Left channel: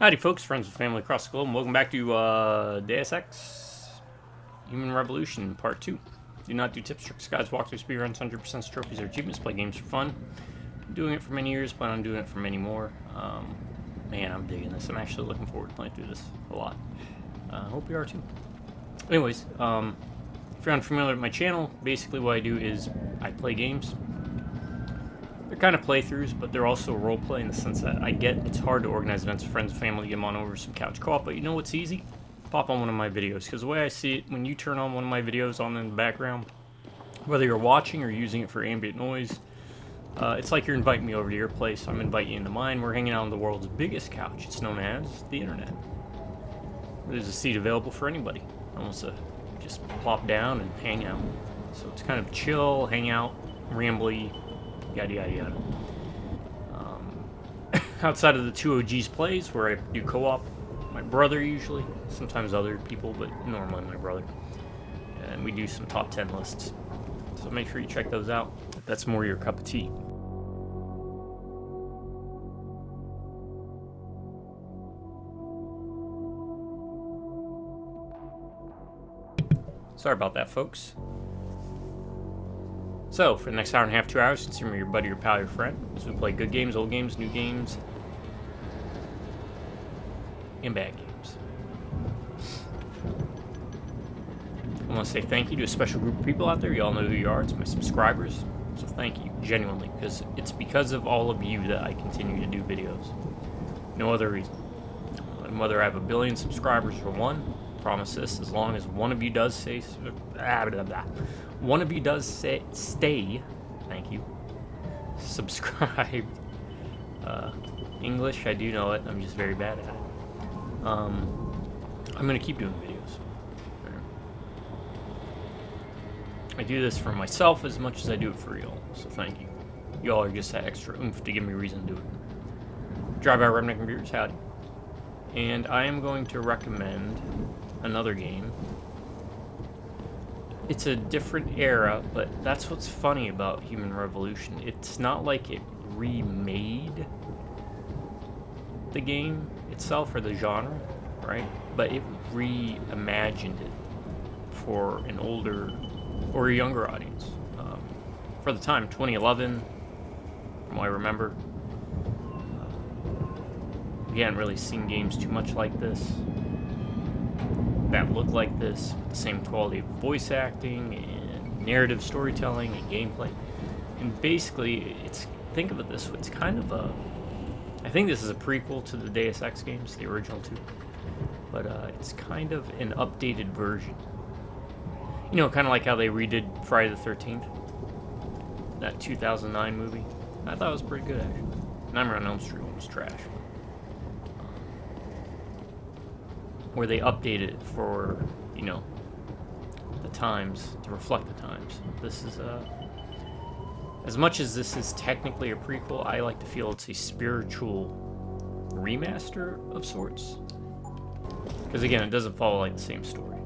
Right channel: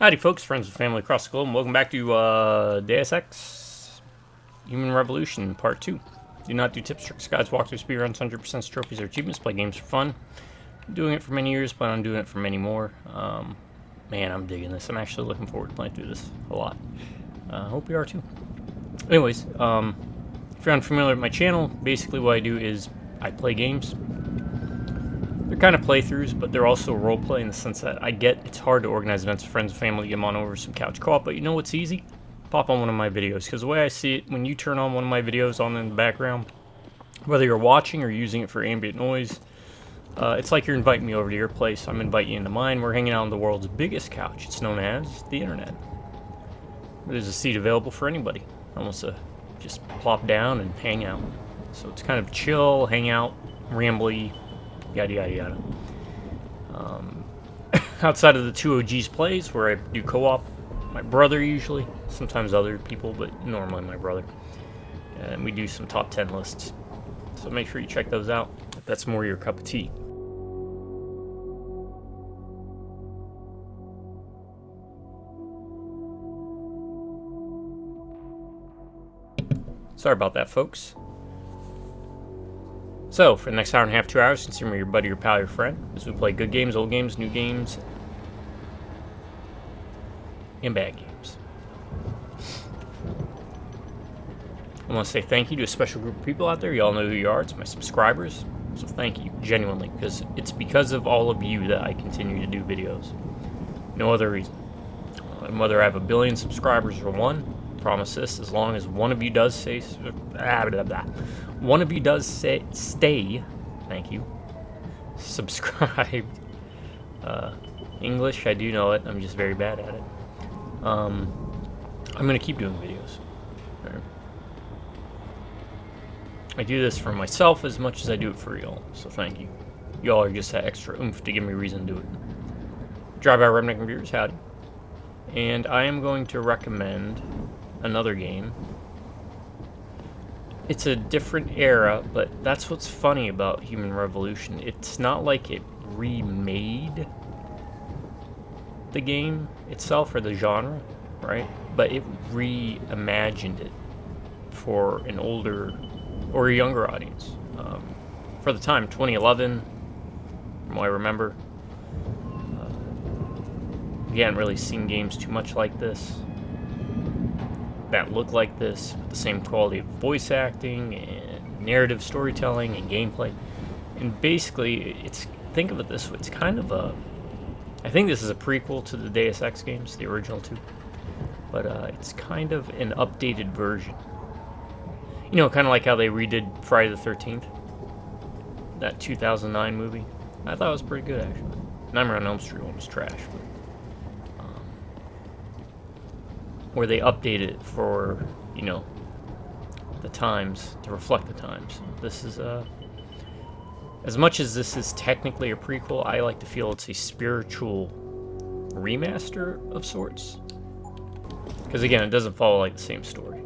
Howdy folks, friends and family across the globe, and welcome back to Deus Ex Human Revolution Part 2. Do not do tips, tricks, guides, walkthroughs, speedruns, 100% trophies, or achievements. Play games for fun. I'm doing it for many years, plan on doing it for many more. Man, I'm digging this. I'm actually looking forward to playing through this a lot. Hope you are too. Anyways, if you're unfamiliar with my channel, basically what I do is I play games. They're kind of playthroughs, but they're also roleplay in the sense that I get it's hard to organize events with friends and family, get them on over some couch co-op, but you know what's easy? Pop on one of my videos, because the way I see it, when you turn on one of my videos on in the background, whether you're watching or using it for ambient noise, it's like you're inviting me over to your place. I'm inviting you into mine. We're hanging out on the world's biggest couch. It's known as the internet. There's a seat available for anybody. Almost just plop down and hang out. So it's kind of chill, hang out, rambly, yada yada yada. Outside of the two OGs plays where I do co-op, my brother usually, sometimes other people, but normally my brother. And we do some top 10 lists. So make sure you check those out if that's more your cup of tea. Sorry about that, folks. So, for the next hour and a half, 2 hours, consider me your buddy, your pal, your friend, as we play good games, old games, new games, and bad games. I want to say thank you to a special group of people out there. You all know who you are. It's my subscribers. So thank you, genuinely, because it's because of all of you that I continue to do videos. No other reason. And whether I have 1 billion subscribers or one, I promise this, as long as one of you does say... One of you does stay, thank you, subscribed. English, I do know it, I'm just very bad at it. I'm going to keep doing videos. Right. I do this for myself as much as I do it for y'all, so thank you. Y'all are just that extra oomph to give me reason to do it. Drive by Redneck Computers, howdy. And I am going to recommend another game. It's a different era, but that's what's funny about Human Revolution. It's not like it remade the game itself or the genre, right? But it reimagined it for an older or a younger audience. For the time, 2011, from what I remember, we hadn't really seen games too much like this, that look like this, with the same quality of voice acting and narrative storytelling and gameplay. And basically, think of it this way, it's kind of a, I think this is a prequel to the Deus Ex games, the original two, but it's kind of an updated version. You know, kind of like how they redid Friday the 13th, that 2009 movie. I thought it was pretty good, actually. Nightmare on Elm Street one was trash, but where they updated it for, you know, the times, to reflect the times. This is, as much as this is technically a prequel, I like to feel it's a spiritual remaster of sorts. Because again, it doesn't follow like the same story.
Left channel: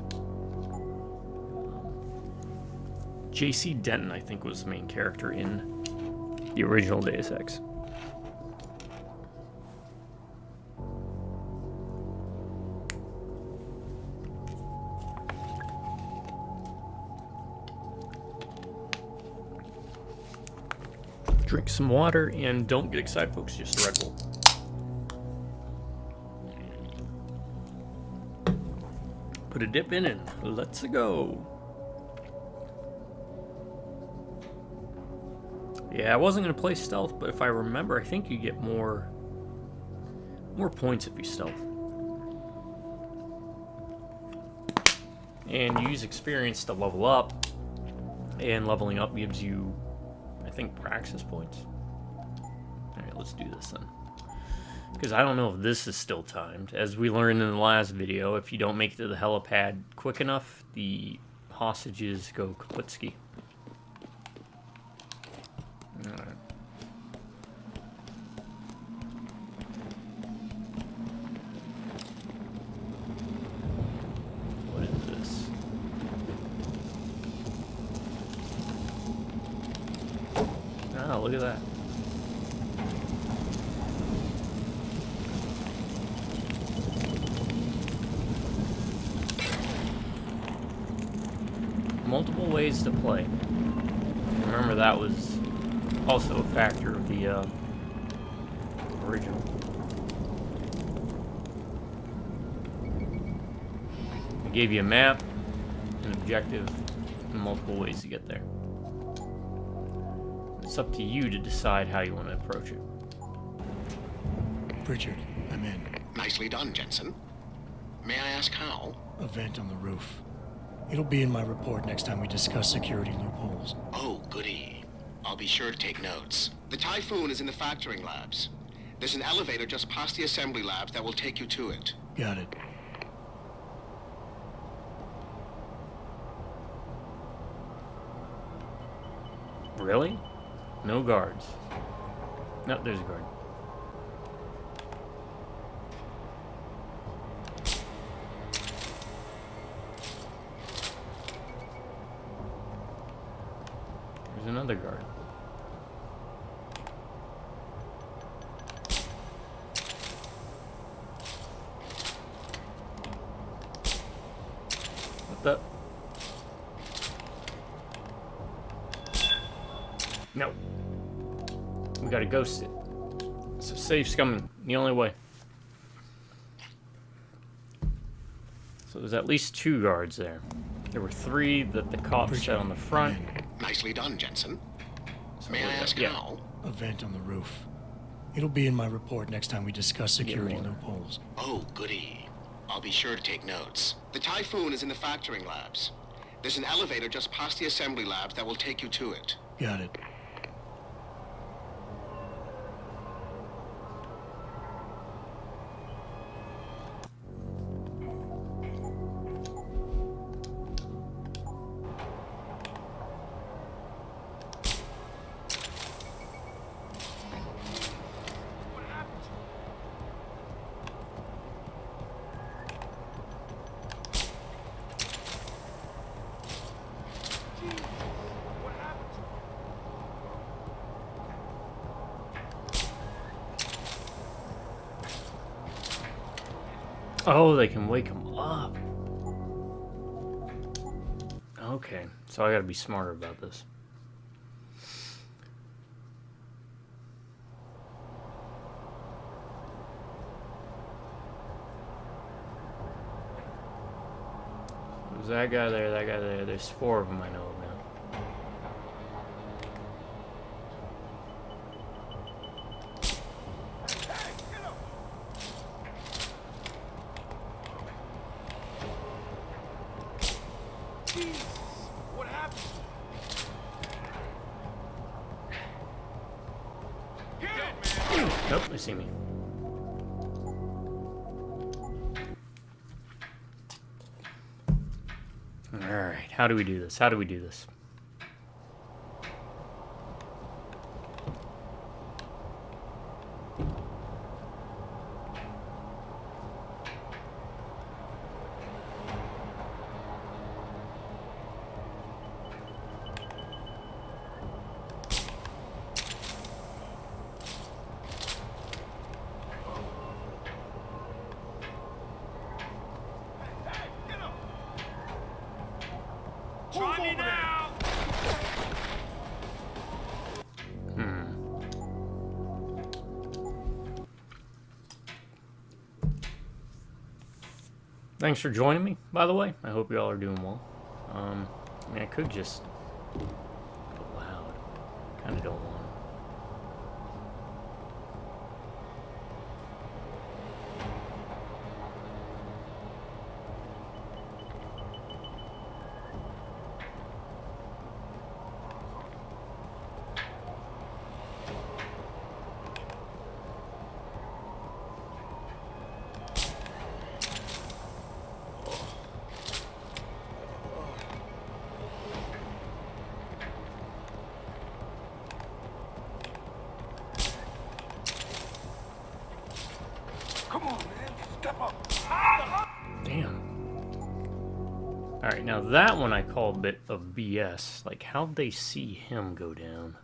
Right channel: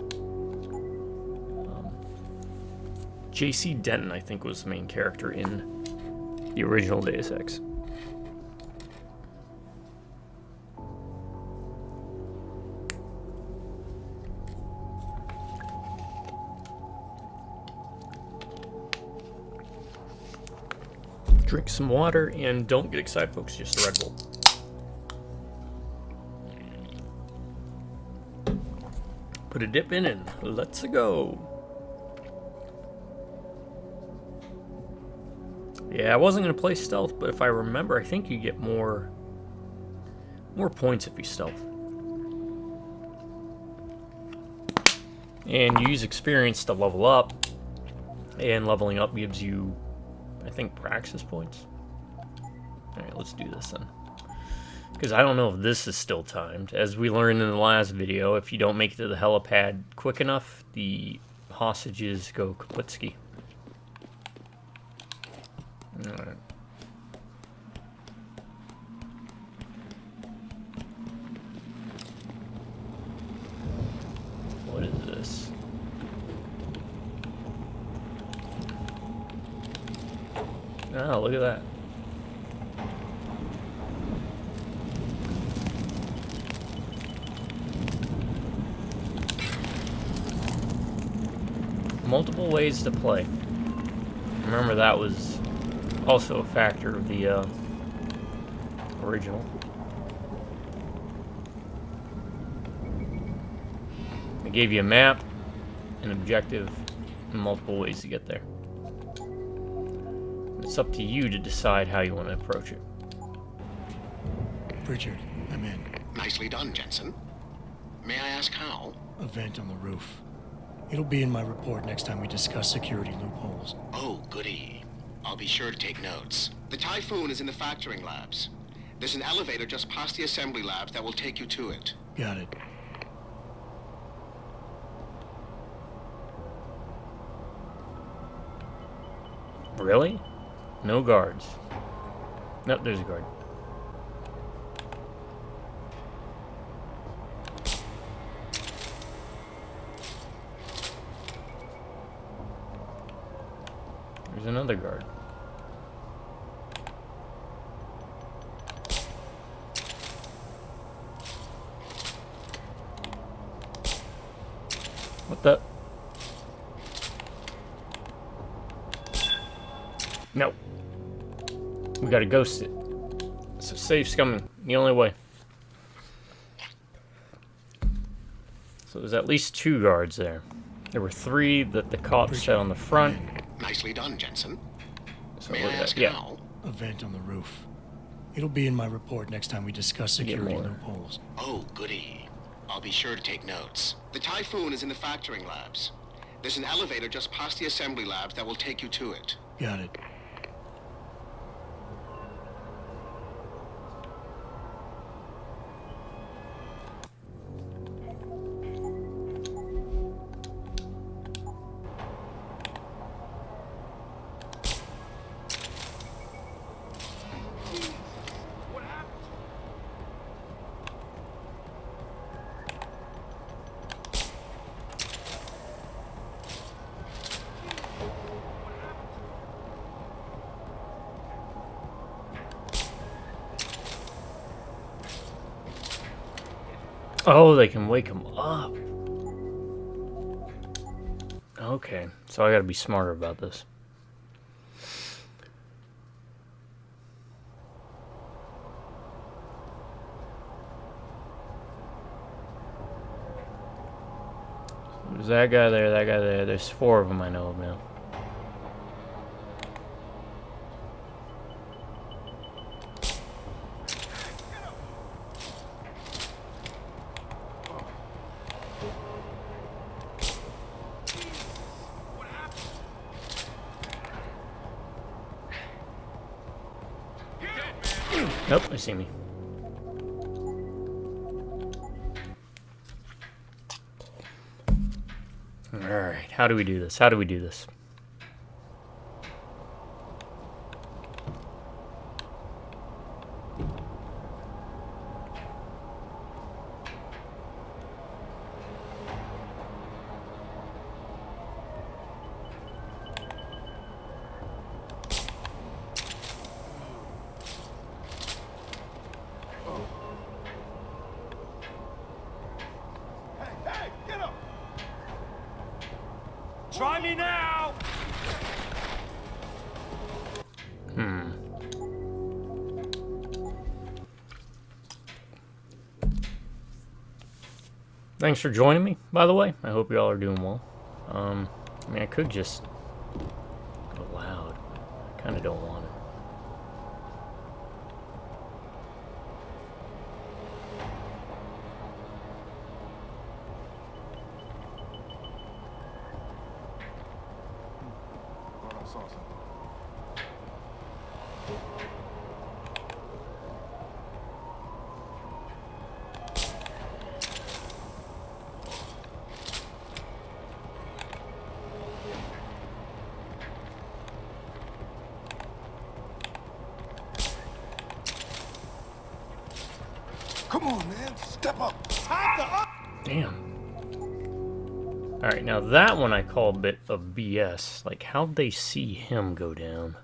J.C. Denton, I think, was the main character in the original Deus Ex. Drink some water, and don't get excited, folks, just a Red Bull. Put a dip in and let's go. Yeah, I wasn't going to play stealth, but if I remember, I think you get more points if you stealth. And you use experience to level up, and leveling up gives you, I think, praxis points. Alright, let's do this then. Because I don't know if this is still timed. As we learned in the last video, if you don't make it to the helipad quick enough, the hostages go kaputski. Alright. What is this? Oh, look at that. multiple ways to play. Remember, that was also a factor of the original. They gave you a map, an objective, and multiple ways to get there. It's up to you to decide how you want to approach it. Richard, I'm in. Nicely done, Jensen. May I ask how? A vent on the roof. It'll be in my report next time we discuss security loopholes. Oh, goody. I'll be sure to take notes. The Typhoon is in the factoring labs. There's an elevator just past the assembly labs that will take you to it. Got it. Really? No guards. Nope, there's a guard. There's another guard. What the? No. We gotta ghost it. So safe's coming. The only way. So there's at least 2 guards there. There were 3 that the cops set on the front. Nicely done, Jensen. So May I ask how? A vent on the roof. It'll be in my report next time we discuss security loopholes. Oh, goody. I'll be sure to take notes. The Typhoon is in the factoring labs. There's an elevator just past the assembly labs that will take you to it. Got it. Oh, they can wake him up. Okay, so I gotta be smarter about this. There's that guy there, that guy there. There's 4 of them I know of now. Nope, they see me. Alright, how do we do this? How do we do this? Try me now! Thanks for joining me, by the way. I hope you all are doing well. I mean, I could just go loud, but I kind of don't want to. Come on, man. Step up. Damn. Alright, now that one I call a bit of BS. Like, how'd they see him go down?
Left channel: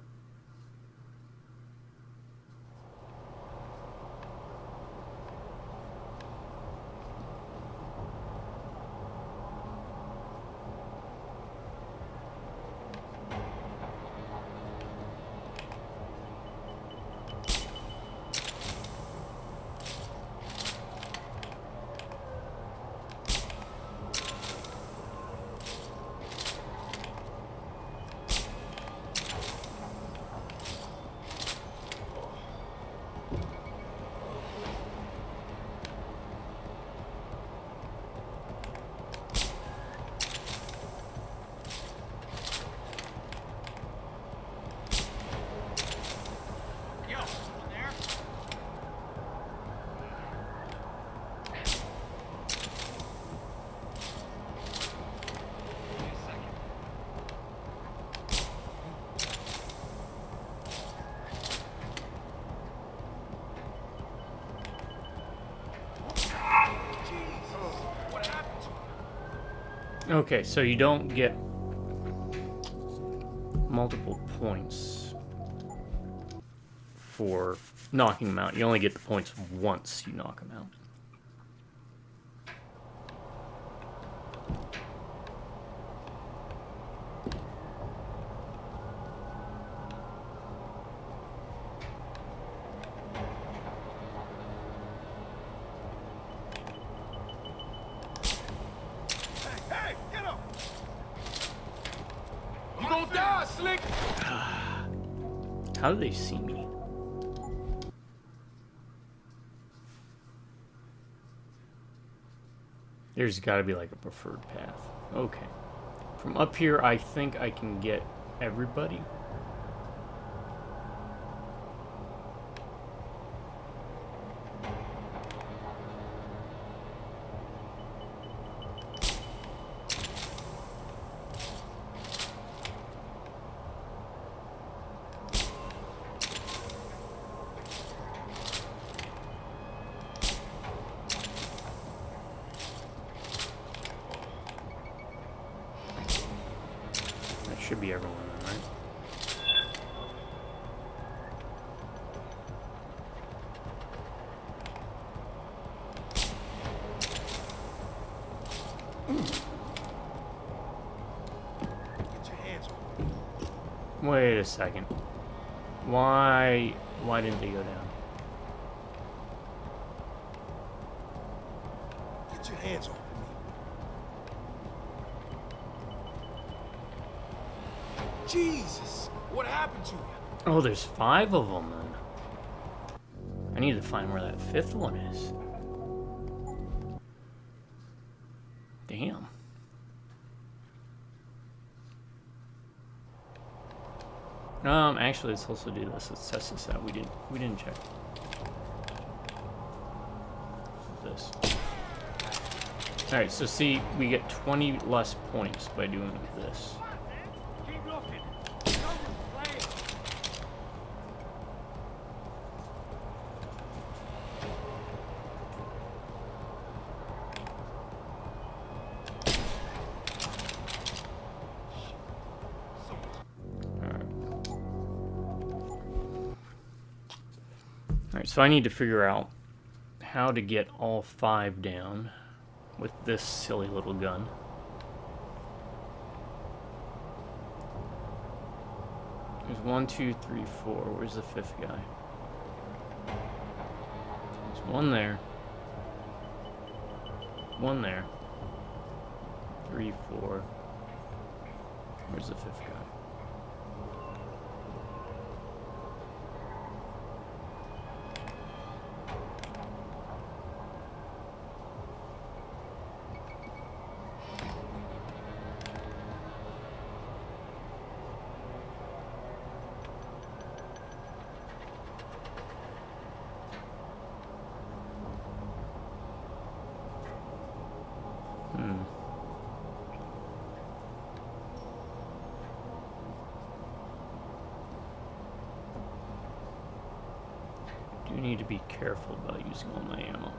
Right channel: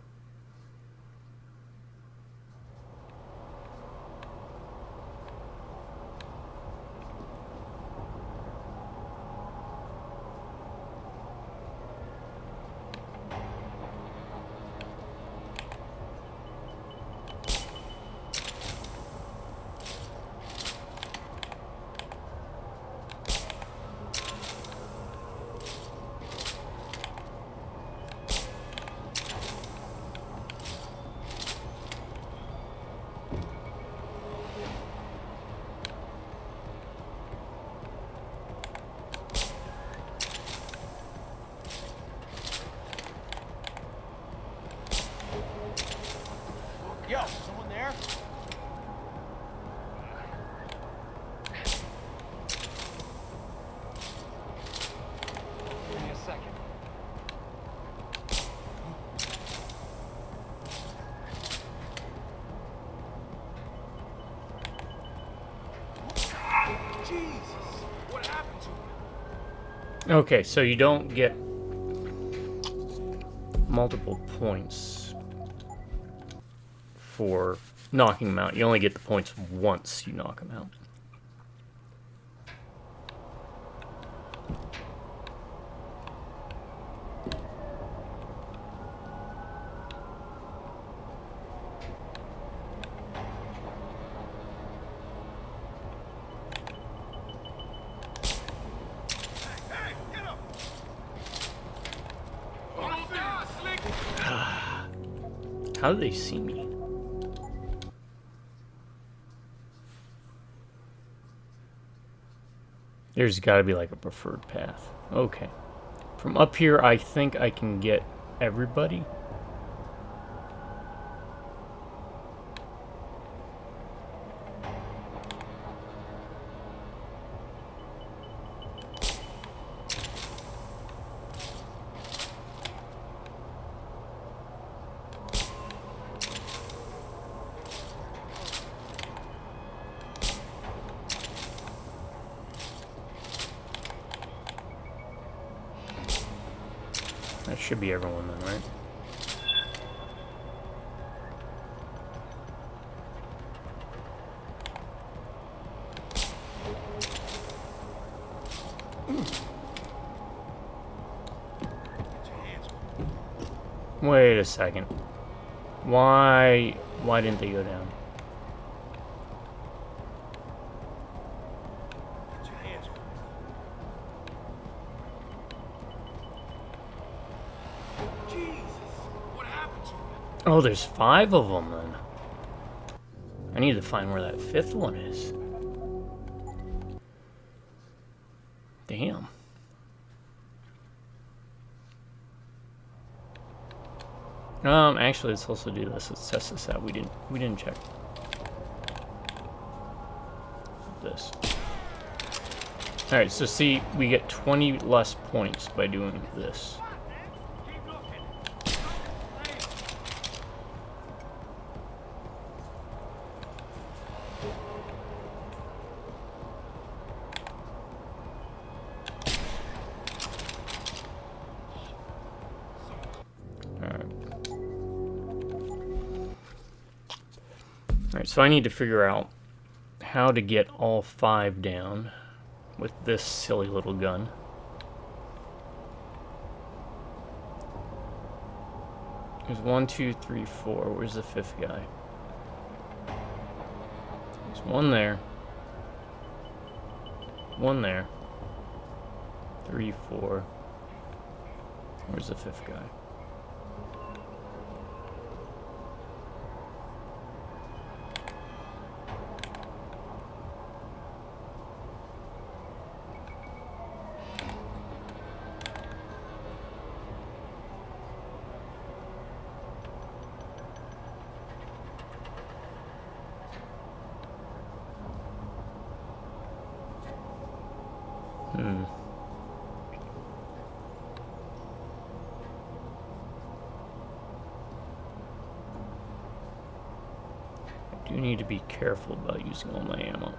Okay, so you don't get multiple points for knocking them out. You only get the points once you knock them out. Hey, get up! You gonna die, Slick! How do they see me? There's got to be like a preferred path. Okay. From up here, I think I can get everybody. That should be everyone then, right? Get your hands on. Wait a second. Why didn't they go down? Get your hands on. Jesus, what happened to you? Oh, there's 5 of them then. I need to find where that 5th one is. Damn. Actually, let's also do this. Let's test this out. We didn't check this. All right, so see, we get 20 less points by doing this. Keep looking. Come and play it. Alright, so I need to figure out how to get all 5 down with this silly little gun. There's 1, 2, 3, 4. Where's the 5th guy? There's one there. One there. 3, 4. Where's the 5th guy? I do need to be careful about using all my ammo.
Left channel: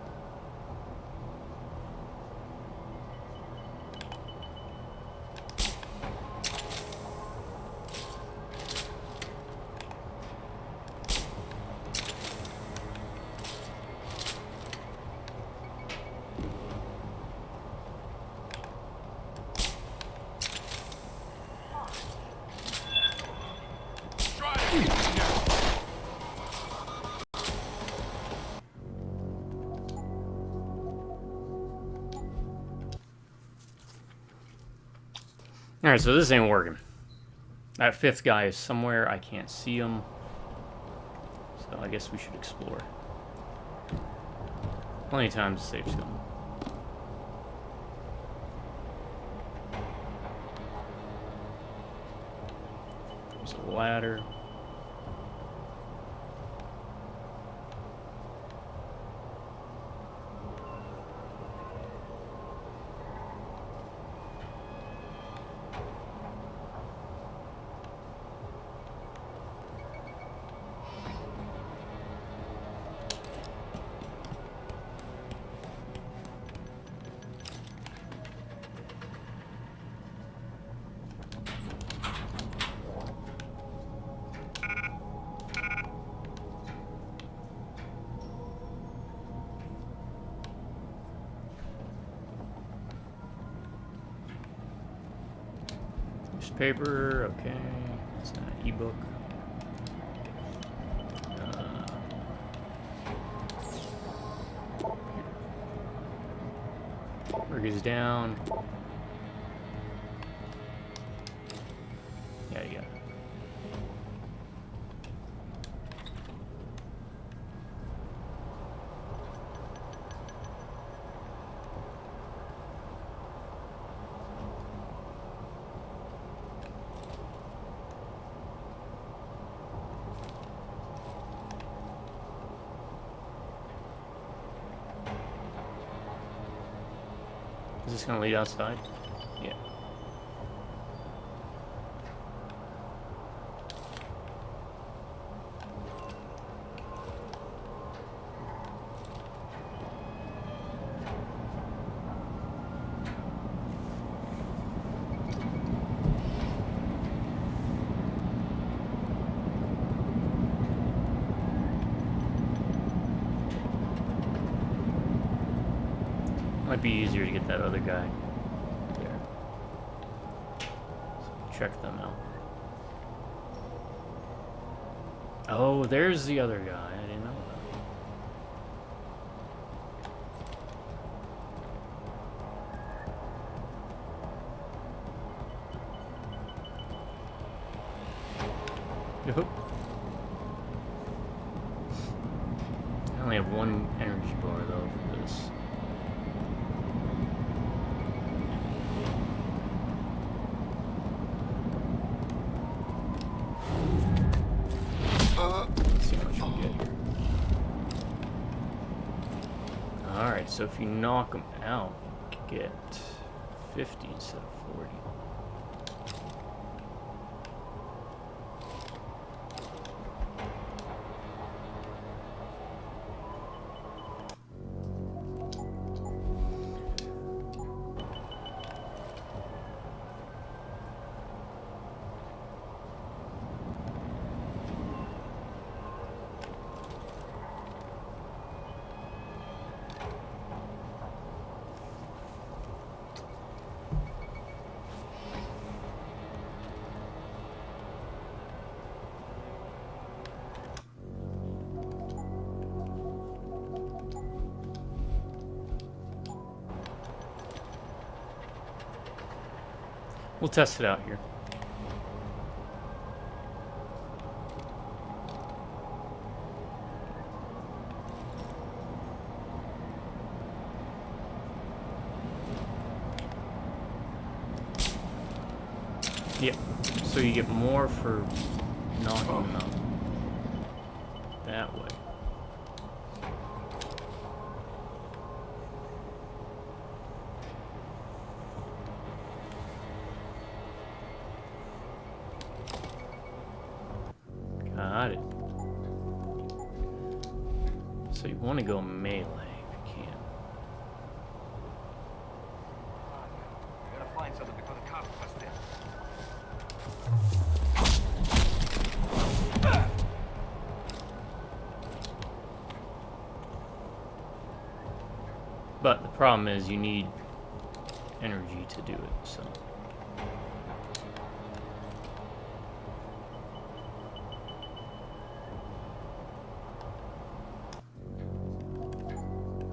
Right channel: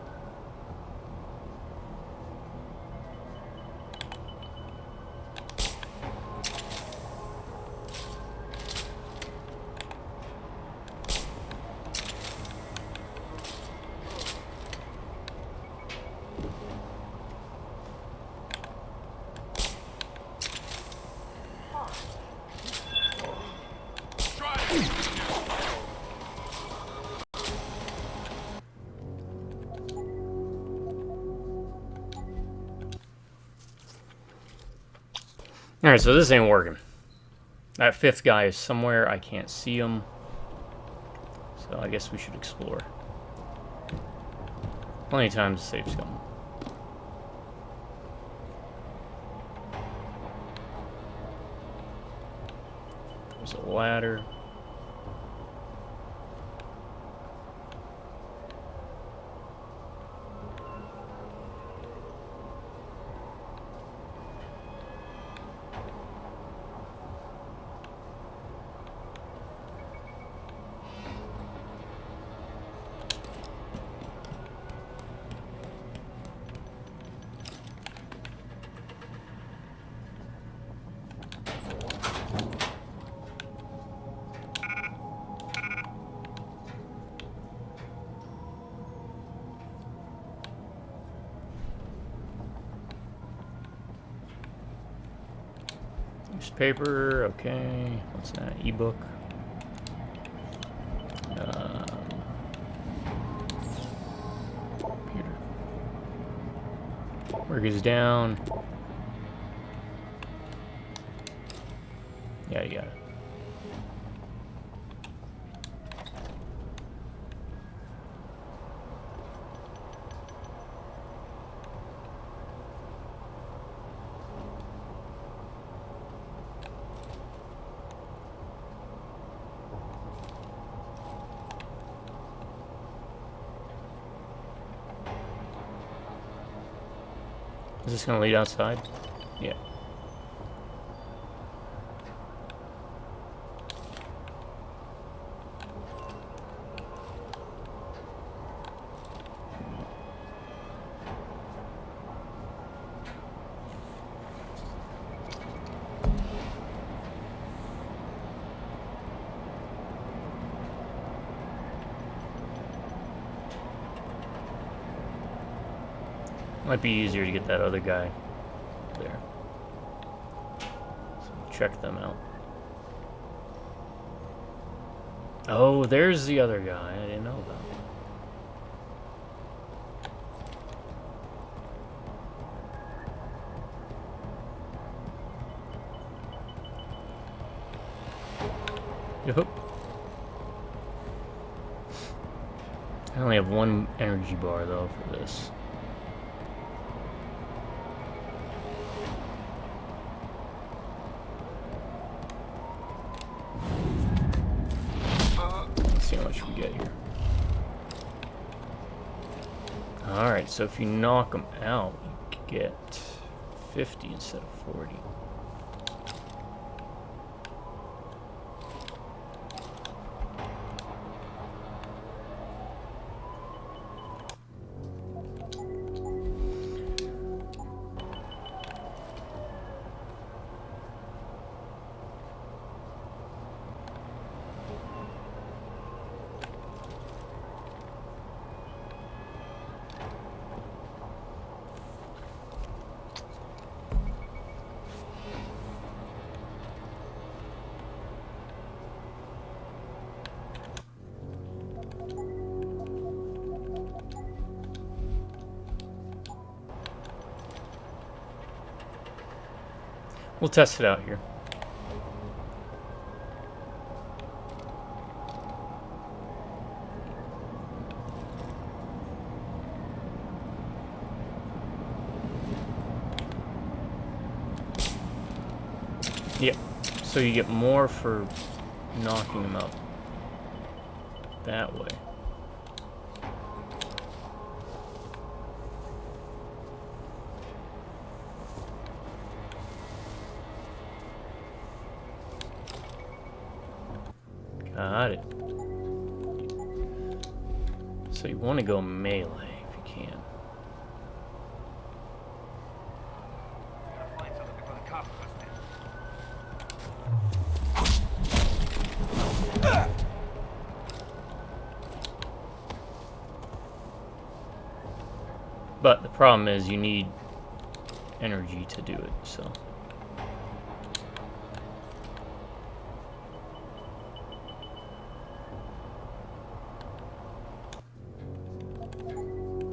Try it. Alright, so this ain't working. That 5th guy is somewhere. I can't see him. So I guess we should explore. Plenty of time to save scum. There's a ladder. Newspaper, okay. What's that? Ebook. Computer. Work is down. Yeah, you got it. Is this gonna lead outside? Yeah. Might be easier to get that other guy there. So check them out. Oh, there's the other guy I didn't know about. Yup. I only have one energy bar though for this. Let's see how much we get here. Alright, so if you knock them out, you get 50 instead of 40. We'll test it out here. Yep. So you get more for knocking them out that way. Got it. So you want to go melee if you can. We gotta find something before the cops bust in. But the problem is you need energy to do it, so.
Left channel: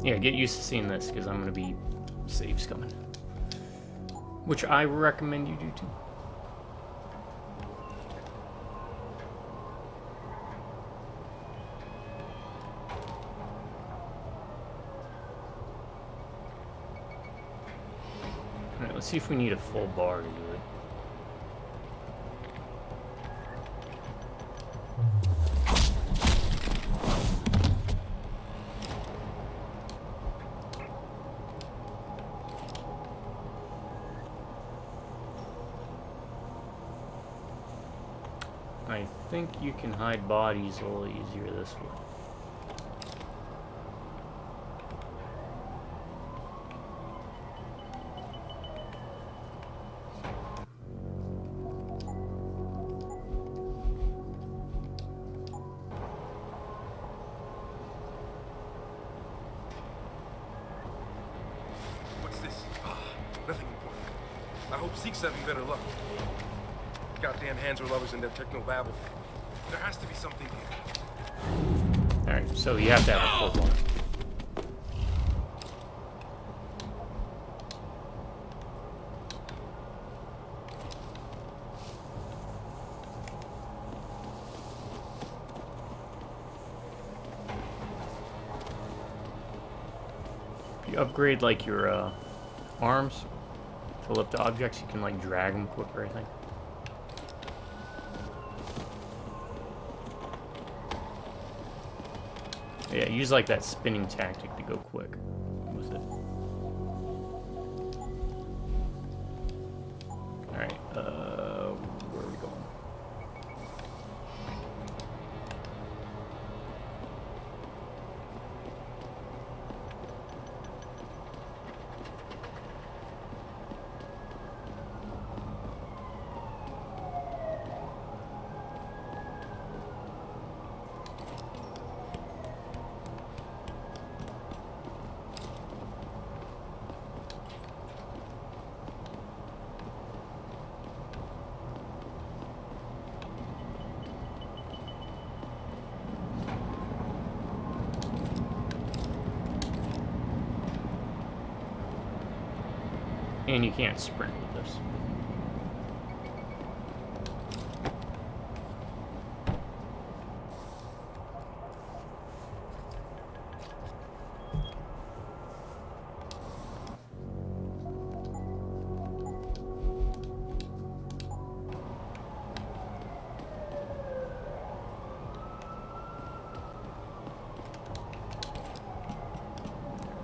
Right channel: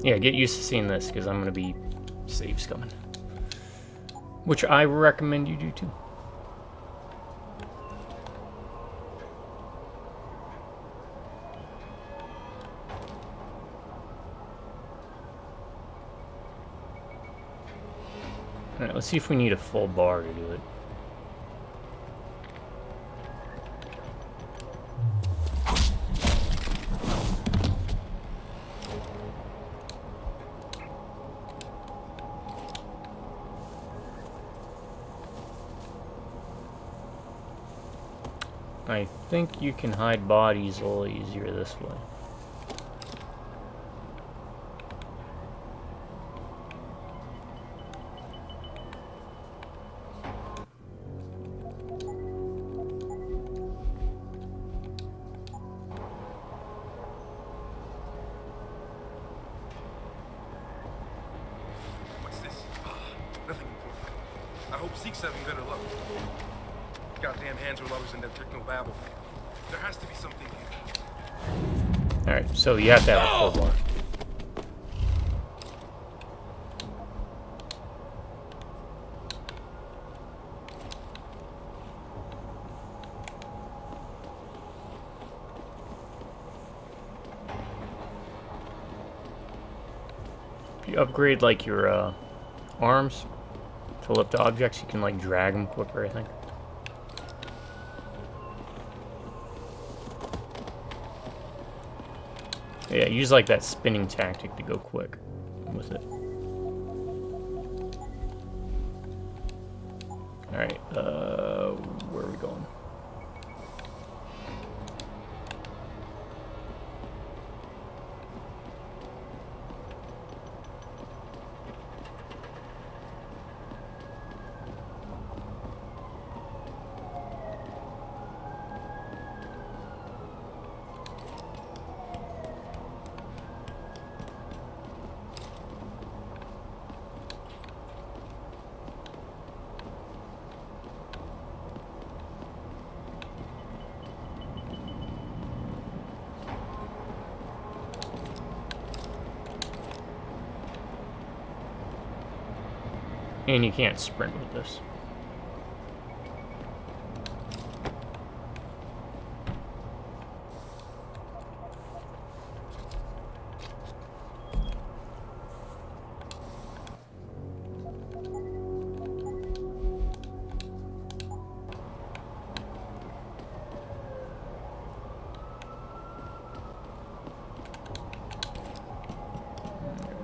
Yeah, get used to seeing this, because I'm going to be saves coming. Which I recommend you do too. Alright, let's see if we need a full bar to do it. I think you can hide bodies a little easier this way. What's this? Nothing important. I hope Zeke's having better luck. Goddamn hands are lovers in their techno babble. There has to be something here. Alright, so you have to have a full bar. If you upgrade like your arms to lift objects, you can like drag them quicker, I think. Yeah, use like that spinning tactic to go quick with it. Alright, where are we going? And you can't sprint with this.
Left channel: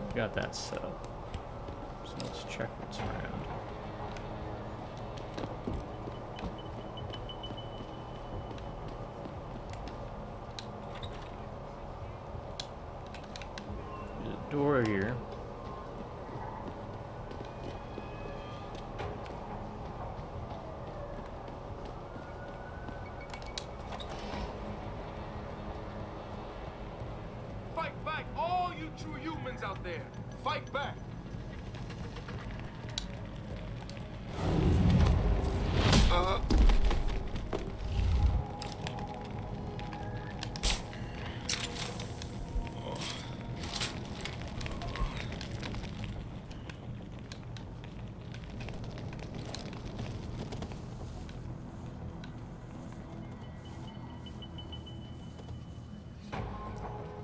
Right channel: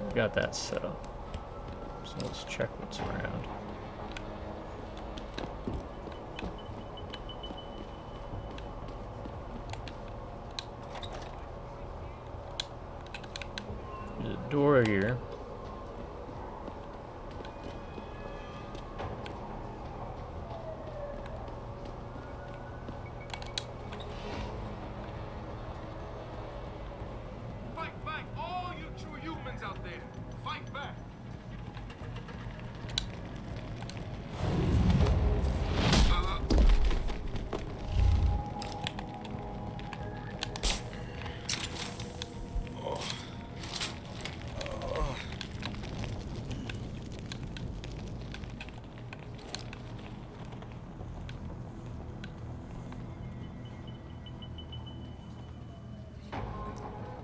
We got that set up. So let's check what's around. There's a door here. Fight back, all you true humans out there. Fight back.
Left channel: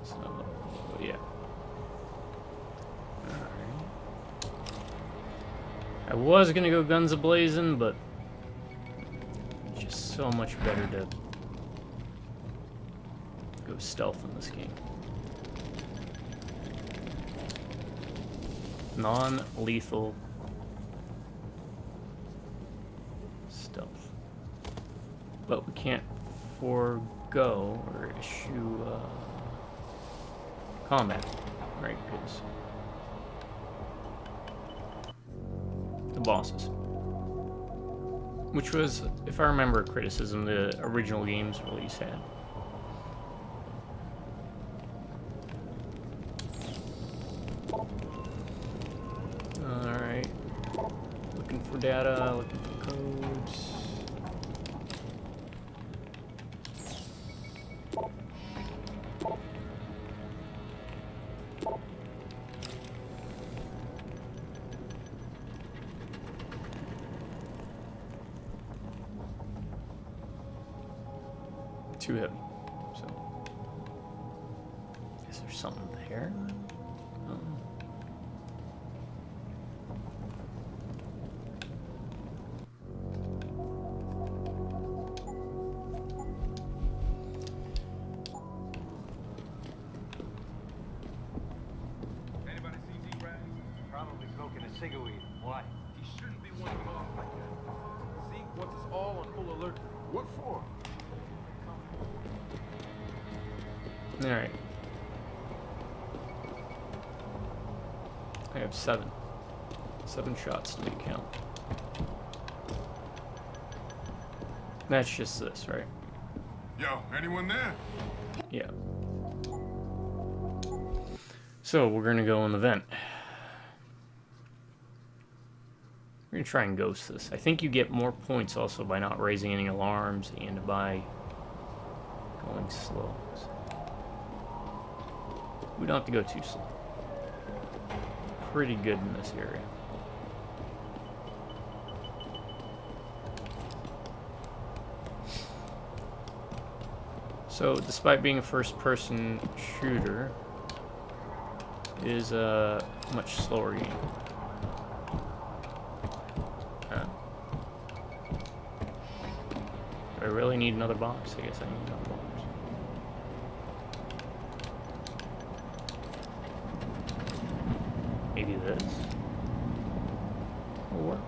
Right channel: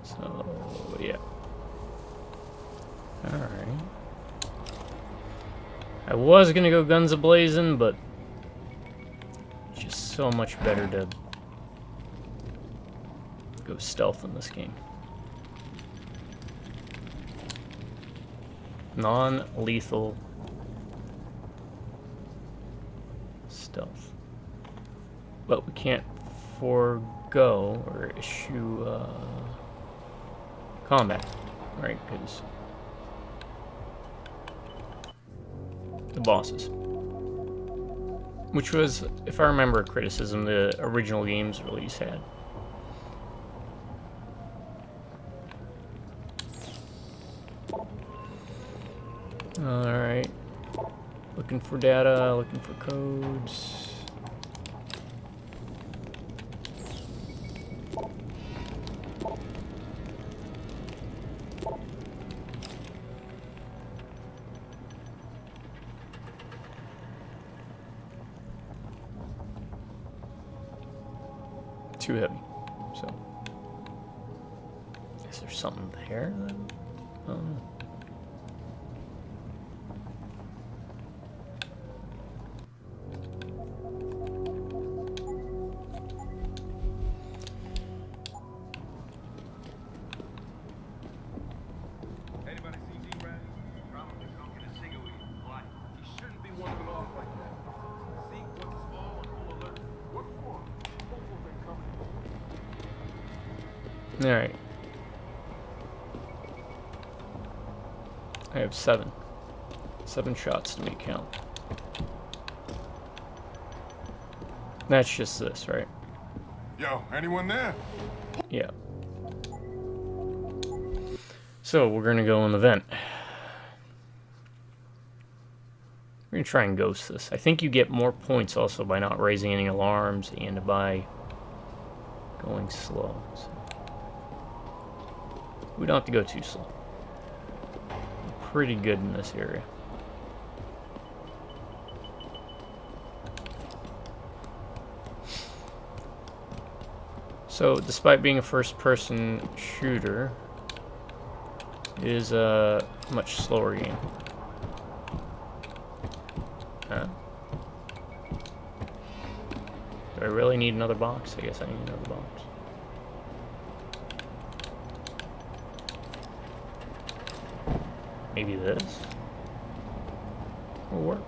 So, yeah. Alright. I was gonna go guns a-blazing, but just so much better to go stealth in this game. Non-lethal stealth. But we can't forego or issue combat, right? Because the bosses, which was, if I remember, a criticism the original game's release had. Alright. Looking for data, looking for codes. Too heavy, so is there something there? I don't know. Anybody see D-Rag? Probably smoking a cigarette. Why? He shouldn't be wandering off like that. Zeke wants us all on full alert. What for? All right, I have 7 shots to make count. That's just this, right? Yo, anyone there? Yeah. So we're gonna go in the vent. We're going to try and ghost this. I think you get more points also by not raising any alarms and by going slow. So we don't have to go too slow. We're pretty good in this area. So, despite being a first-person shooter, it is a much slower game. Do I really need another box? I guess I need another box. Maybe this will work.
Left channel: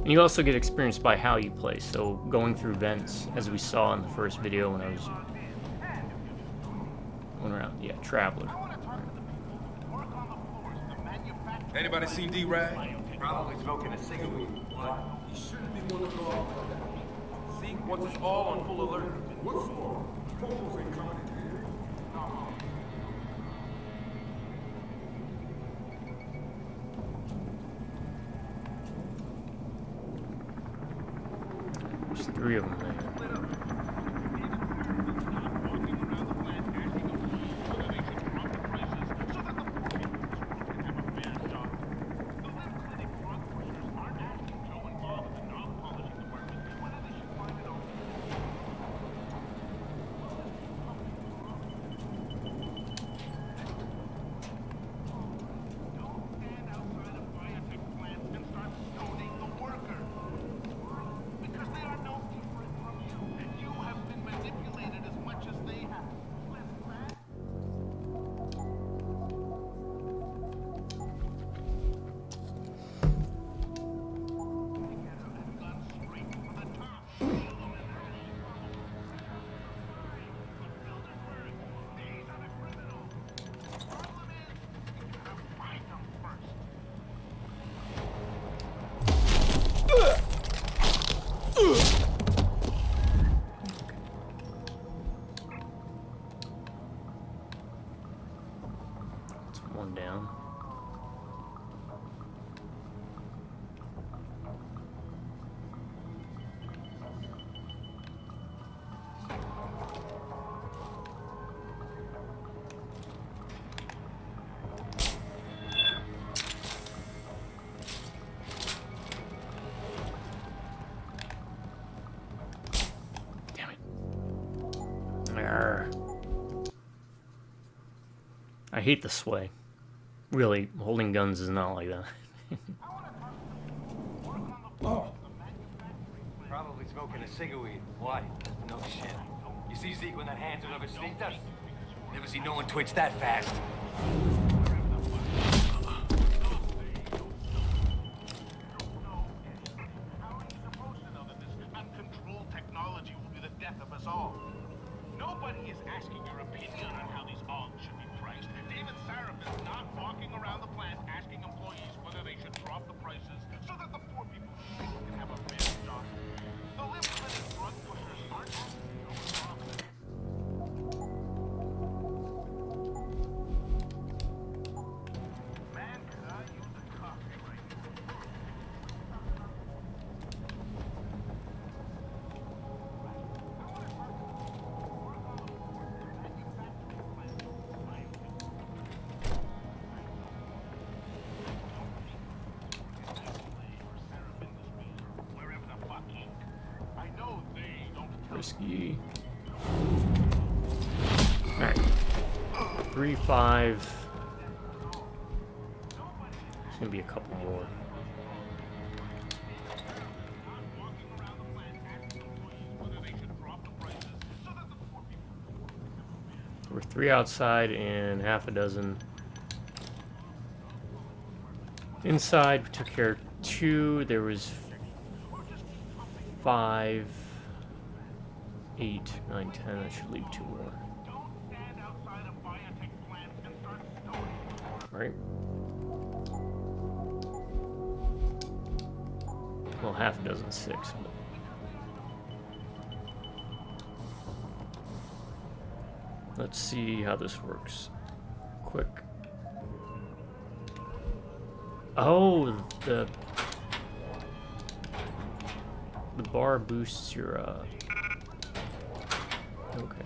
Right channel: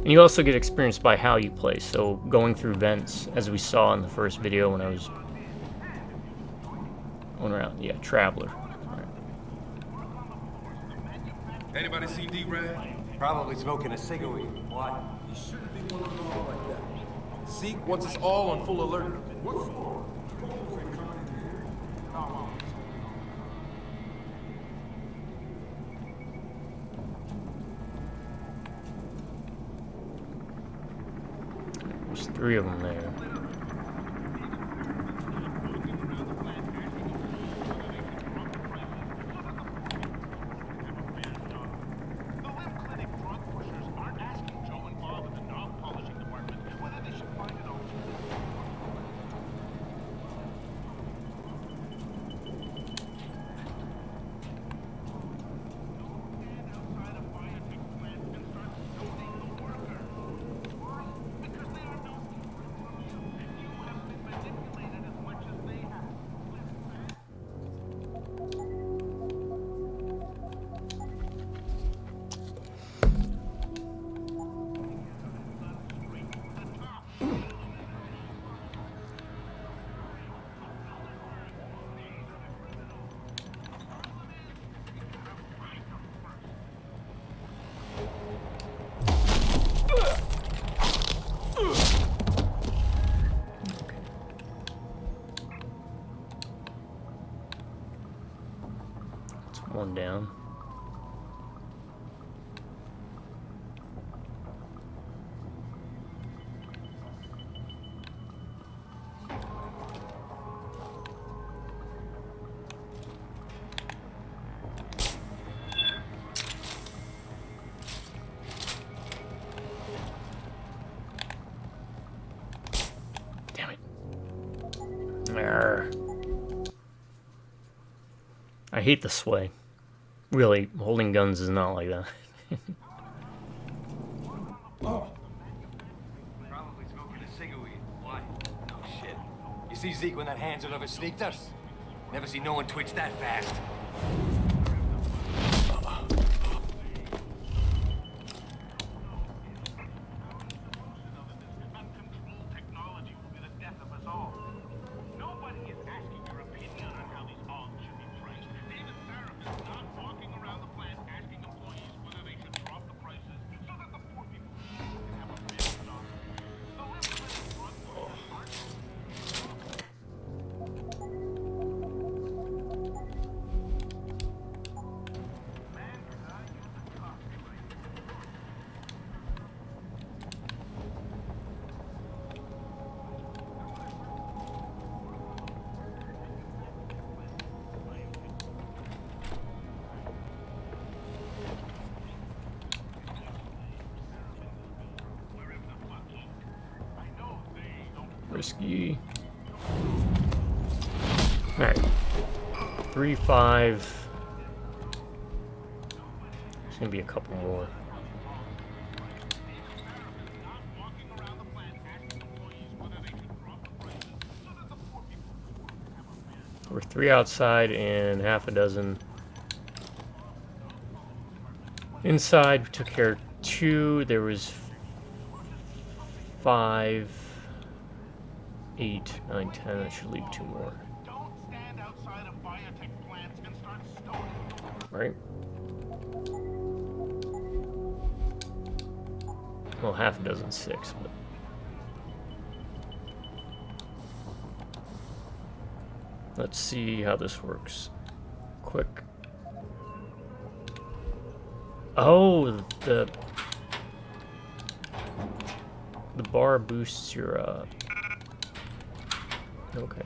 And you also get experience by how you play, so going through vents, as we saw in the first video when I was going around. Yeah, Traveler. Right. Anybody seen D-Rag? Probably smoking a cigarette. Why? He shouldn't be wandering off like that. Zeke wants us all on full alert. What for? Popos ain't coming in here. There's 3 of them there. One down. Damn it. Arr. I hate the sway. Really, holding guns is not like that. Oh, Probably smoking a cigarette. Why? No shit. You see Zeke when that Hansel ever sneaked us? Never see no one twitch that fast. Risky. Alright. 3, 5. There's gonna be a couple more. We're 3 outside and half a dozen inside. We took care of 2. There was 5, 8, 9, 10. That should leave 2 more. Right? Well, half a dozen, 6, but. Let's see how this works. Quick. Oh, the bar boosts your okay.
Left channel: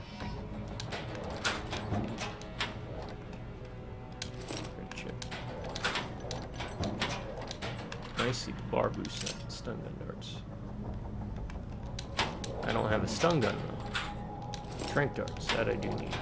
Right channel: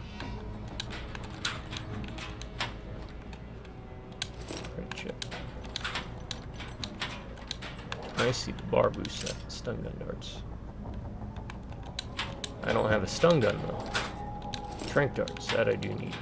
Great chip. I see the bar boosts that stun gun darts. I don't have a stun gun though. Tranq darts, that I do need.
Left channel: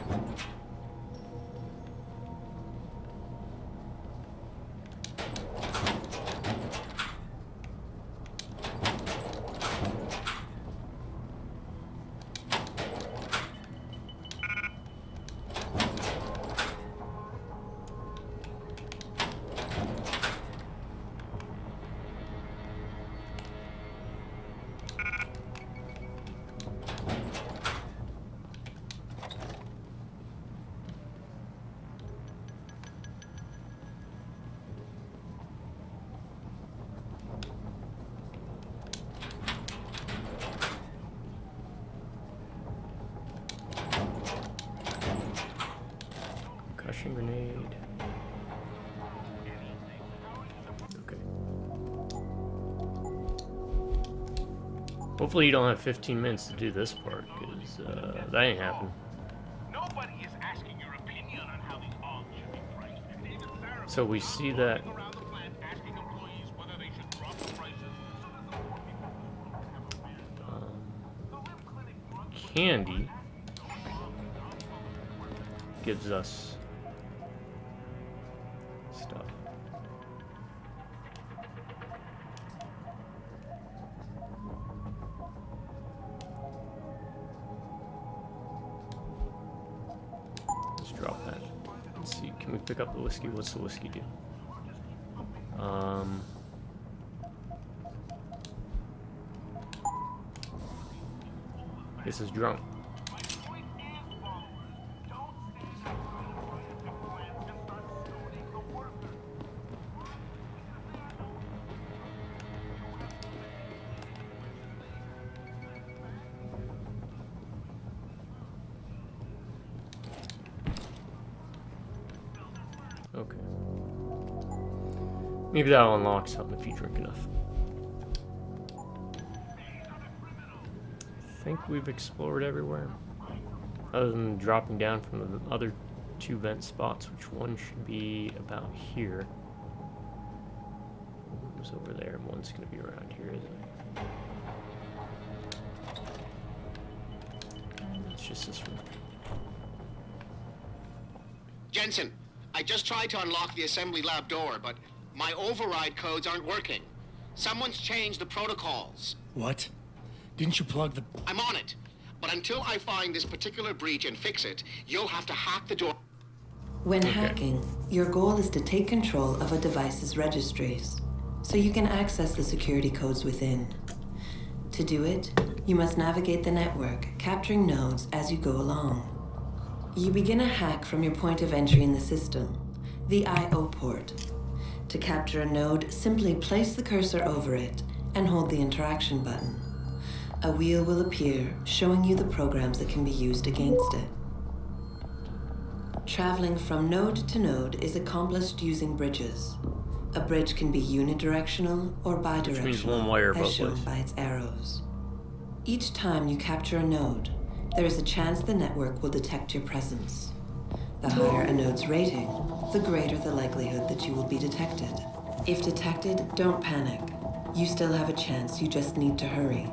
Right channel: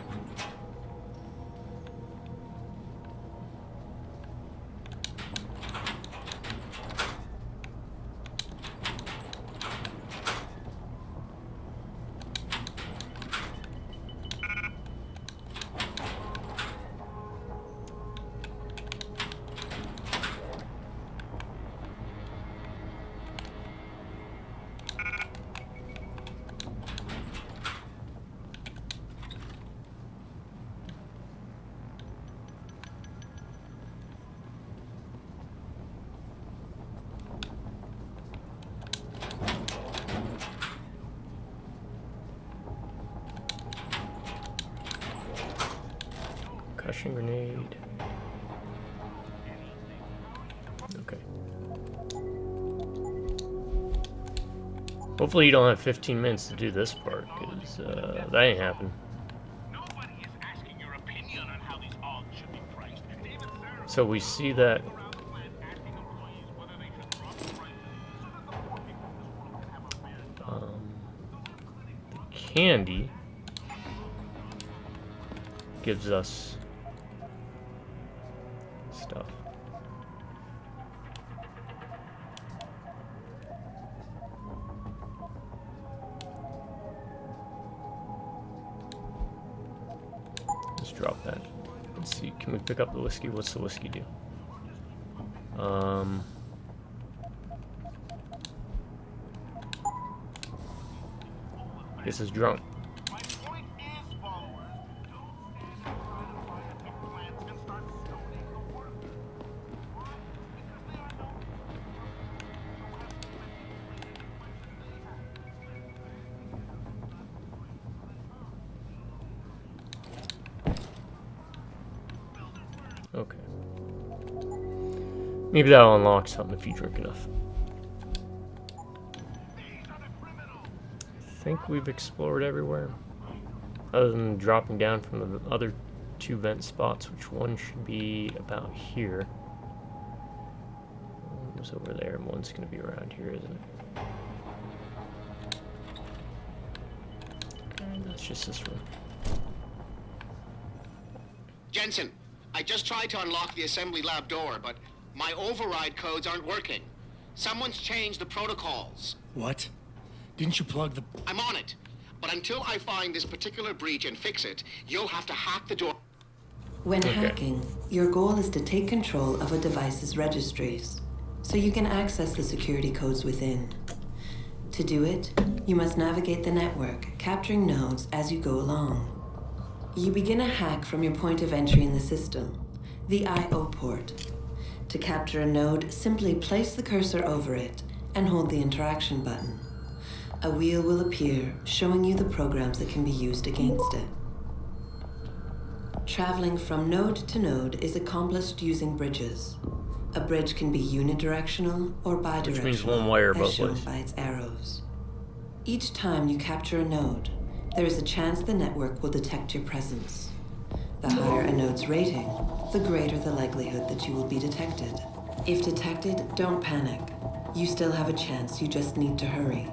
Concussion grenade. Okay. Hopefully you don't have 15 minutes to do this part, because that ain't happening. Nobody is asking your opinion on how these bombs should be priced. And even Sarah So we see that around the plant asking employees whether they should drop the prices. the candy gives us stuff. Let's drop that. Let's see, can we pick up the whiskey? What's the whiskey do? This is drunk. Okay. Maybe that'll unlock something if you drink enough. I think we've explored everywhere. Other than dropping down from the other two vent spots, which one should be about here. One was over there, and one's going to be around here, isn't it? And that's just this room. Jensen, I just tried to unlock the assembly lab door, but my override codes aren't working. Someone's changed the protocols. What? Didn't you plug the... I'm on it. But until I find this particular breach and fix it, you'll have to hack the door. When hacking, your goal is to take control of a device's registries, so you can access the security codes within. To do it, you must navigate the network, capturing nodes as you go along. You begin a hack from your point of entry in the system, the I/O port. To capture a node, simply place the cursor over it and hold the interaction button. A wheel will appear, showing you the programs that can be used against it. Traveling from node to node is accomplished using bridges. A bridge can be unidirectional or bidirectional, Which means one way or both as shown ways. by its arrows. Each time you capture a node, there is a chance the network will detect your presence. The higher a node's rating, the greater the likelihood that you will be detected. If detected, don't panic. You still have a chance, you just need to hurry.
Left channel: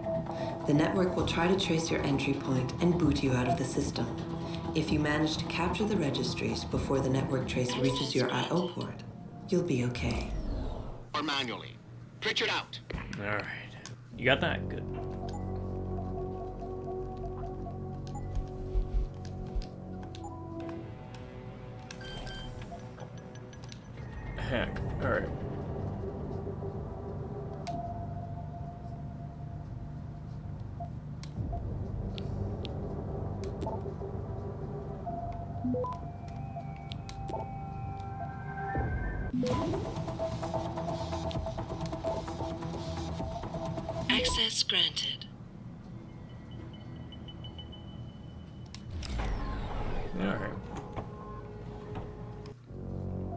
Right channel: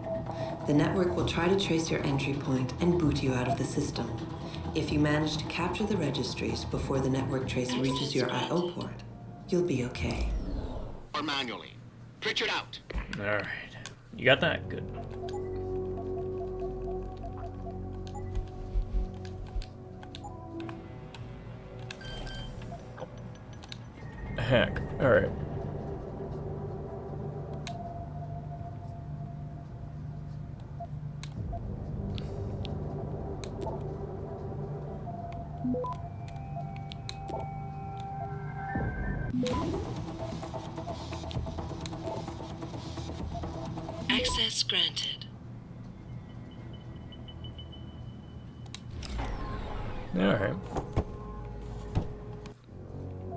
The network will try to trace your entry point and boot you out of the system. If you manage to capture the registries before the network trace reaches your I/O port, you'll be okay. Or manually. Pritchard out. Alright. You got that? Good. Heck. Alright. Access granted. Alright.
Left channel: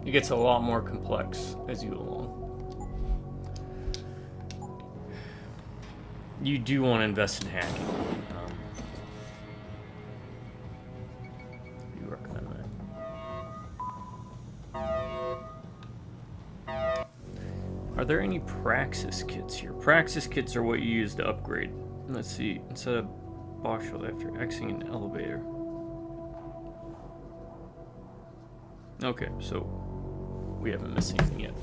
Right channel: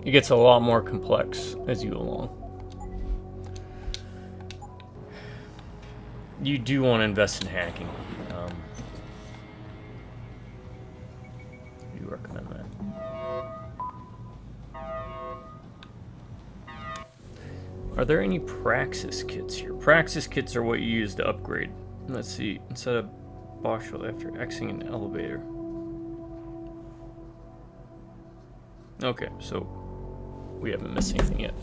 It gets a lot more complex as you go along. You do want to invest in hacking. I do recommend that. Are there any Praxis kits here? Praxis kits are what you use to upgrade. Let's see. Instead of box roll after exiting an elevator. Okay, so we haven't missed anything yet.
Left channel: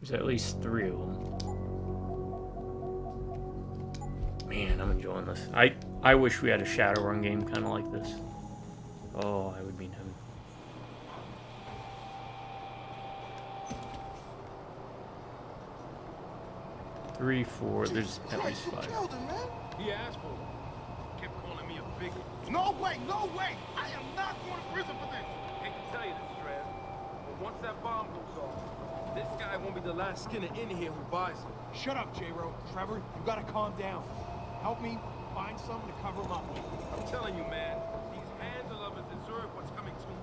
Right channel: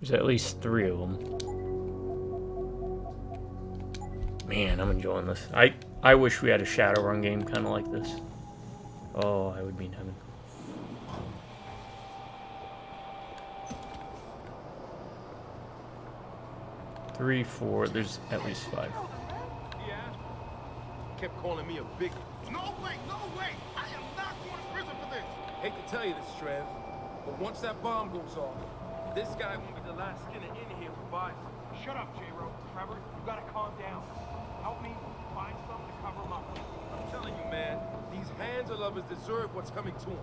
There's at least 3 of them. Man, I'm enjoying this. I wish we had a Shadowrun game kind of like this. Oh, I would be in heaven. Three, 4, there's at least 5. He asked for it. Kept calling me a bigot. No way, no way! I am not going to prison for this! Hate to tell you this, Trev, but once that bomb goes off, this guy won't be the last skinner in here who buys it. Shut up, J-Ro. Trevor, you gotta calm down. Help me find something to cover him up with. I'm telling you, man, these hands of lovers deserve what's coming to them.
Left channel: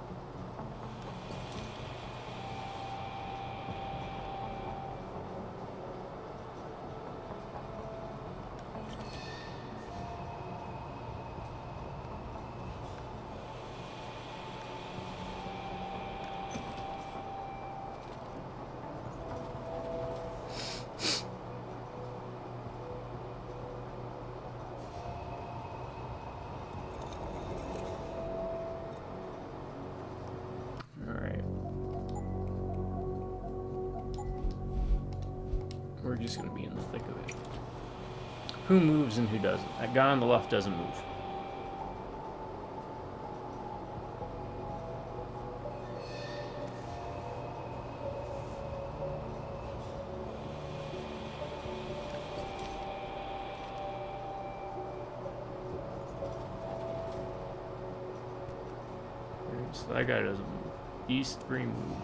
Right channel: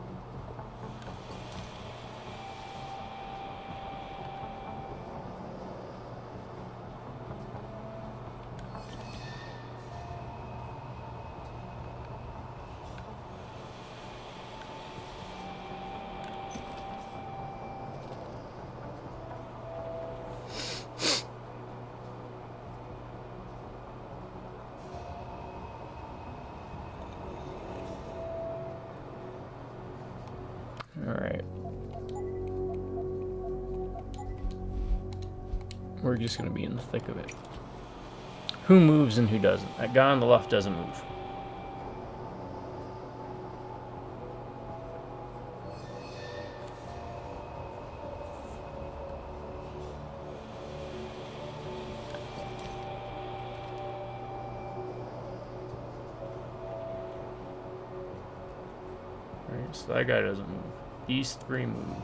Alright. We're just going to be in the thick of it. Who moves and who doesn't? That guy on the left doesn't move. Alright, so that guy doesn't move. These 3 move.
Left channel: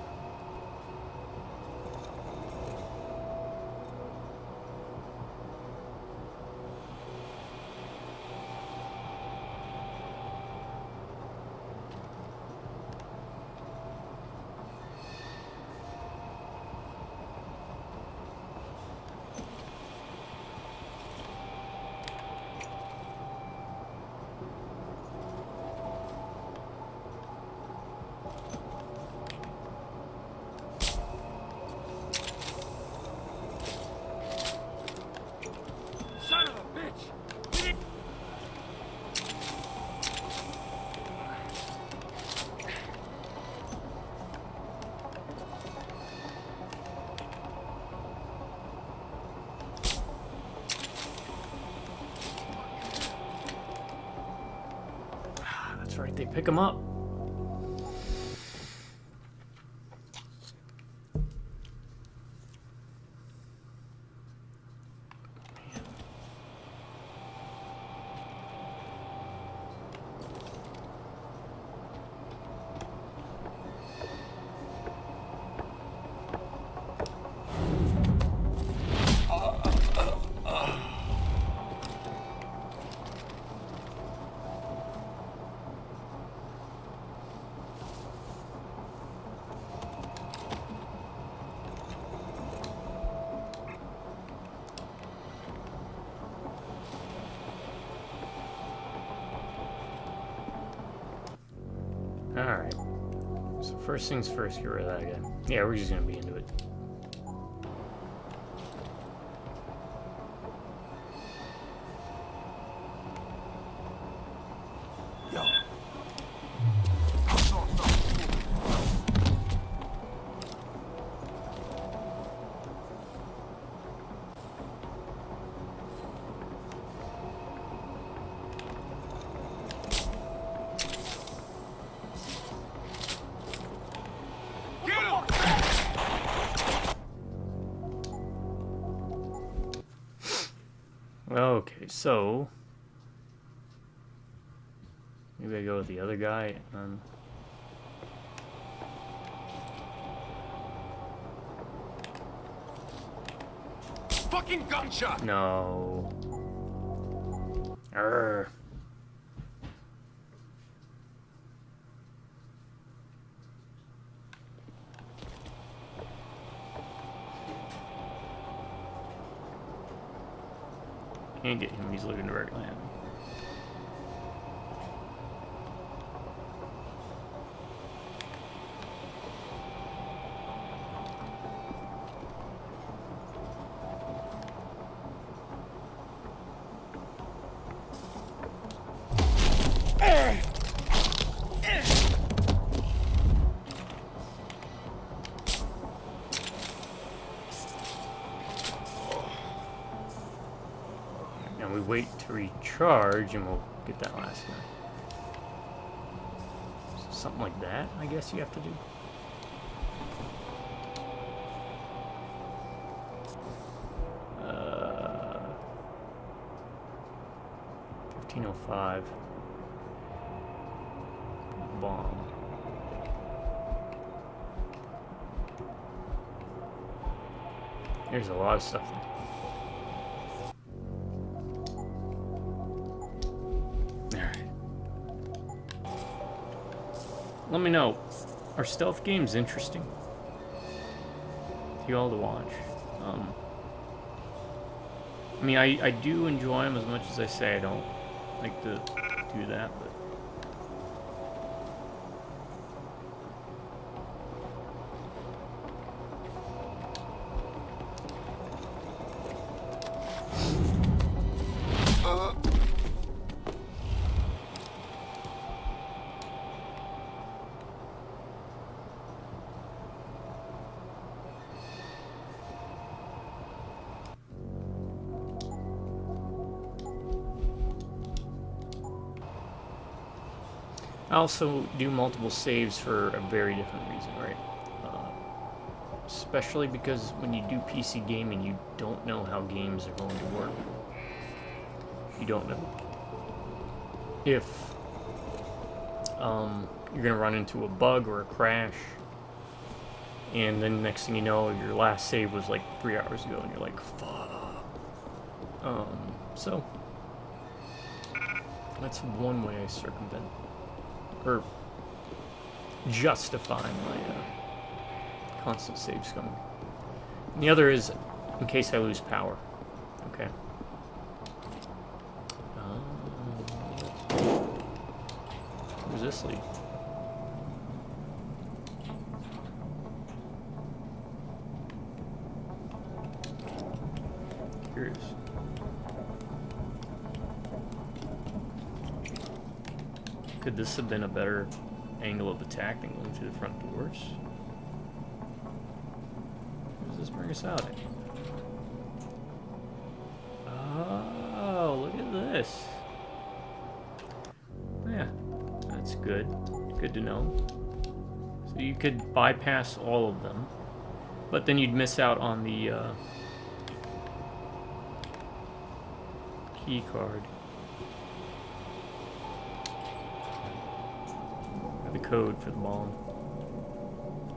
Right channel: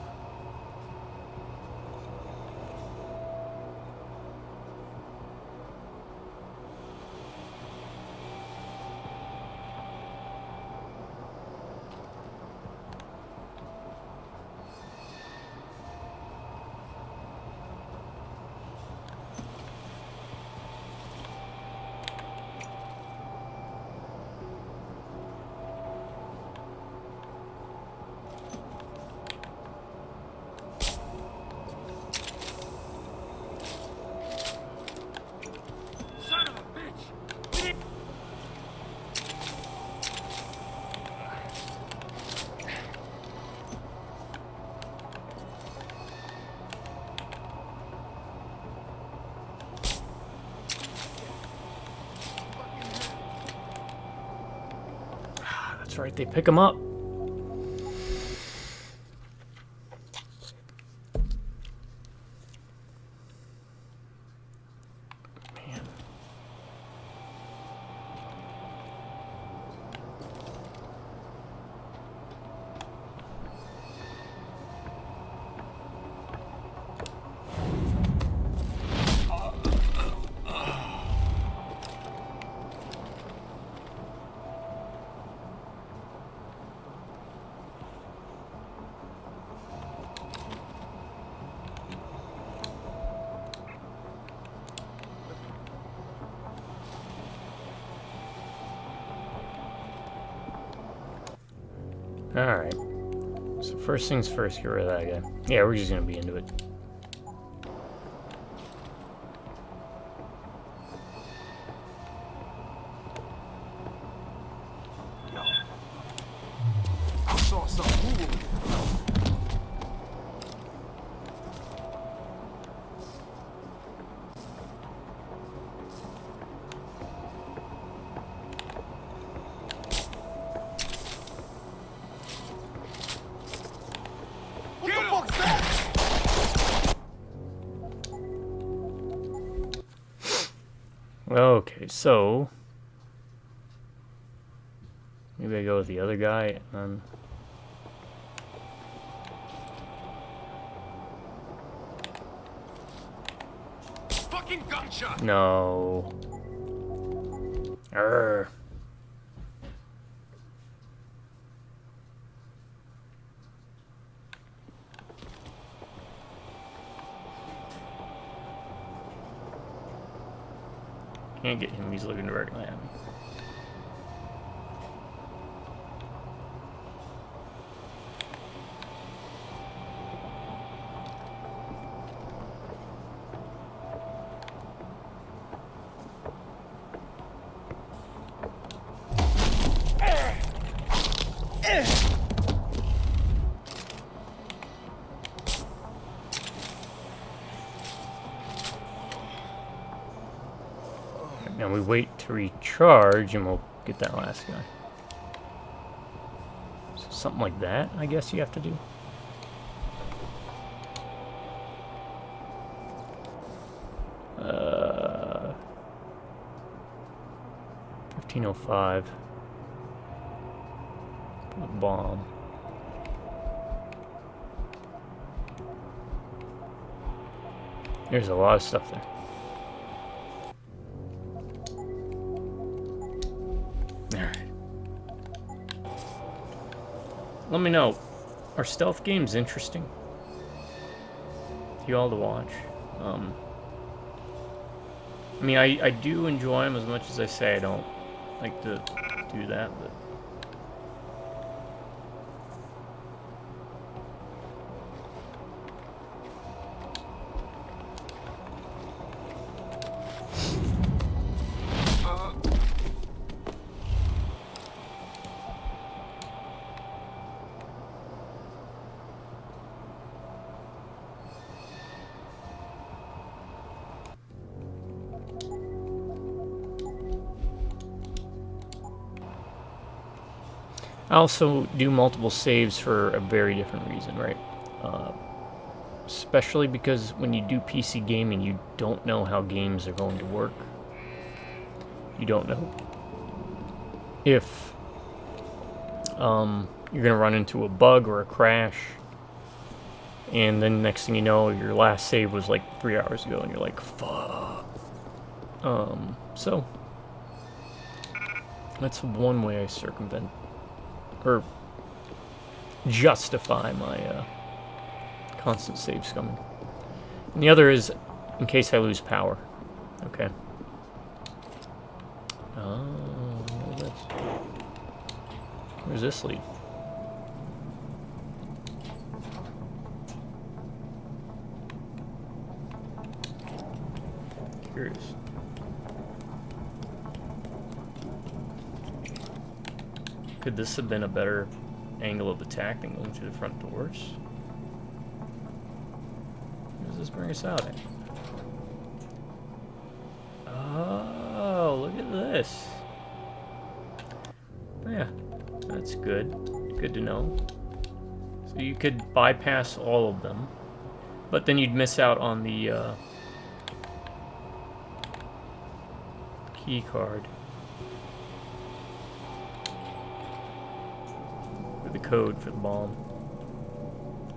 Son of a bitch! That's right, they pick him up. Man. Alright. So first things first, get rid of that guy. Yeah, we're just gonna be into it. Okay, so maybe I go with the other guy and then fucking gunshot! No. Arr. Can't get him, he's looking directly at me. Now we wait to recharge and we'll get that last guy. So something like that, I guess you have to do. Uh, 1505. A bomb. There's a lot of stuff there. Let me know, are stealth games interesting to you all to watch? I mean, I do enjoy them as much as I say I don't like to do that, but... I also do multiple saves for a very different reason, right? Especially because when you do PC gaming, you don't know how games are going to work. You don't know if you're going to run into a bug or a crash, and then next thing you know, your last save was like 3 hours ago, and you're like, fuck. So that's one way I circumvent or justify my constant saves coming. And the other is in case I lose power. Okay. Oh, what is this? Where's this lead? Curious. Could this have been a better angle of attack than going through the front doors? Where does this bring us out at? Oh, look at this. Yeah, that's good. Good to know. So you could bypass all of them, but then you'd miss out on the key card. The code for the bomb.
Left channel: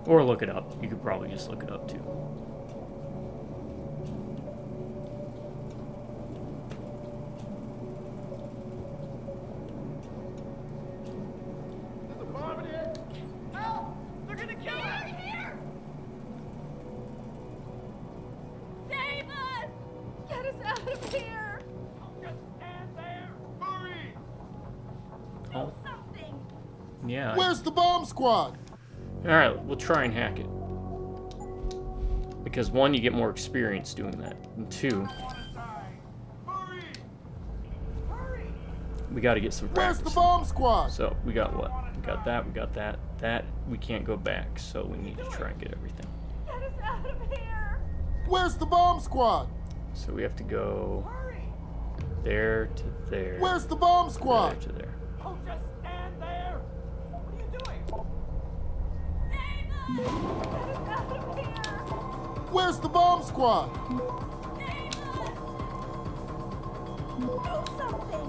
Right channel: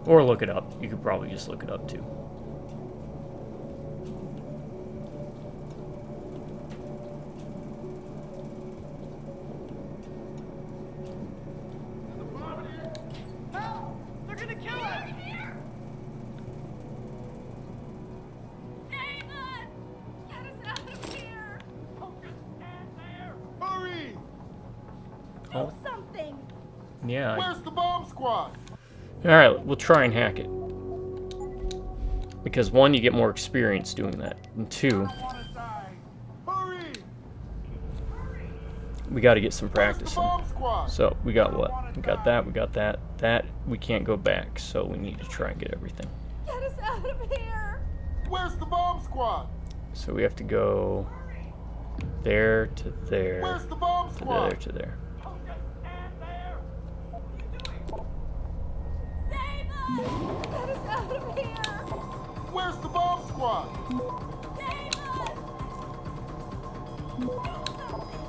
Or look it up. You could probably just look it up too. There's a bomb in here. Help! They're gonna kill us! Here! Save us! Get us out of here! Don't just stand there! Hurry! Oh. Something! Yeah. Where's the bomb squad? Alright, we'll try and hack it. Because one, you get more experience doing that. And two, Hurry! we gotta get some Where's practice the in. bomb squad? So, we got what? We got that, we got that. That, we can't go back, so we need to try and get everything. Get us out of here! Where's the bomb squad? So we have to go there to there, Where's the bomb to squad? there to there. Don't just stand there! What are you doing? Save us! Get us out of here! Where's the bomb squad? Save us! Do something!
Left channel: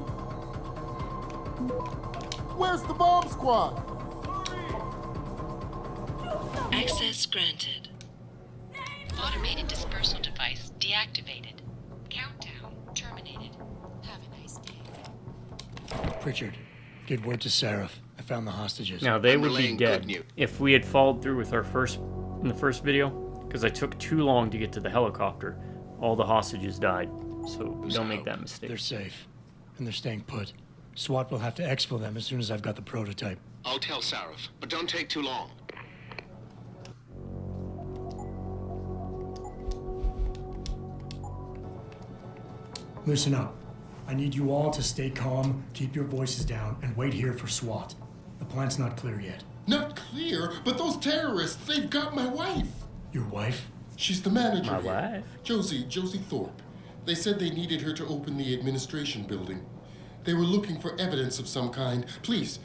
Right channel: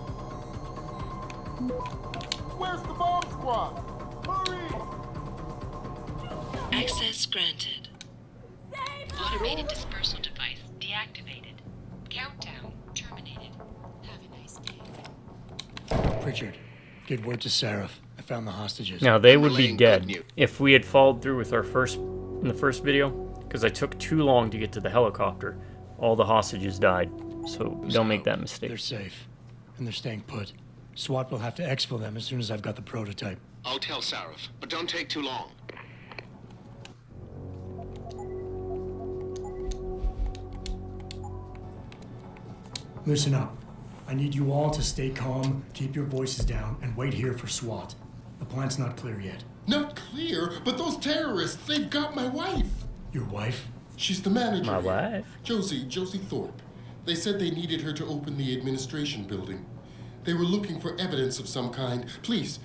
Where's the bomb squad? Hurry! Access granted. Save us! Automated dispersal device deactivated. Pritchard, get word to Seraph. I found the hostages. Now, they I'm would be relaying good dead news. if we had followed through with our in the first video, because I took too long to get to the helicopter. All the hostages died, so don't make that mistake. They're safe, and they're staying put. SWAT will have to exfil them as soon as I've got the prototype. I'll tell Sarif, but don't take too long. Listen up. I need you all to stay calm, keep your voices down, and wait here for SWAT. The plant's not clear yet. Not clear, but those terrorists, they've got my wife. Your wife? She's the manager. My here. wife? Josie Thorpe. They said they needed her to open the administration building. They were looking for evidence of some kind. Please,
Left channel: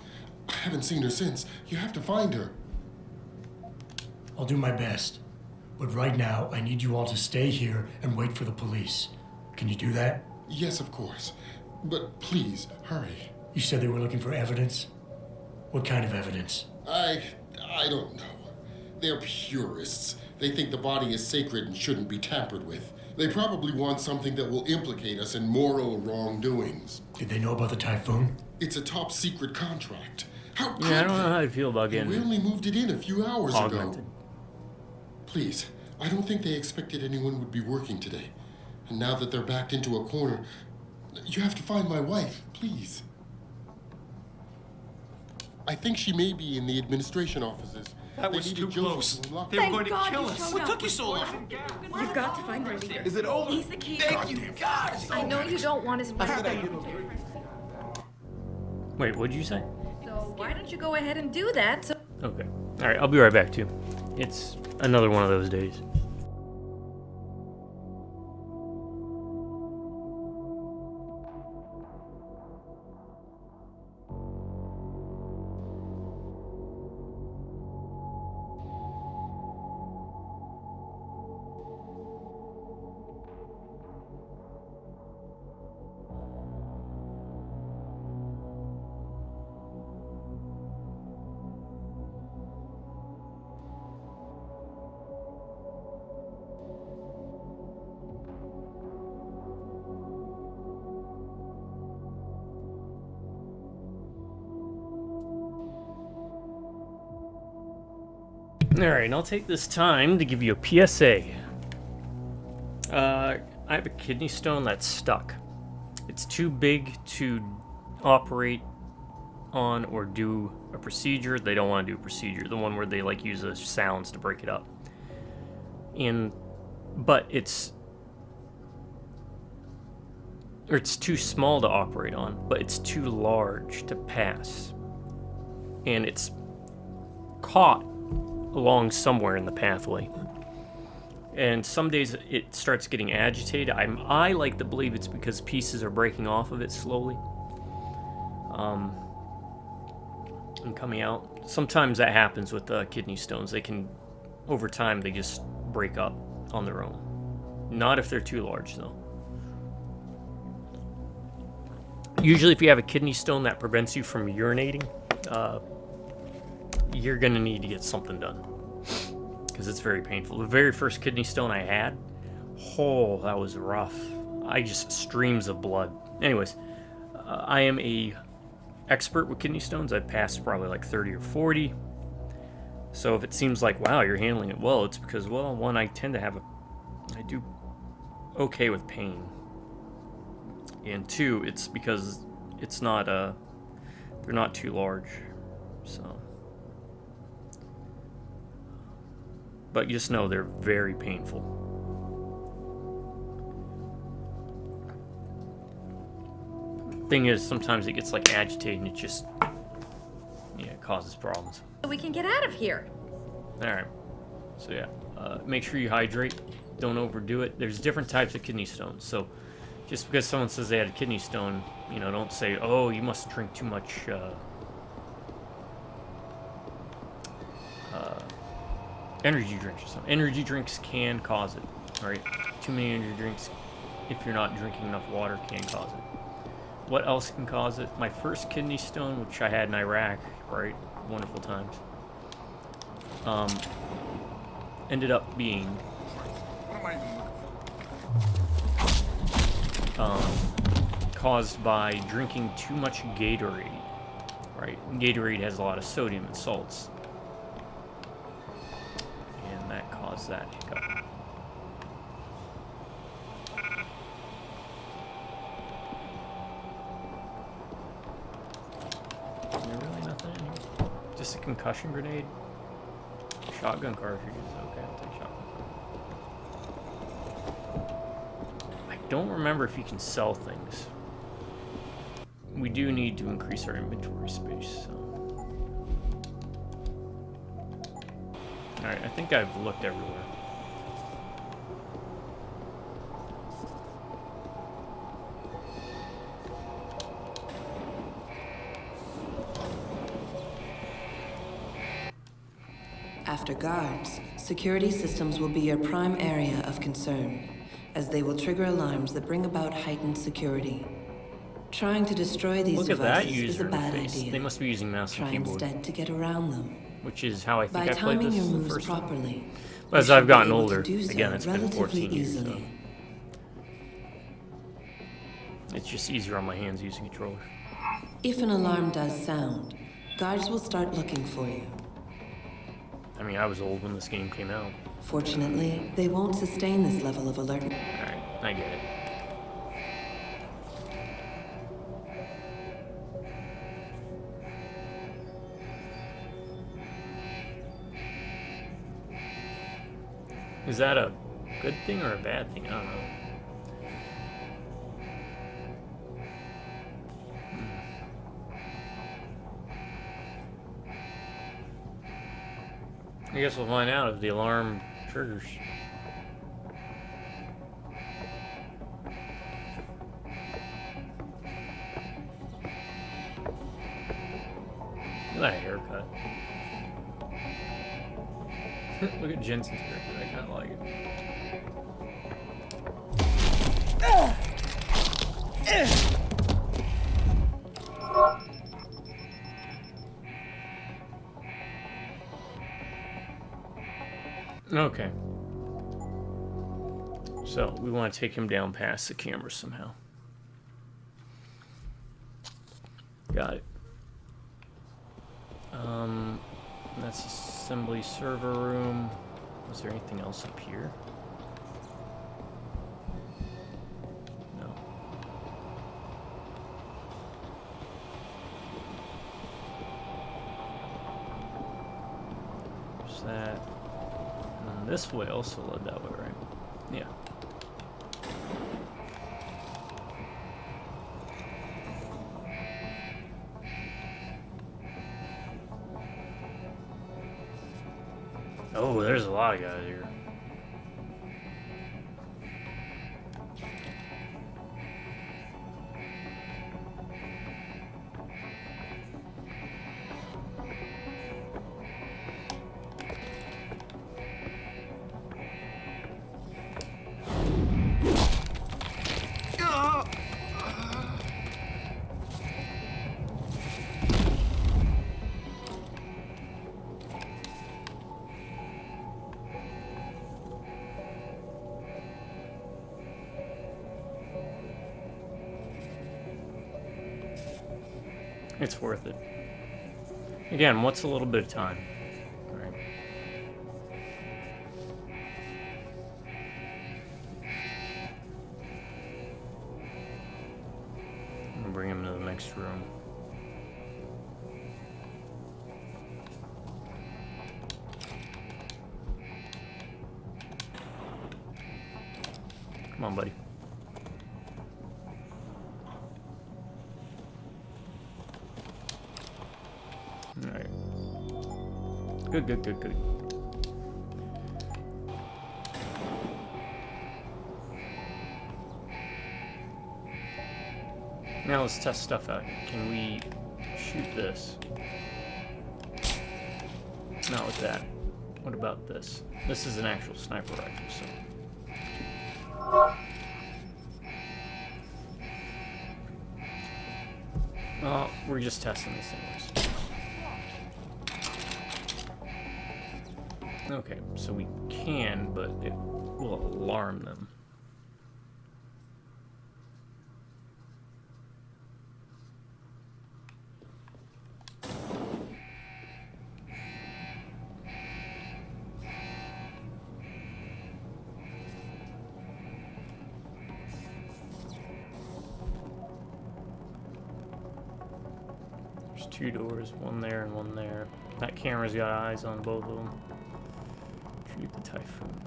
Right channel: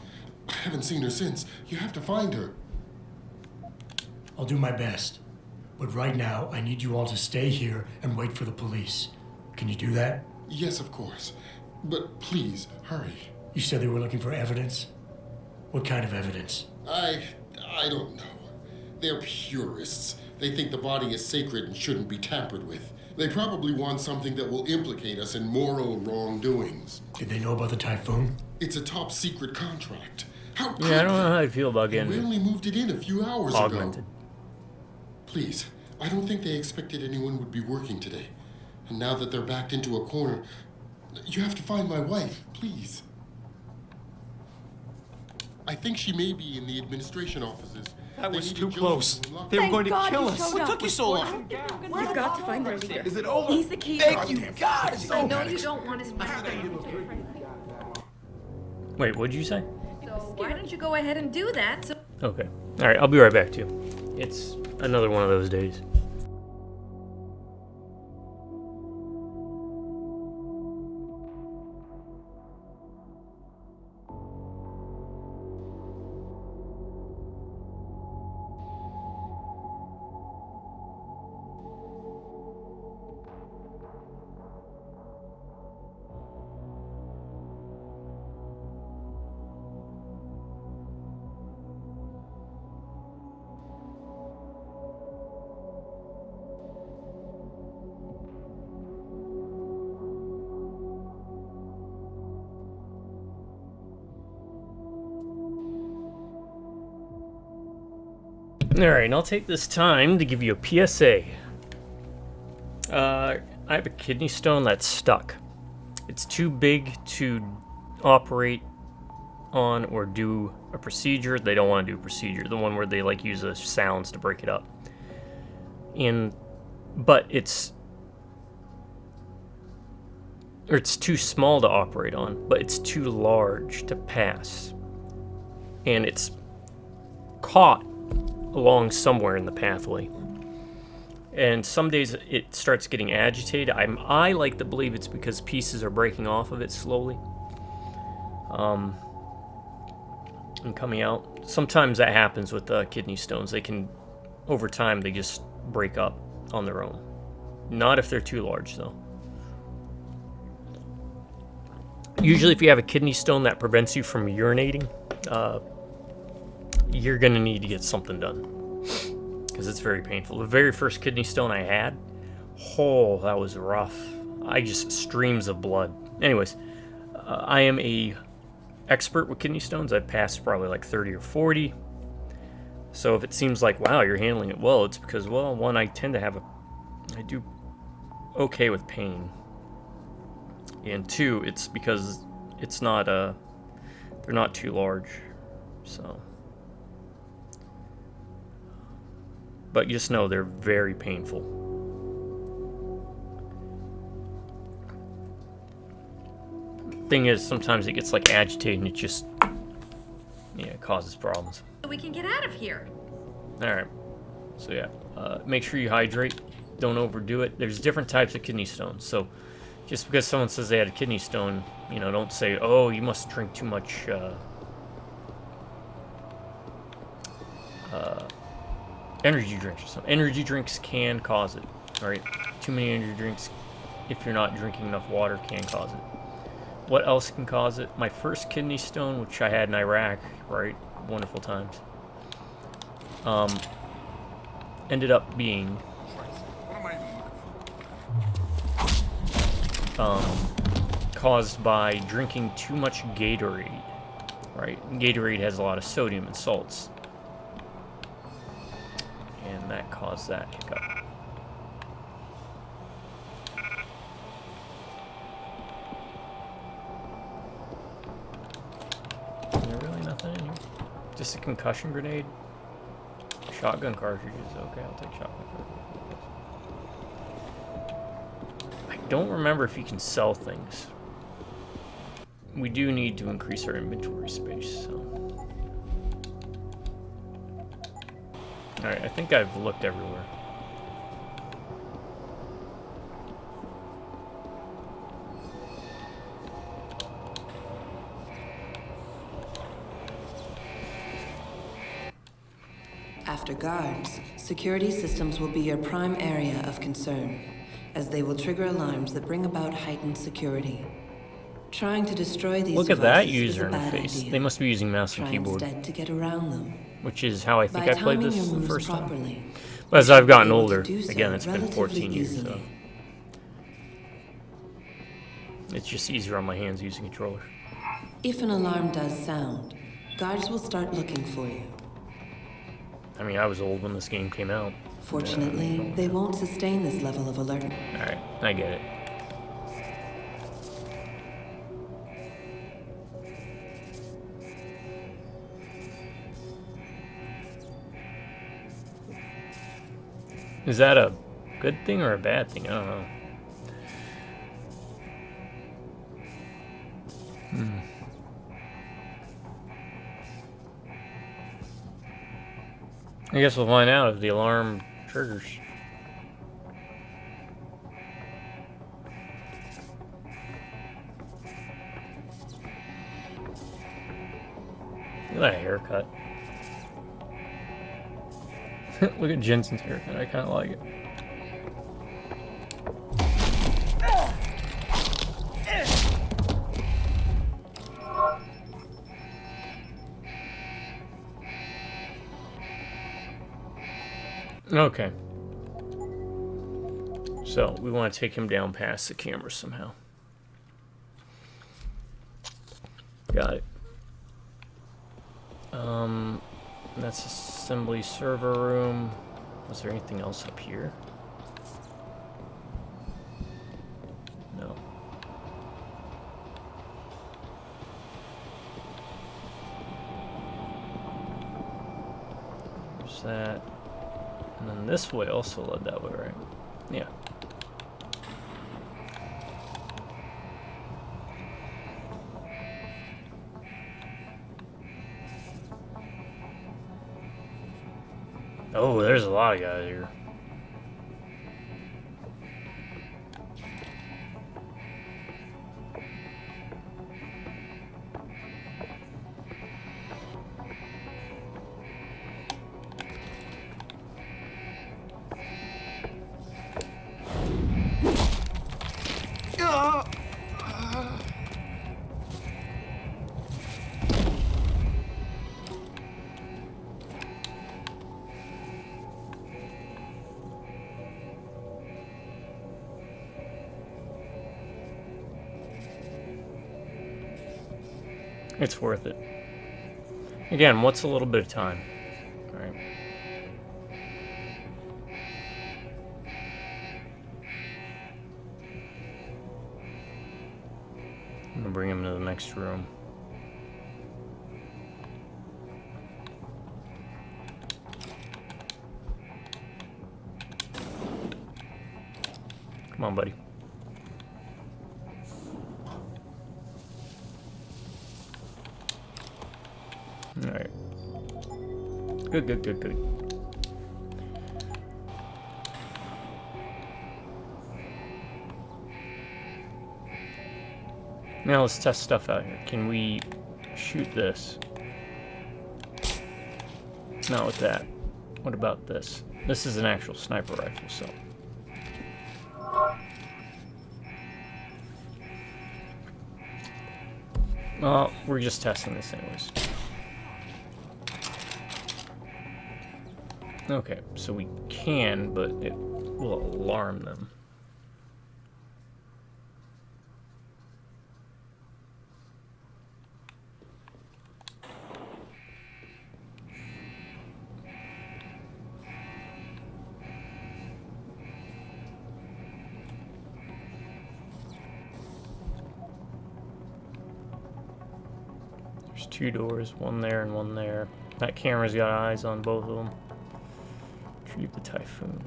I haven't seen her since. You have to find her. I'll do my best. But right now, I need you all to stay here and wait for the police. Can you do that? Yes, of course. But please, hurry. You said they were looking for evidence? What kind of evidence? I don't know. They're purists. They think the body is sacred and shouldn't be tampered with. They probably want something that will implicate us in moral wrongdoings. Did they know about the typhoon? It's a top secret contract. How could Yeah, I don't they? know how I feel about We getting only moved it in a few hours augmented. ago. Please, I don't think they expected anyone would be working today. And now that they're backed into a corner, you have to find my wife, please. I think she may be in the administration offices. That They was needed too Josie close. to unlock They it. were going to God kill you us. showed What up. took you so long? You've got to find their leader. Is it over? He's the key. Thank you, God. It's I over. know you don't want his Wait, what'd you say? So why don't you go ahead and do that? So Okay. Alright, I'll be right back, too. It's another one of those days. Alright, and I'll take this time to give you a PSA. I have a kidney stone that's stuck. It's too big to operate on or do a procedure. They don't want to do a procedure. The one where they like use the sounds to break it up. But it's too small to operate on, but it's too large to pass. And it's caught along somewhere in the pathway. And some days it starts getting agitated. I like to believe it's because pieces are breaking off of it slowly. And coming out. Sometimes that happens with kidney stones. They can, over time, they just break up on their own. Not if they're too large, though. Usually if you have a kidney stone that prevents you from urinating, you're going to need to get something done. Because it's very painful. The very first kidney stone I had, oh, that was rough. I just streams of blood. Anyways, I am a expert with kidney stones. I've passed probably like 30 or 40. So if it seems like, wow, you're handling it well, it's because, well, one, I tend to have I do okay with pain. And two, it's because it's not, they're not too large. So. But just know they're very painful. Thing is, sometimes it gets like agitated and it just, yeah, it causes problems. we can get out of here. Alright. So yeah, make sure you hydrate. Don't overdo it. There's different types of kidney stones. So just because someone says they had a kidney stone, you know, don't say, oh, you must drink too much energy drinks or something. Energy drinks can cause it. Alright? Too many energy drinks, if you're not drinking enough water, can cause it. What else can cause it? My first kidney stone, which I had in Iraq, right? Wonderful times. Ended up being What am I even looking caused by drinking too much Gatorade, right? And Gatorade has a lot of sodium and salts. And that caused that hiccup. Is there really nothing in here? Just a concussion grenade? Shotgun cartridges. Okay, I'll take shotgun cartridges. I don't remember if you can sell things. We do need to increase our inventory space, so. Alright, I think I've looked everywhere. After guards, security systems will be your prime area of concern, as they will trigger alarms that bring about heightened security. Trying to destroy these Look at that devices is user a bad interface. idea. They must be using mouse and Try keyboard, instead to get around them. which is how I think By I played timing this your the moves first time. properly, But as you I've should be gotten able to older, do so again, it's been relatively 14 years, so easily. it's just easier on my hands using a controller. If an alarm does sound, guards will start looking for you. I mean, I was old when this game came out. Fortunately, they won't sustain this level of alert. Alright, I get it. Is that a good thing or a bad thing? I don't know. I guess we'll find out if the alarm triggers. Look at that haircut. Look at Jensen's haircut. I kind of like it. Okay. So, we want to take him down past the camera somehow. Got it. That's assembly server room. Was there anything else up here? No. There's that. And then this way also led that way, right? Yeah. Oh, there's a lot of guys here. It's worth it. Again, what's a little bit of time? All right. I'm gonna bring him to the next room. Come on, buddy. Alright. Good, good, good, good. Now let's test stuff out here. Can we shoot this? Not with that. What about this? This is an actual sniper rifle, so. Well, we're just testing this anyways. Okay, so we can, but it will alarm them. There's 2 doors, one there and one there. That camera's got eyes on both of them. Retrieve the Typhoon.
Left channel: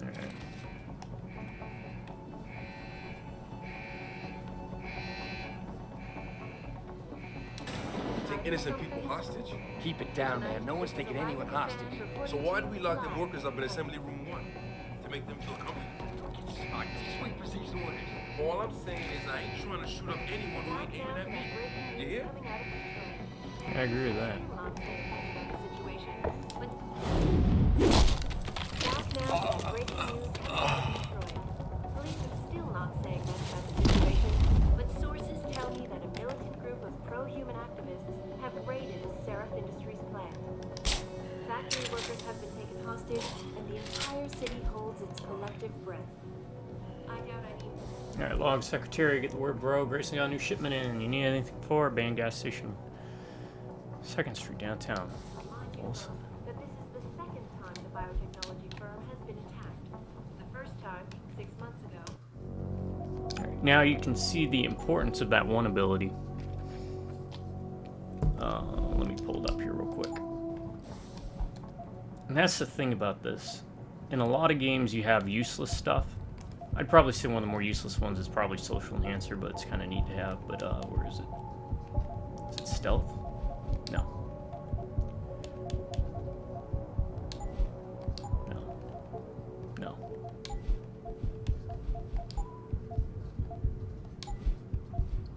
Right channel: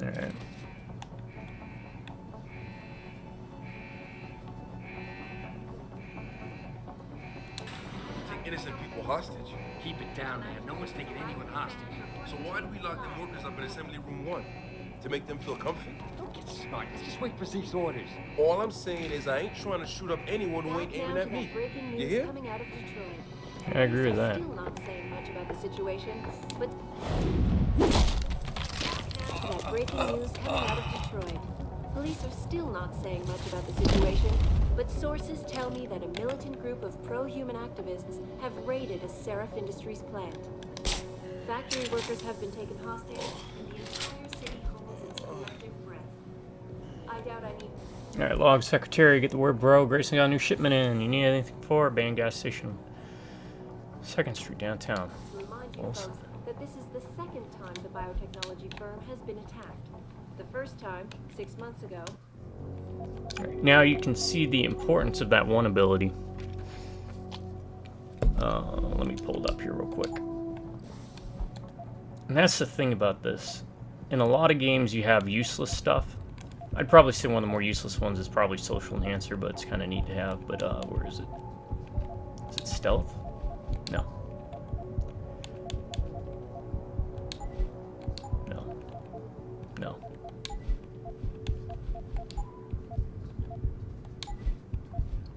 Alright. Take innocent people hostage? Keep it down, man. No one's taking anyone hostage. So why do we lock them workers up in Assembly Room 1? To make them feel comfy? Don't get smart. Let's just wait for Zeke's orders. All I'm saying is I ain't trying to shoot up anyone who ain't aiming at me. You hear? I agree with that. Situation, but now breaking news in Detroit. Police are still not saying much about the situation, but sources tell me that a militant group of pro-human activists have raided a Seraph Industries plant. Factory workers have been taken hostage, and the entire city holds its collective breath. I doubt I need. Alright, log secretary, get the word, bro. Grayson got a new shipment in. You need anything for? Band gas station. 2nd Street, downtown. Awesome. That this is the second time the biotechnology firm has been attacked. The first time, 6 months ago. Alright, now you can see the importance of that one ability. Let me pull it up here real quick. And that's the thing about this. In a lot of games, you have useless stuff. I'd probably say one of the more useless ones is probably Social Enhancer, but it's kind of neat to have. But where is it? Is it Stealth? No. No. No.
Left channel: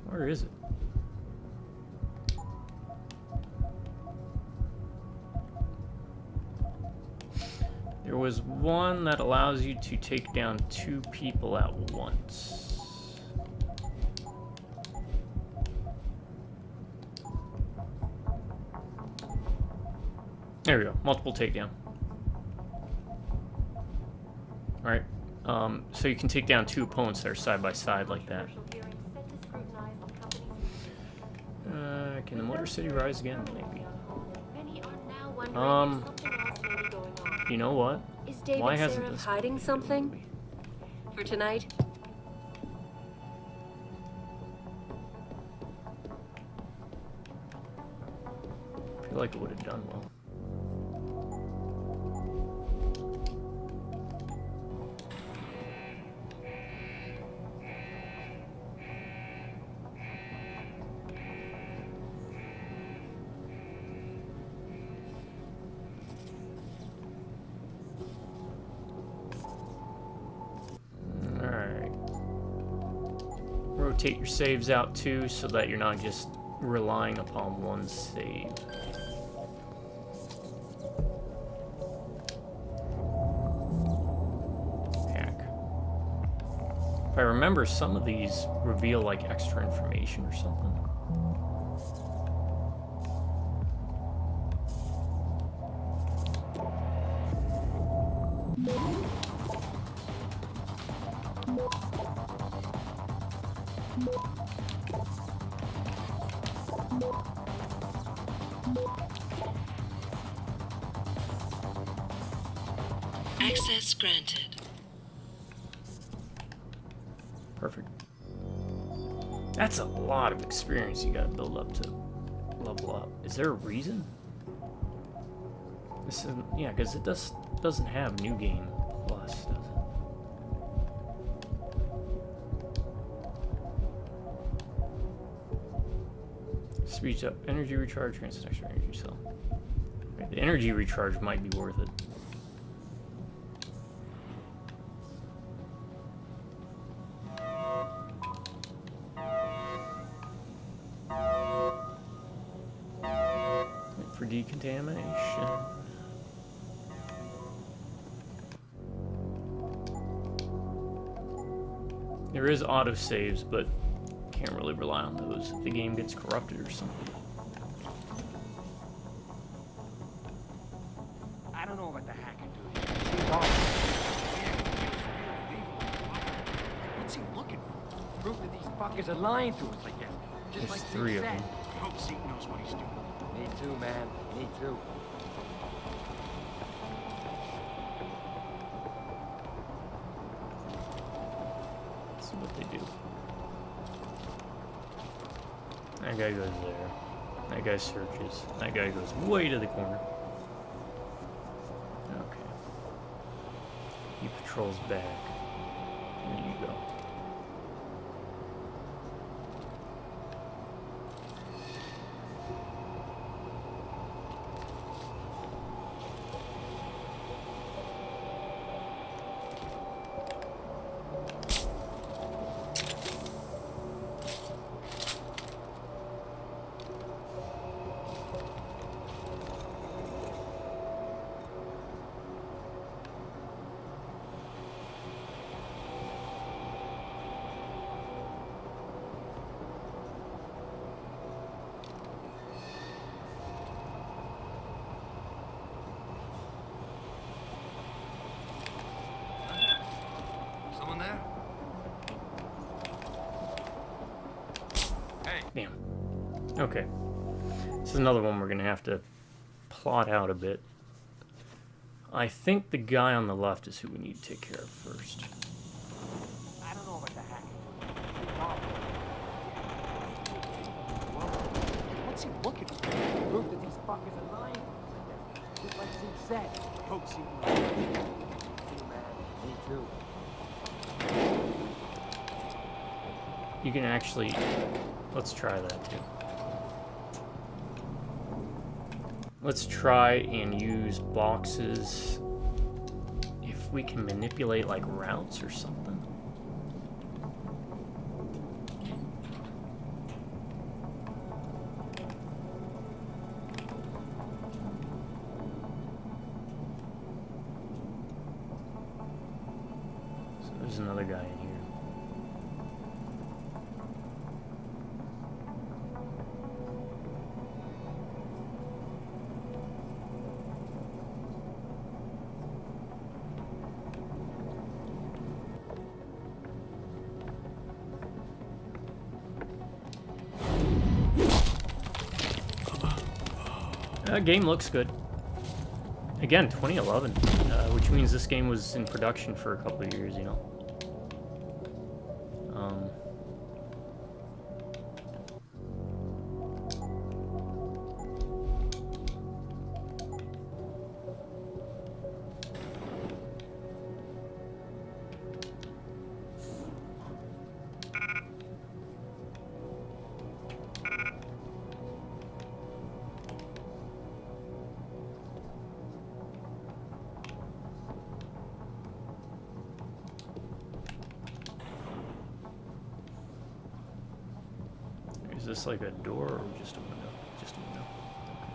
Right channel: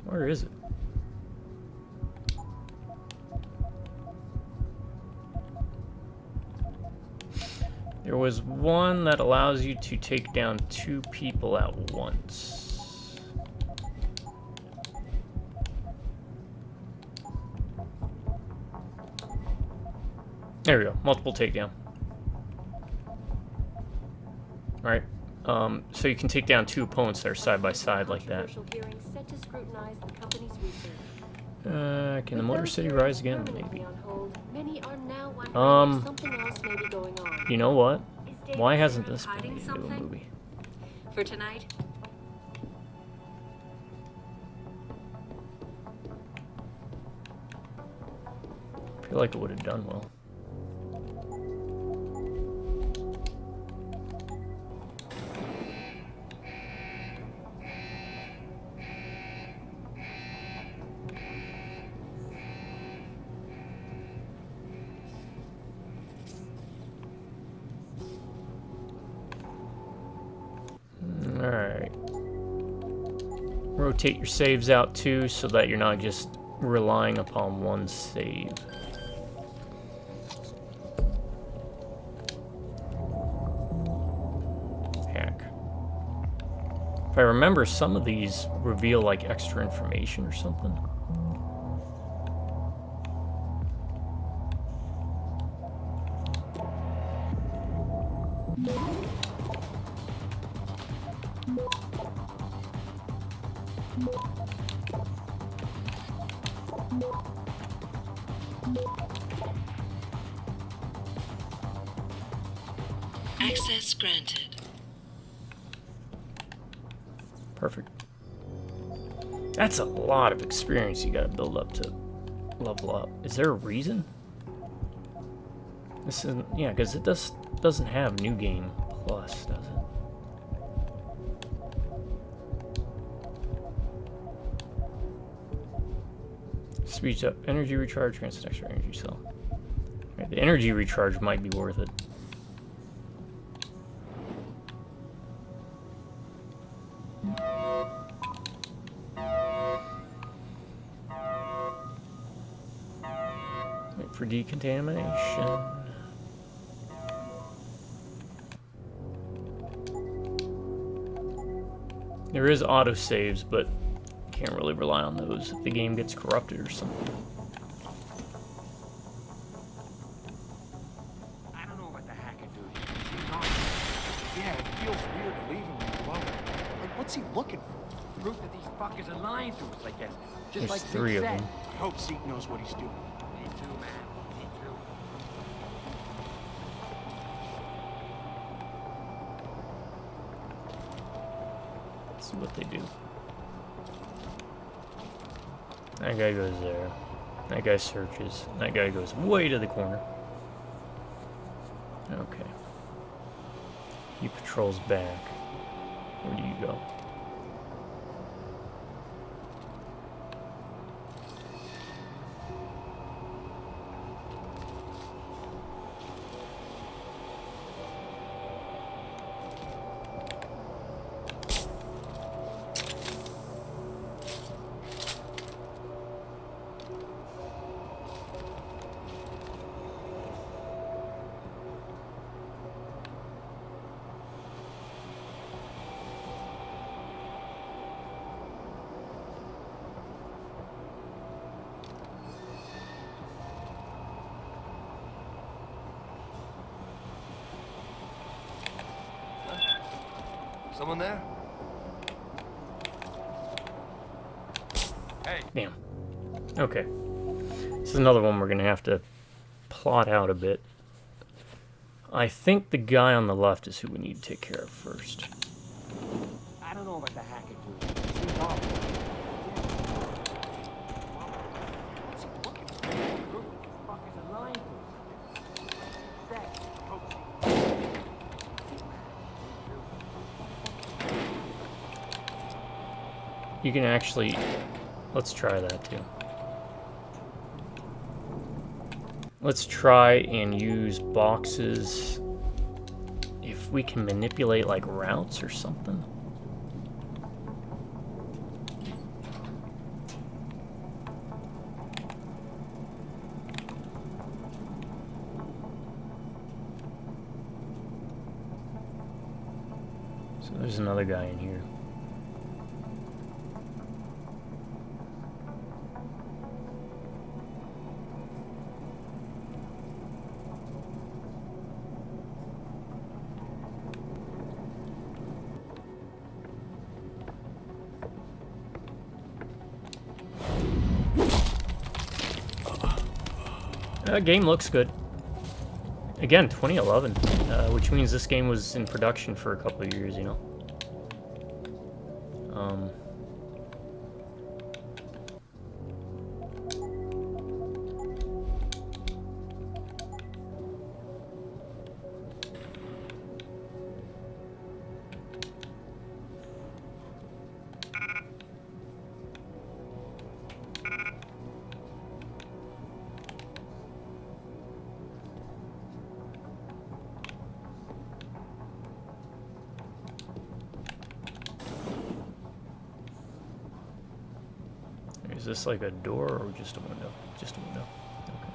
Where is it? There was one that allows you to take down 2 people at once. There we go. Multiple takedown. Alright. So you can take down 2 opponents that are side by side like that. Can the Motor City rise again? Maybe. You know what? Why hasn't this been hiding made into a something movie? for tonight? I feel like it would have done well. Alright. Rotate your saves out too so that you're not just relying upon one save. Hack. If I remember, some of these reveal like extra information or something. Access granted. Perfect. That's a lot of experience you gotta build up to level up. Is there a reason? This isn't, yeah, because it doesn't have New Game Plus, does it? Speeds up energy recharge, grants an extra energy cell. Right, the energy recharge might be worth it. Wait for decontamination. There is autosaves, but can't really rely on those if the game gets corrupted or something. I don't know about the hacker dude. Seems awesome. Yeah, it feels What's he looking for? Proof that these fuckers are lying to us, I guess. Just There's like 3 of Zeke said. them. I hope Zeke knows what he's doing. Me too, man. Me too. Let's see what they do. That guy goes there. That guy searches. That guy goes way to the corner. Okay. He patrols back. Where do you go? Someone there? Hey. Damn. Okay. This is another one we're going to have to plot out a bit. I think the guy on the left is who we need to take care of first. I don't know about the hacking. What's he looking for? Proof that these fuckers are lying to us, I guess. Just like Zeke said. Hope Zeke knows. Me too, man. Me too. You can actually... Let's try that too. Let's try and use boxes if we can manipulate like routes or something. So there's another guy in here. Game looks good. Again, 2011, which means this game was in production for a couple of years, you know? Is this like a door or just a window? Just a window. Okay.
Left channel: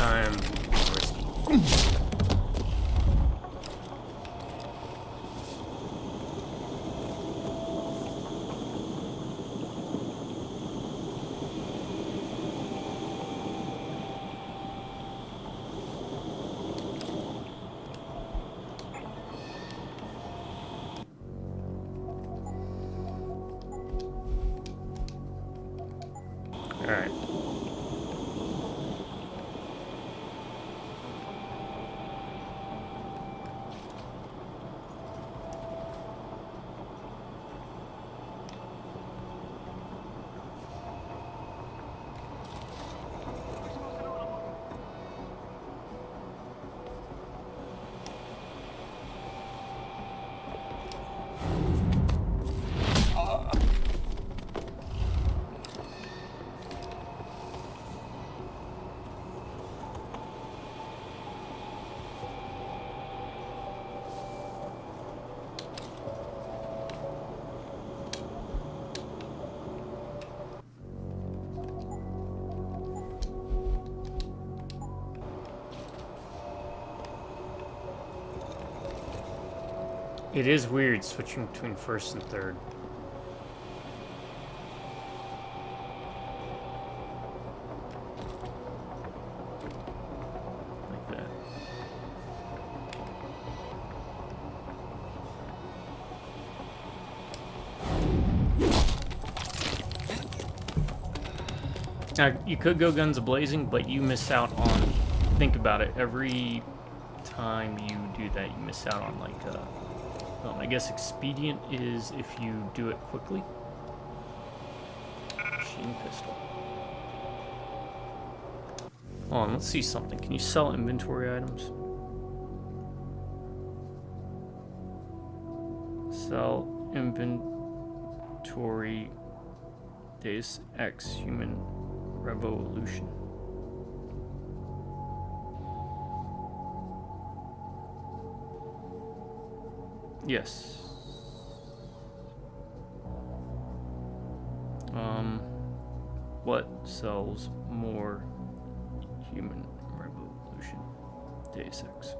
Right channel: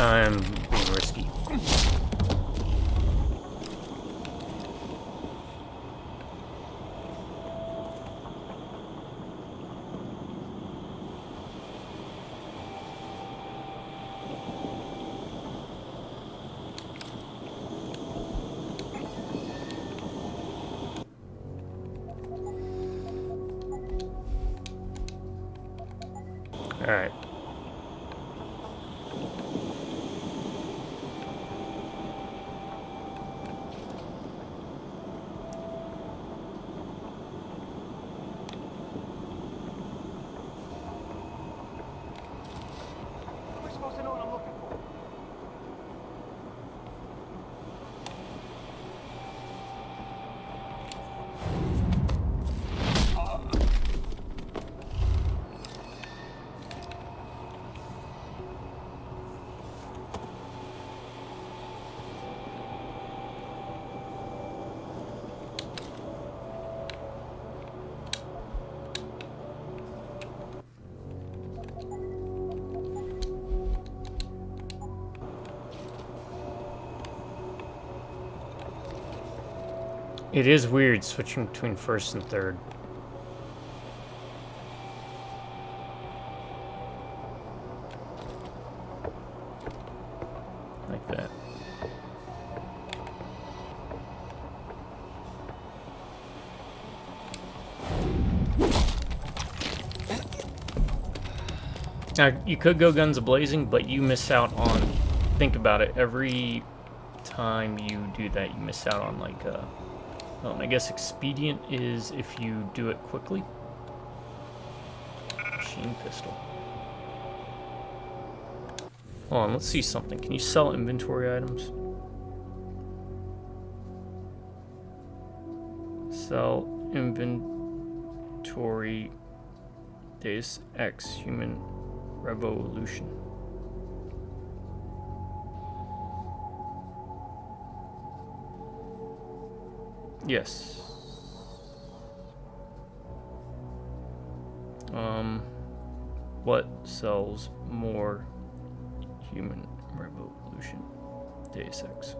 I'm being risky. All right. How am I supposed to know what I'm looking for? It is weird switching between first and third. Like that. Now, you could go guns a-blazing, but you miss out on... Think about it. Every time you do that, you miss out on, like, well, I guess expedient is if you do it quickly. Machine pistol. Hold on, let's see something. Can you sell inventory items? Sell inventory Deus Ex Human Revolution. Yes. What sells more Human Revolution? Deus Ex.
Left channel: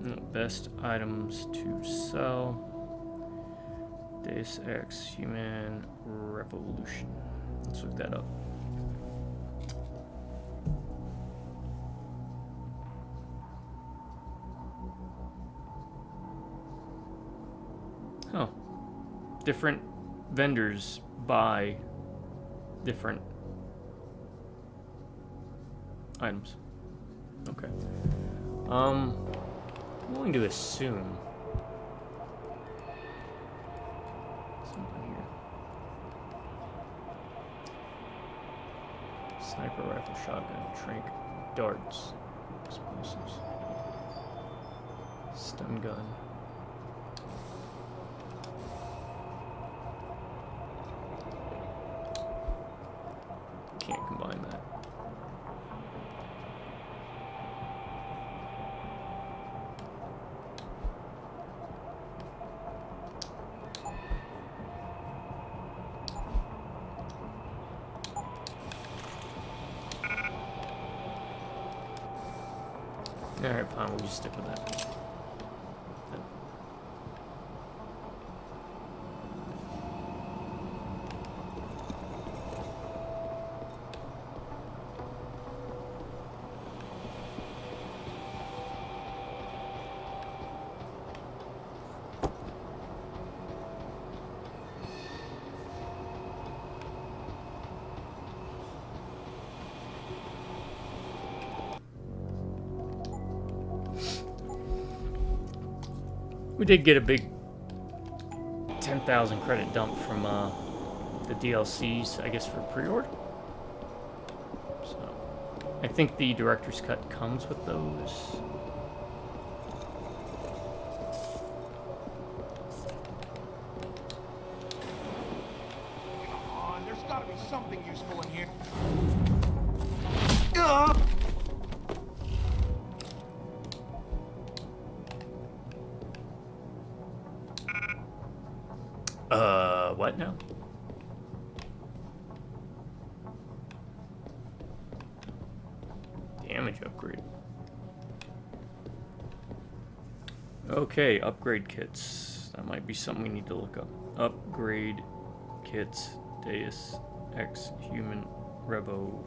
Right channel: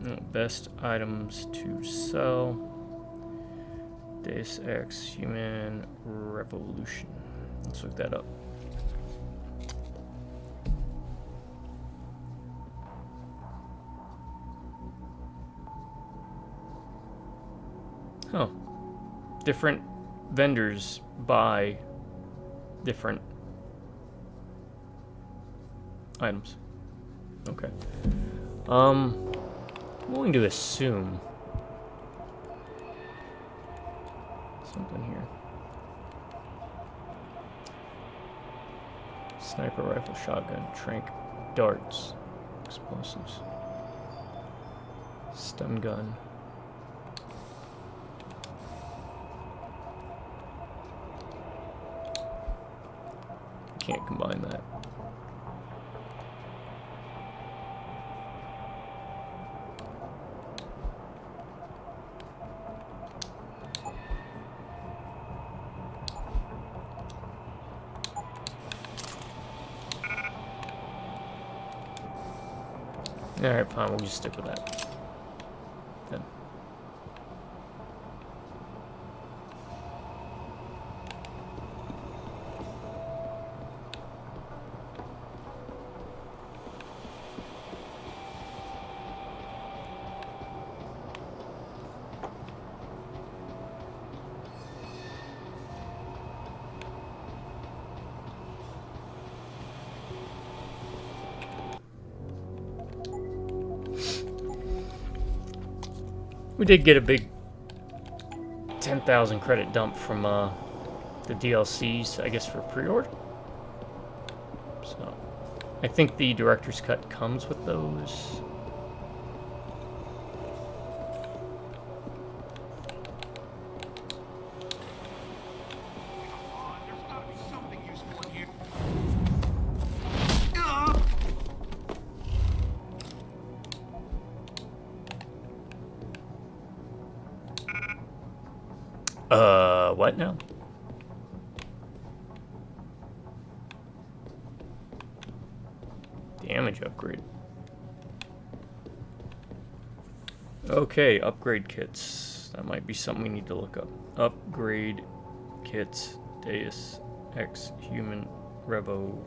No, best items to sell. Deus Ex Human Revolution. Let's look that up. Oh. Different vendors buy different items. Okay. I'm willing to assume something here. Sniper rifle, shotgun, tranq, darts, explosives, stun gun. Can't combine that. Alright, fine, we'll just stick with that. Then. We did get a big 10,000 credit dump from the DLCs, I guess, for pre-order. So, I think the director's cut comes with those. Come on, there's gotta be something useful in here. What now? Damage upgrade. Okay, upgrade kits. That might be something we need to look up. Upgrade kits. Deus Ex Human Revolution.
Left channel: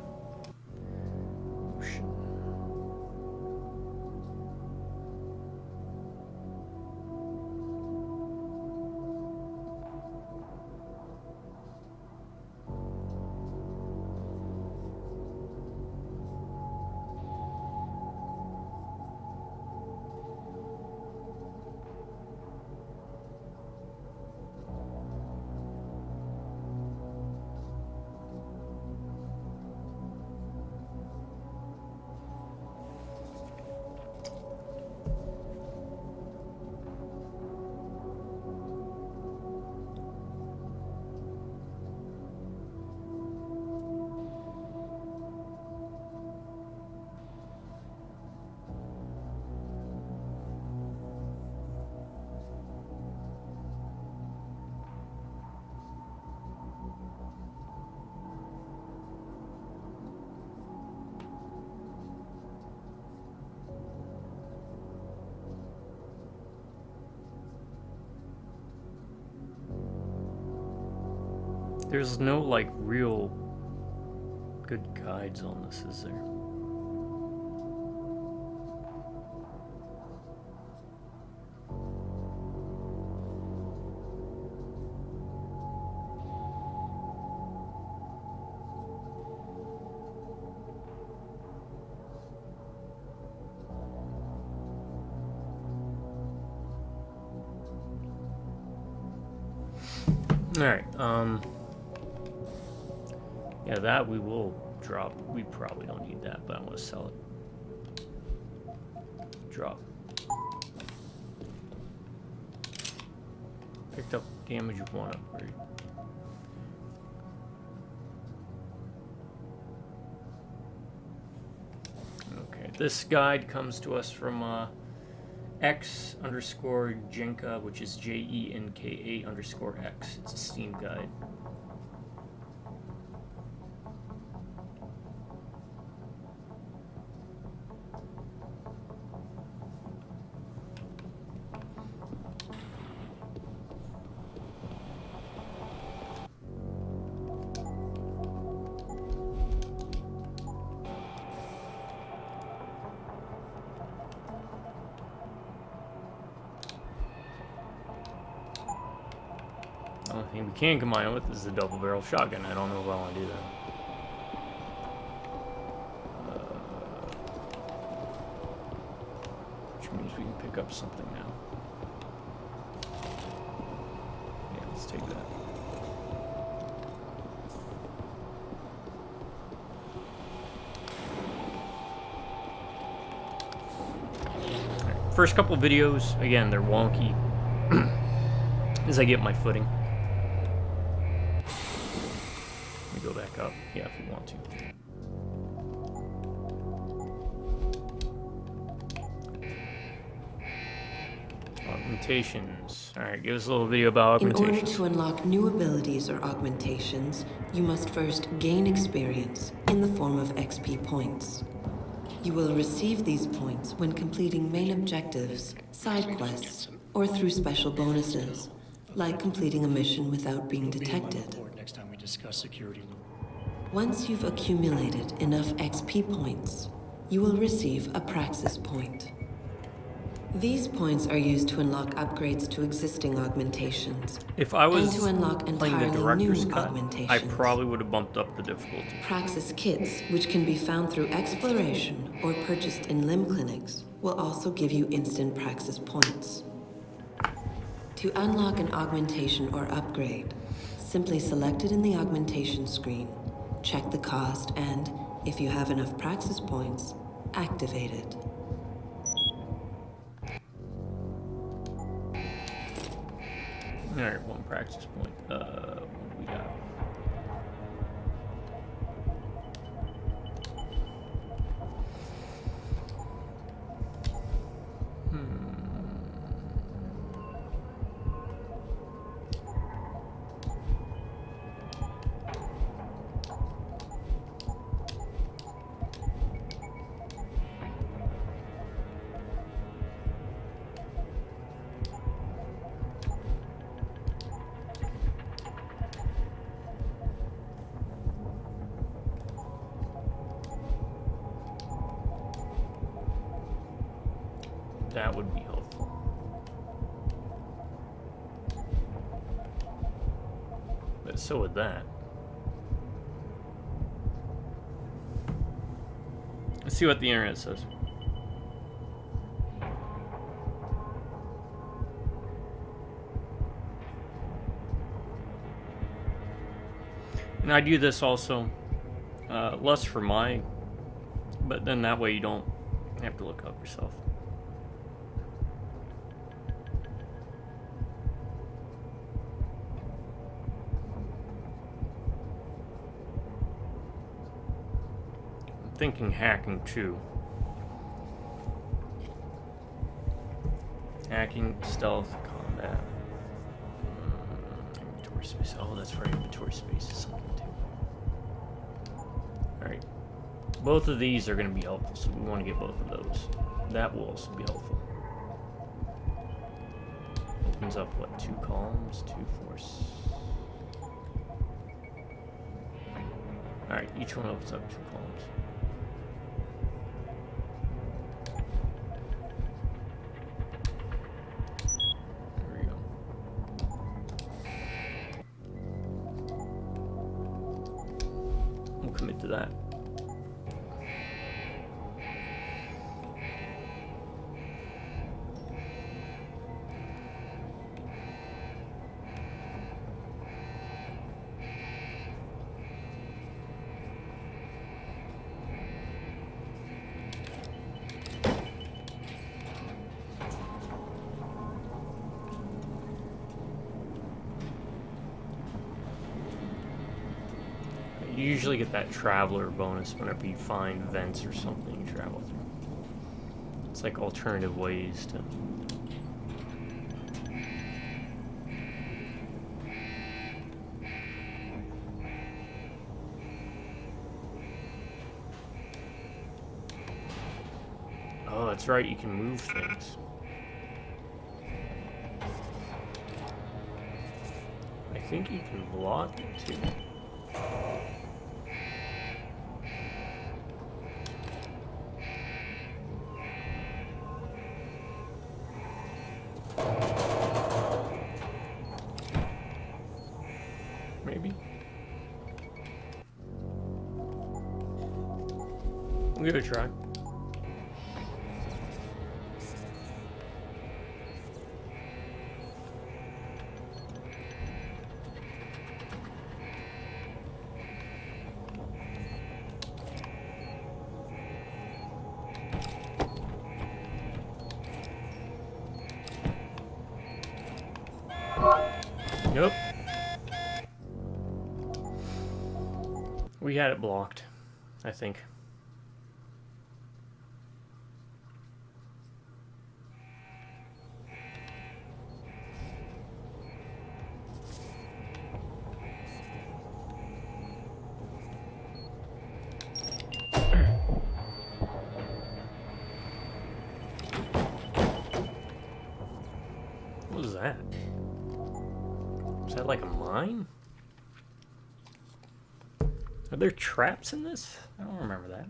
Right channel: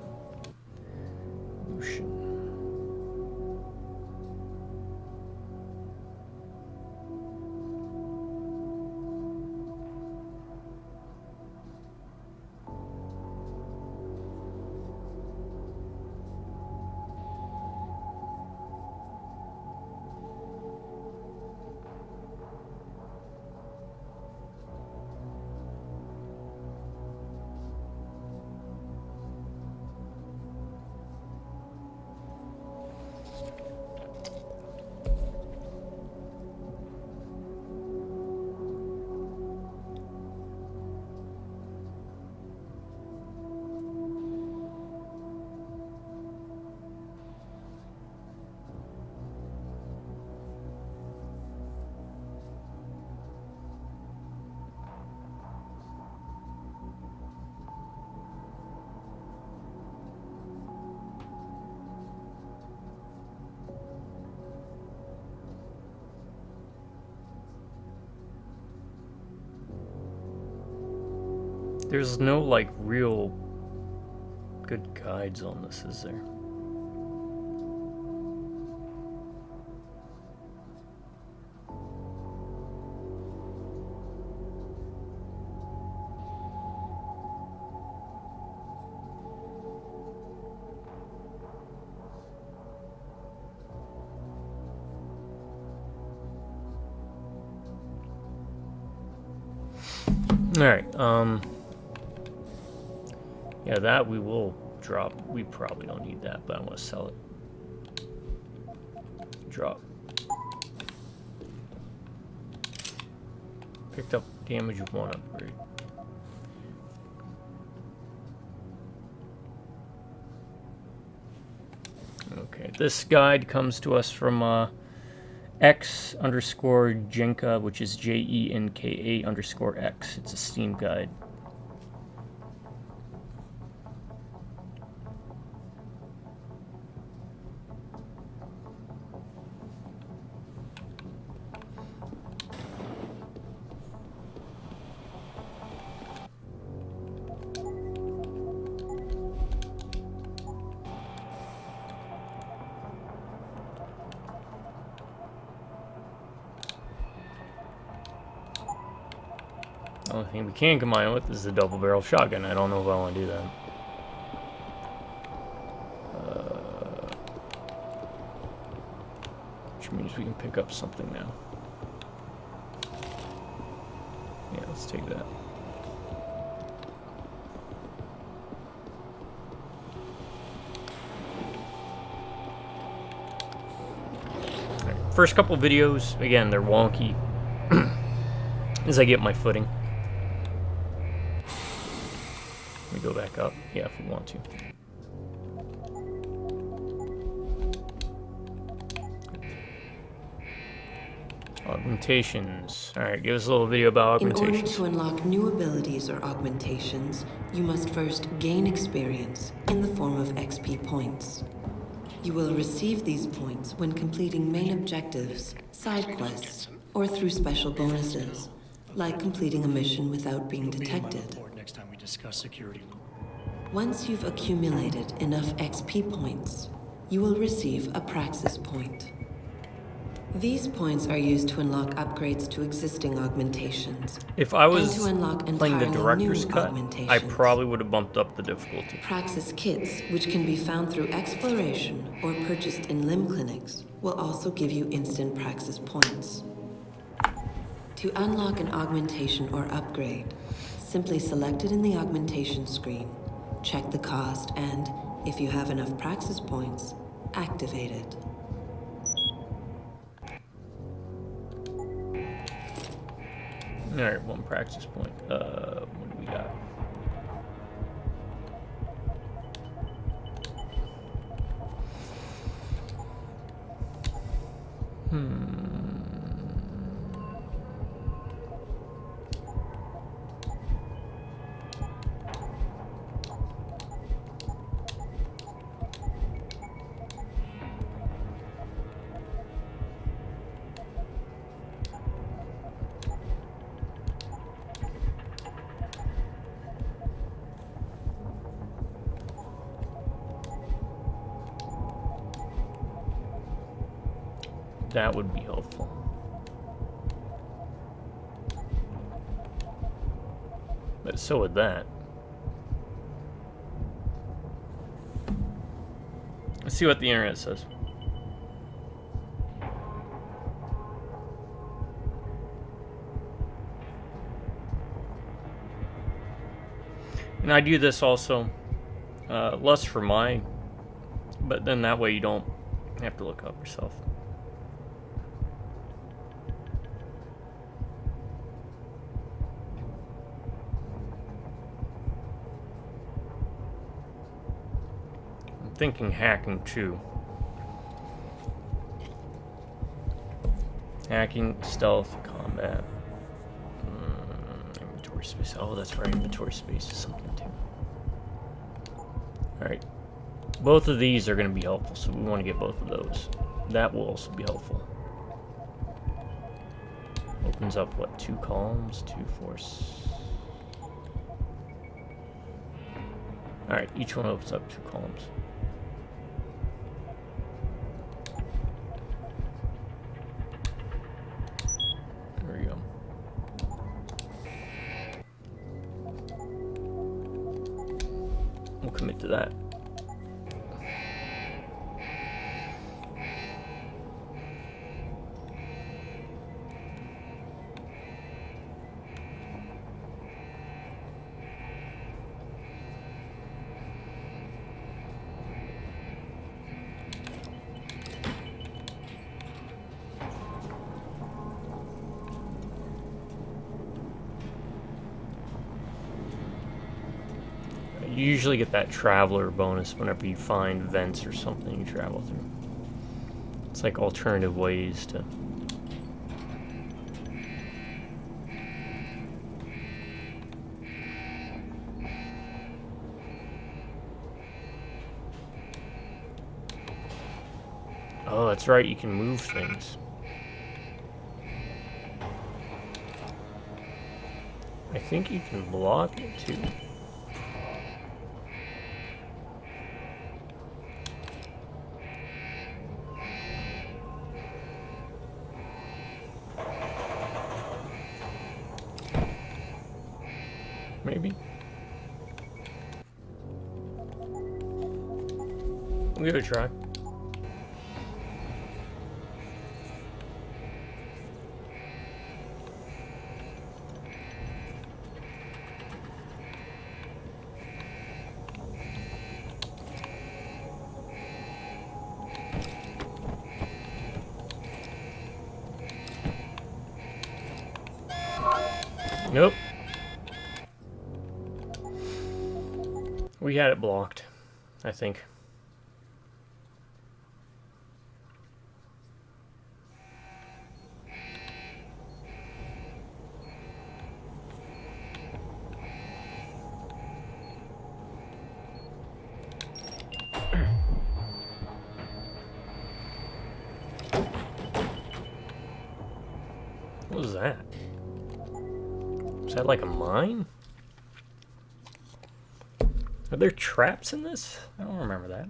There's no, like, real good guides on this, is there? Alright, yeah, that we will drop. We probably don't need that, but I want to sell it. Drop. Picked up damage of 1 upgrade. Okay, this guide comes to us from X_Jenka, which is JENKA_X. It's a Steam guide. The only thing we can combine it with is the double barrel shotgun. I don't know if I want to do that. Which means we can pick up something now. Yeah, let's take that. Alright, first couple videos, again, they're wonky as I get my footing. Let me go back up. Yeah, if we want to. Augmentations. Alright, give us a little video about augmentations. In order to unlock new abilities or augmentations, you must first gain experience in the form of XP points. You will receive these points when completing main objectives, side quests, or through special bonuses, like completing a mission without being detected. Next time we discuss security loop. Once you've accumulated enough XP points, you will receive a Praxis point. These points are used to unlock upgrades to existing augmentations. If I was and to unlock playing the entirely director's new cut, I augmentations. probably would have bumped up the difficulty. Praxis kits, which can be found through exploration or purchased in limb clinics, will also give you instant Praxis points. To unlock an augmentation or upgrade, simply select it in the augmentation screen, check the cost, and, if you have enough Praxis points, activate it. Alright, 1 Praxis point. What do we got? That would be helpful. But so would that. Let's see what the internet says. And I do this also, less for my, but then that way you don't have to look up yourself. Thinking hacking too. Hacking, stealth, combat, inventory space. Oh, that's right, inventory space is something too. Alright. Both of these are going to be helpful, so we want to get both of those. That will also be helpful. Opens up, what, 2 columns? 2 force. Alright, each one opens up 2 columns. There we go. We'll commit to that. You usually get that traveler bonus whenever you find vents or something you travel through. It's like alternative ways to... Oh, that's right, you can move things. I think you can block it too. Maybe. We'll give it a try. Nope. We had it blocked, I think. What was that? Is that like a mine? Are there traps in this? I don't remember that.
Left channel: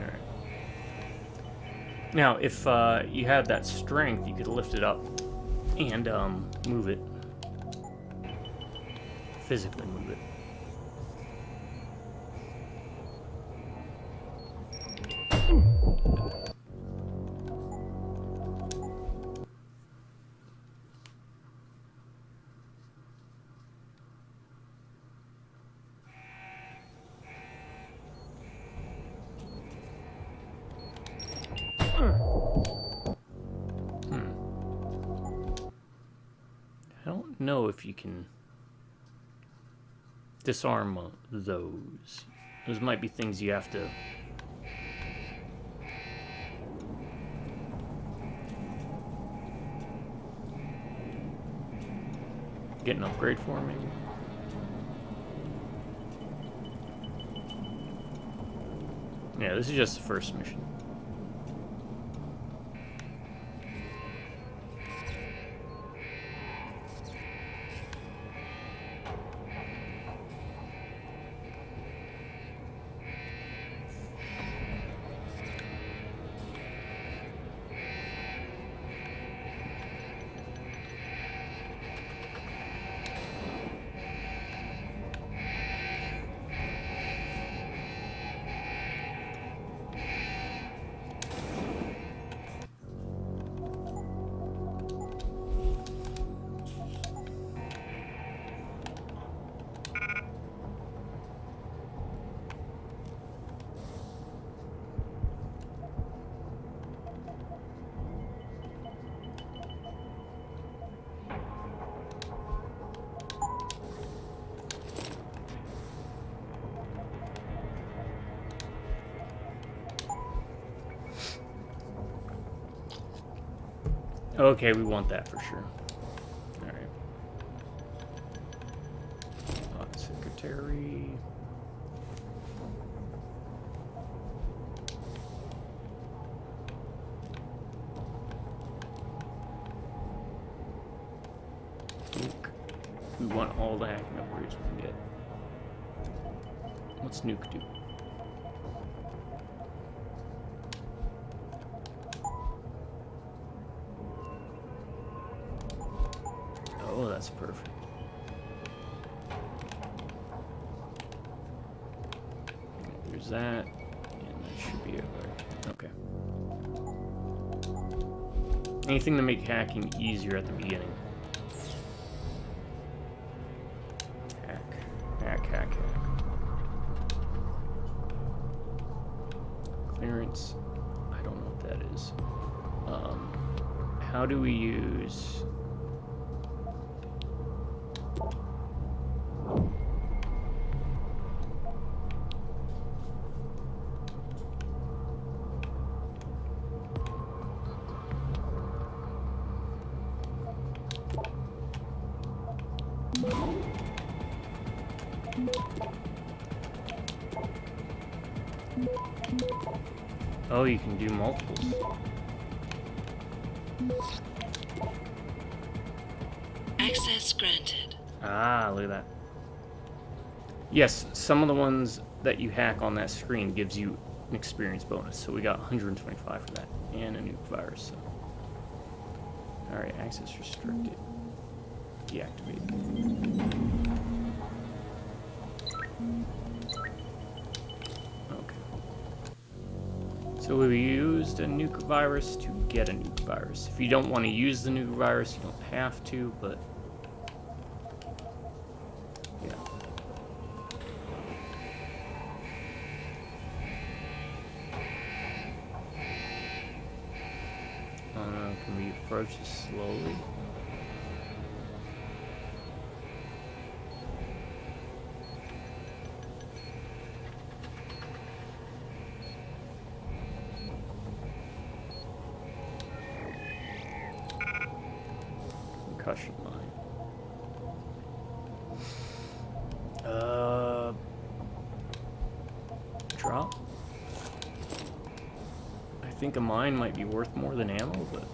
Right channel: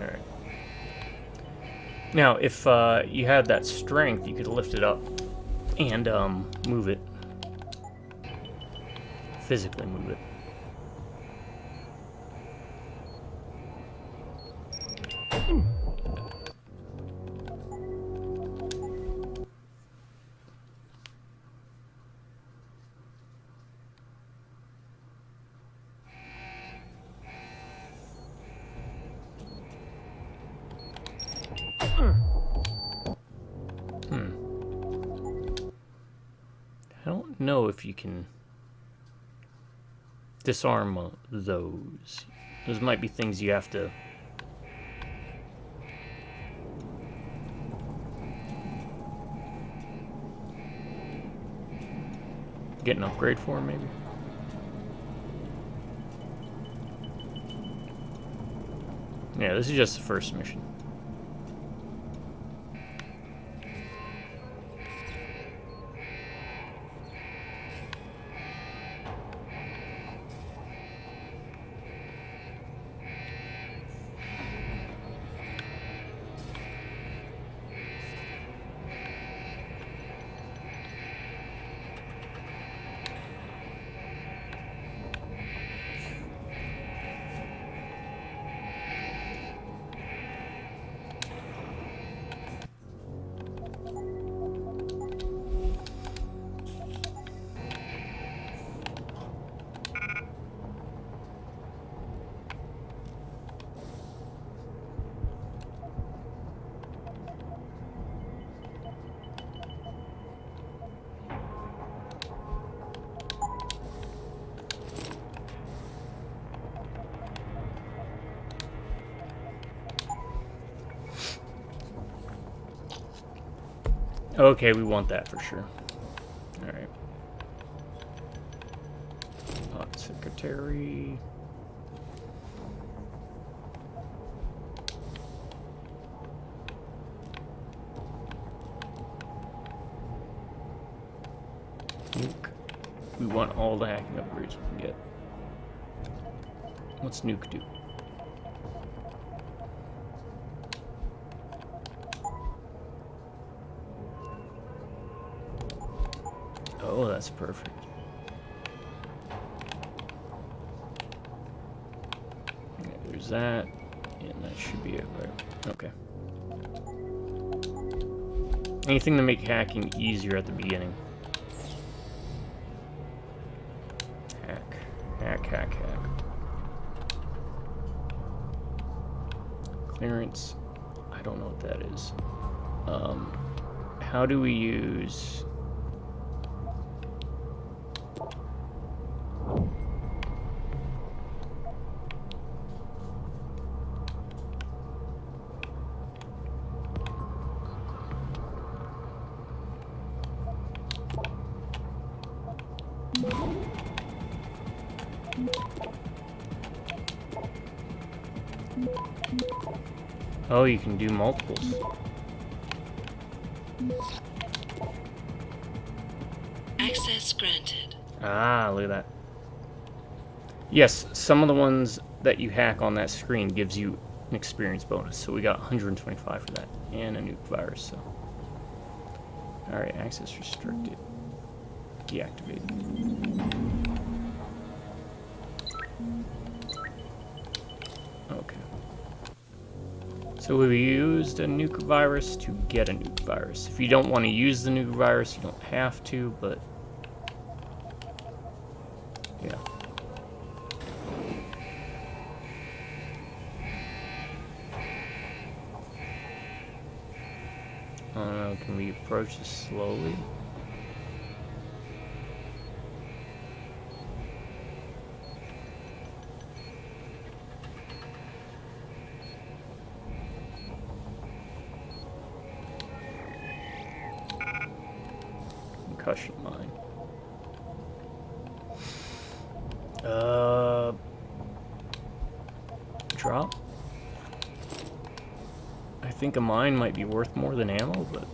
Alright. Now, if you had that strength, you could lift it up and move it. Physically move it. I don't know if you can disarm those. Those might be things you have to... get an upgrade for, maybe? Yeah, this is just the first mission. Okay, we want that for sure. Alright. Secretary. We want all the hacking upgrades we can get. What's Nuke do? Oh, that's perfect. Yeah, there's that, and that should be it, right? Okay. Anything to make hacking easier at the beginning. Hack. Clearance. I don't know what that is. How do we use... Oh, you can do multiples. Access granted. Ah, look at that. Yes, some of the ones that you hack on that screen gives you an experience bonus. So we got 125 for that. And a nuke virus, so. Alright, access restricted. Deactivated. Okay. So we used a nuke virus to get a nuke virus. If you don't want to use the nuke virus, you don't have to, but yeah. Can we approach this slowly? Concussion mine. Drop? I think a mine might be worth more than ammo, but...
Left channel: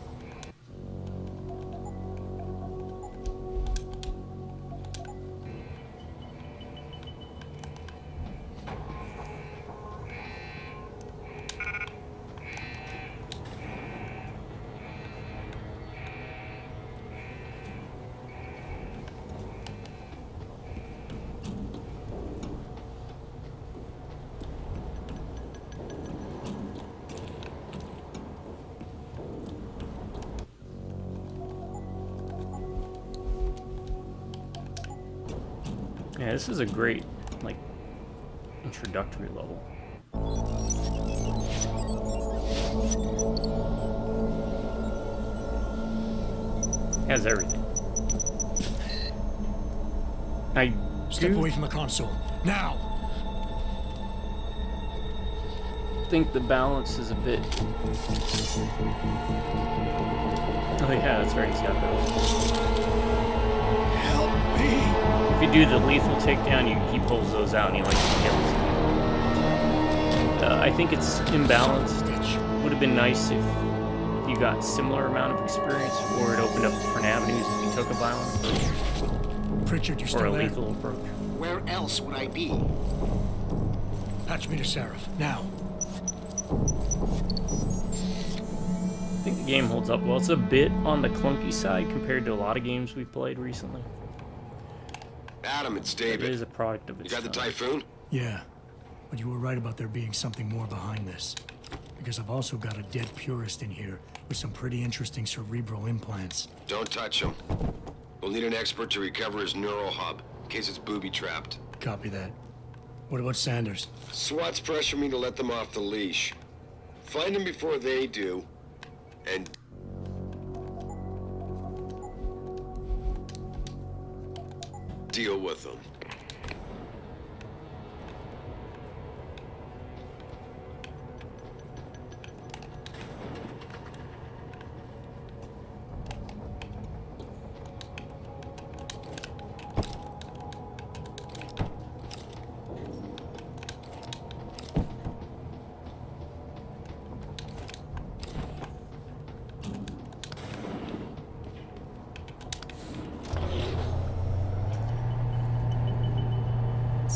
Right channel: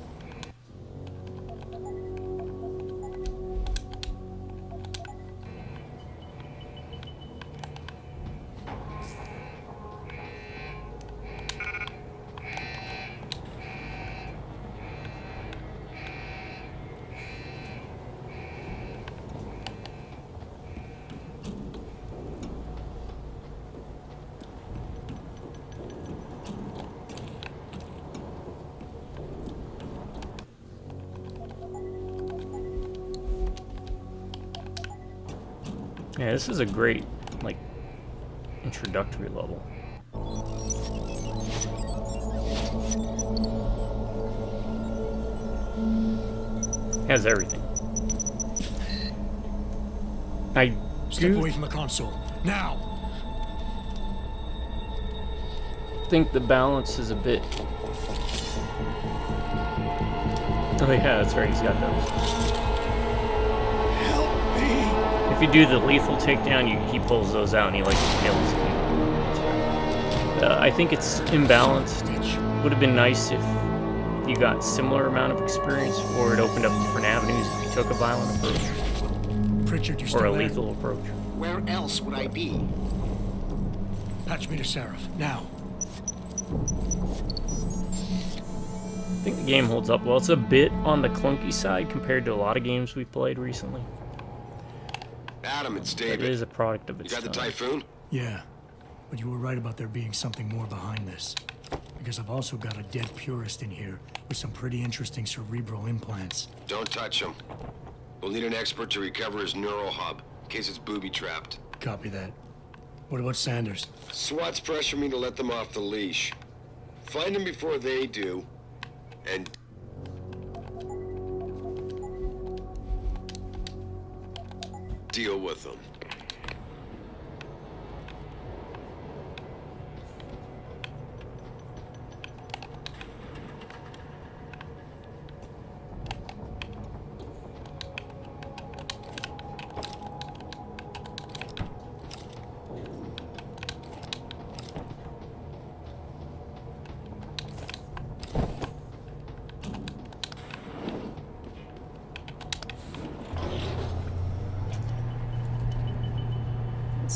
Yeah, this is a great, like, introductory level. Has everything. Step away from the console. Now! Think the balance is a bit... Oh yeah, that's right, he's got those. Help me! If you do the lethal takedown, he pulls those out and he like impales people. That's right. I think it's imbalanced. Would have been nice if you got similar amount of experience, or it opened up different avenues if you took a violent approach. Pritchard, you or still a there? lethal approach. Where else would I be? Patch me to Seraph, now. I think the game holds up well. It's a bit on the clunky side compared to a lot of games we've played recently. Adam, it's It David. is a product of its You got the time. Typhoon? Yeah, but you were right about there being something more behind this. Because I've also got a dead purist in here with some pretty interesting cerebral implants. Don't touch him. We'll need an expert to recover his neural hub, in case it's booby-trapped. Copy that. What about Sanders? SWAT's pressure me to let them off the leash. Find them before they do, and... deal with them.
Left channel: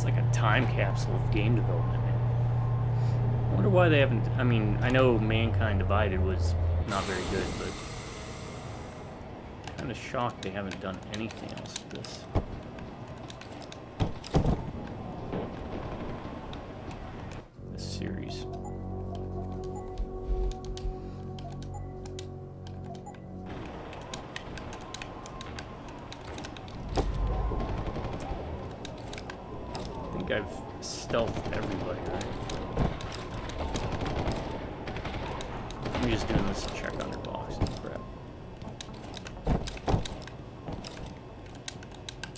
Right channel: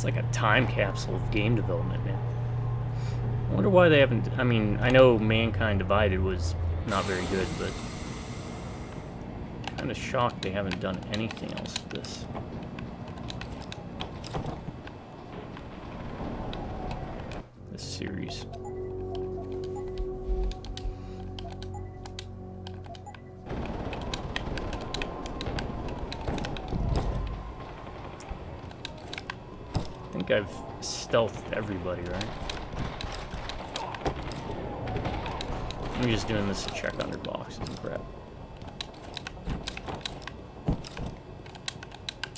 It's like a time capsule of game development, man. I wonder why they haven't... I mean, I know Mankind Divided was not very good, but... kind of shocked they haven't done anything else with this. This series. I think I've stealthed everybody, right? I'm just doing this to check under boxes and crap.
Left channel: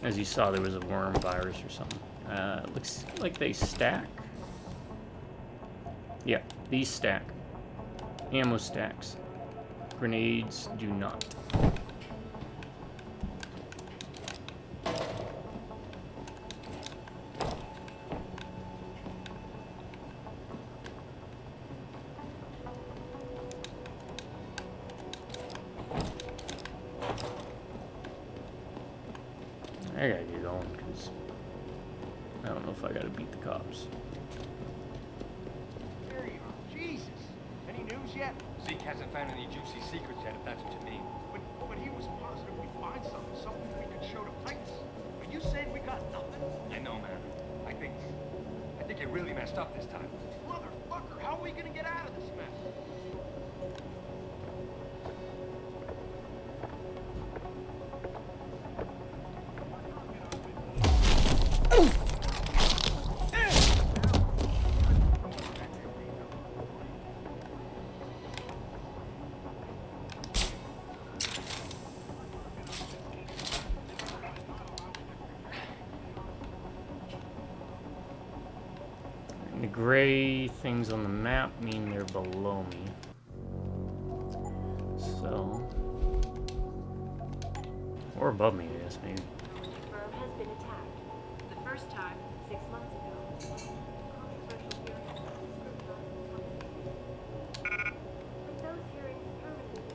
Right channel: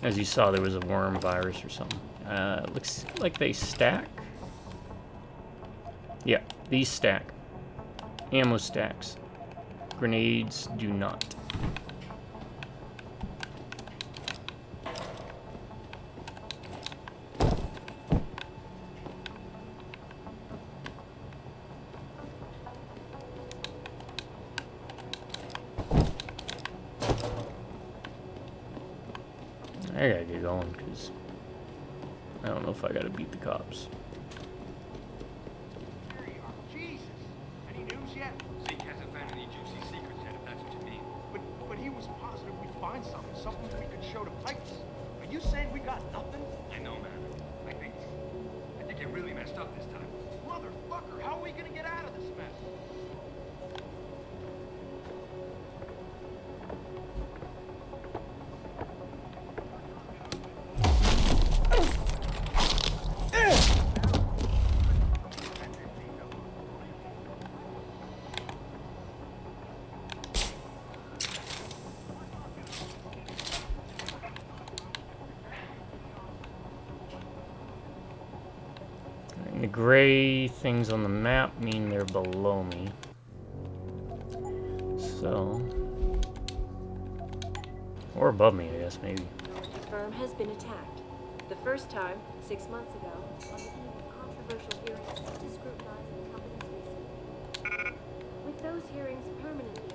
As you saw, there was a worm virus or something. Looks like they stack. Yeah, these stack. Ammo stacks. Grenades do not. I gotta get going, because I don't know if I gotta beat the cops. Here you are. Jesus. Any news yet? Zeke hasn't found any juicy secrets yet, if that's what you mean. But he was positive we'd find something we could show to Pipes. Are you saying we got nothing? I know, man. I think it really messed up this time. Motherfucker, how are we gonna get out of this mess? The gray things on the map mean they're below me. So... or above me, I guess, maybe. Technology firm has been attacked. The first time, 6 months ago, on a controversial hearing to scrutinize the company's lease. With those hearings permanently...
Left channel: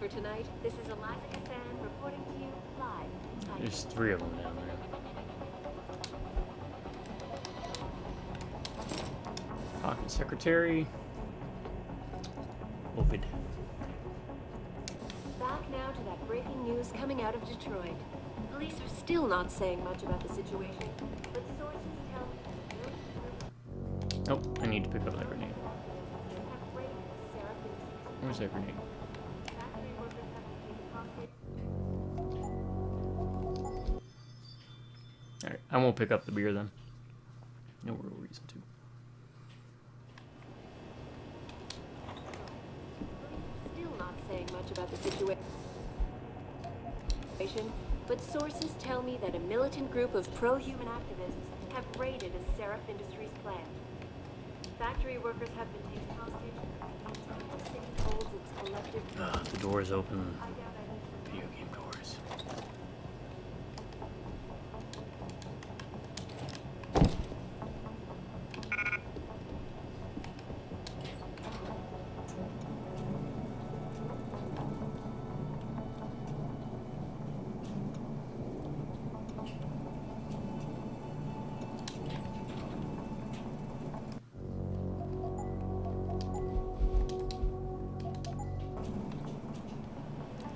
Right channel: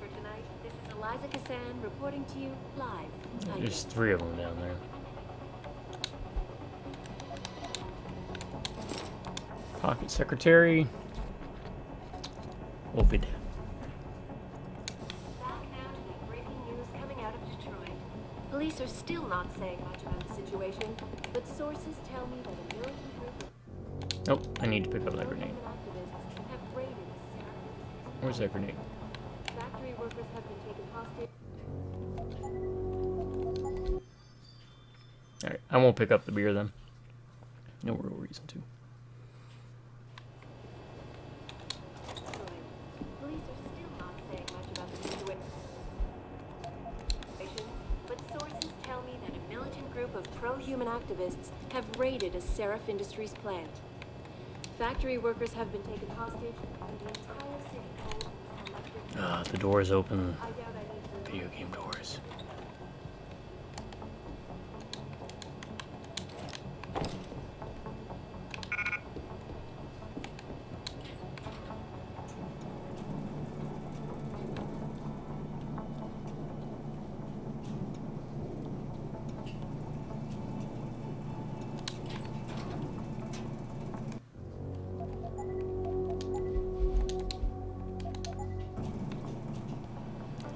For tonight, this is Eliza Cassan reporting to you live. There's 3 of them down there. Pocket secretary. Open. Back now to that breaking news coming out of Detroit. Police are still not saying much about the situation, but sources tell me that Nope, I need to pick up that grenade. have raided Sarah Industries. Where's that grenade? Factory workers have been taken hostage. Alright, I won't pick up the beer then. No real reason to. Police are still not saying much about the situation, but sources tell me that a militant group of pro-human activists have raided a Seraph Industries plant. Factory workers have been taken hostage, and the entire city holds its collective... The doors open. Video game doors.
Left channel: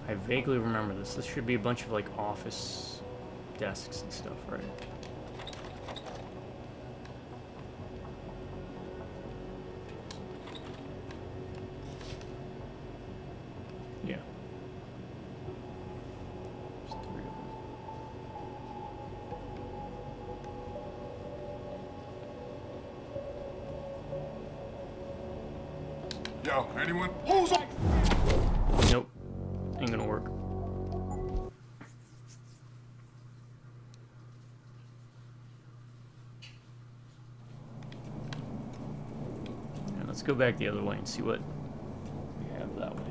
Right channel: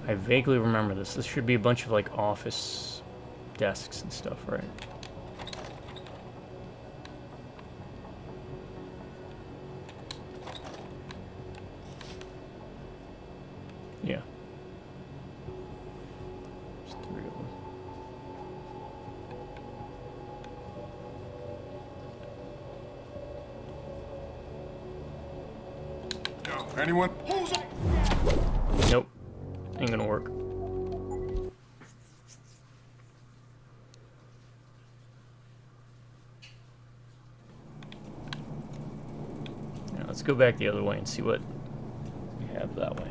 I vaguely remember this. This should be a bunch of like office desks and stuff, right? Yeah. There's 3 of them. Yo, anyone? Who's up? Nope. Ain't gonna work. Now let's go back the other way and see what we have that way.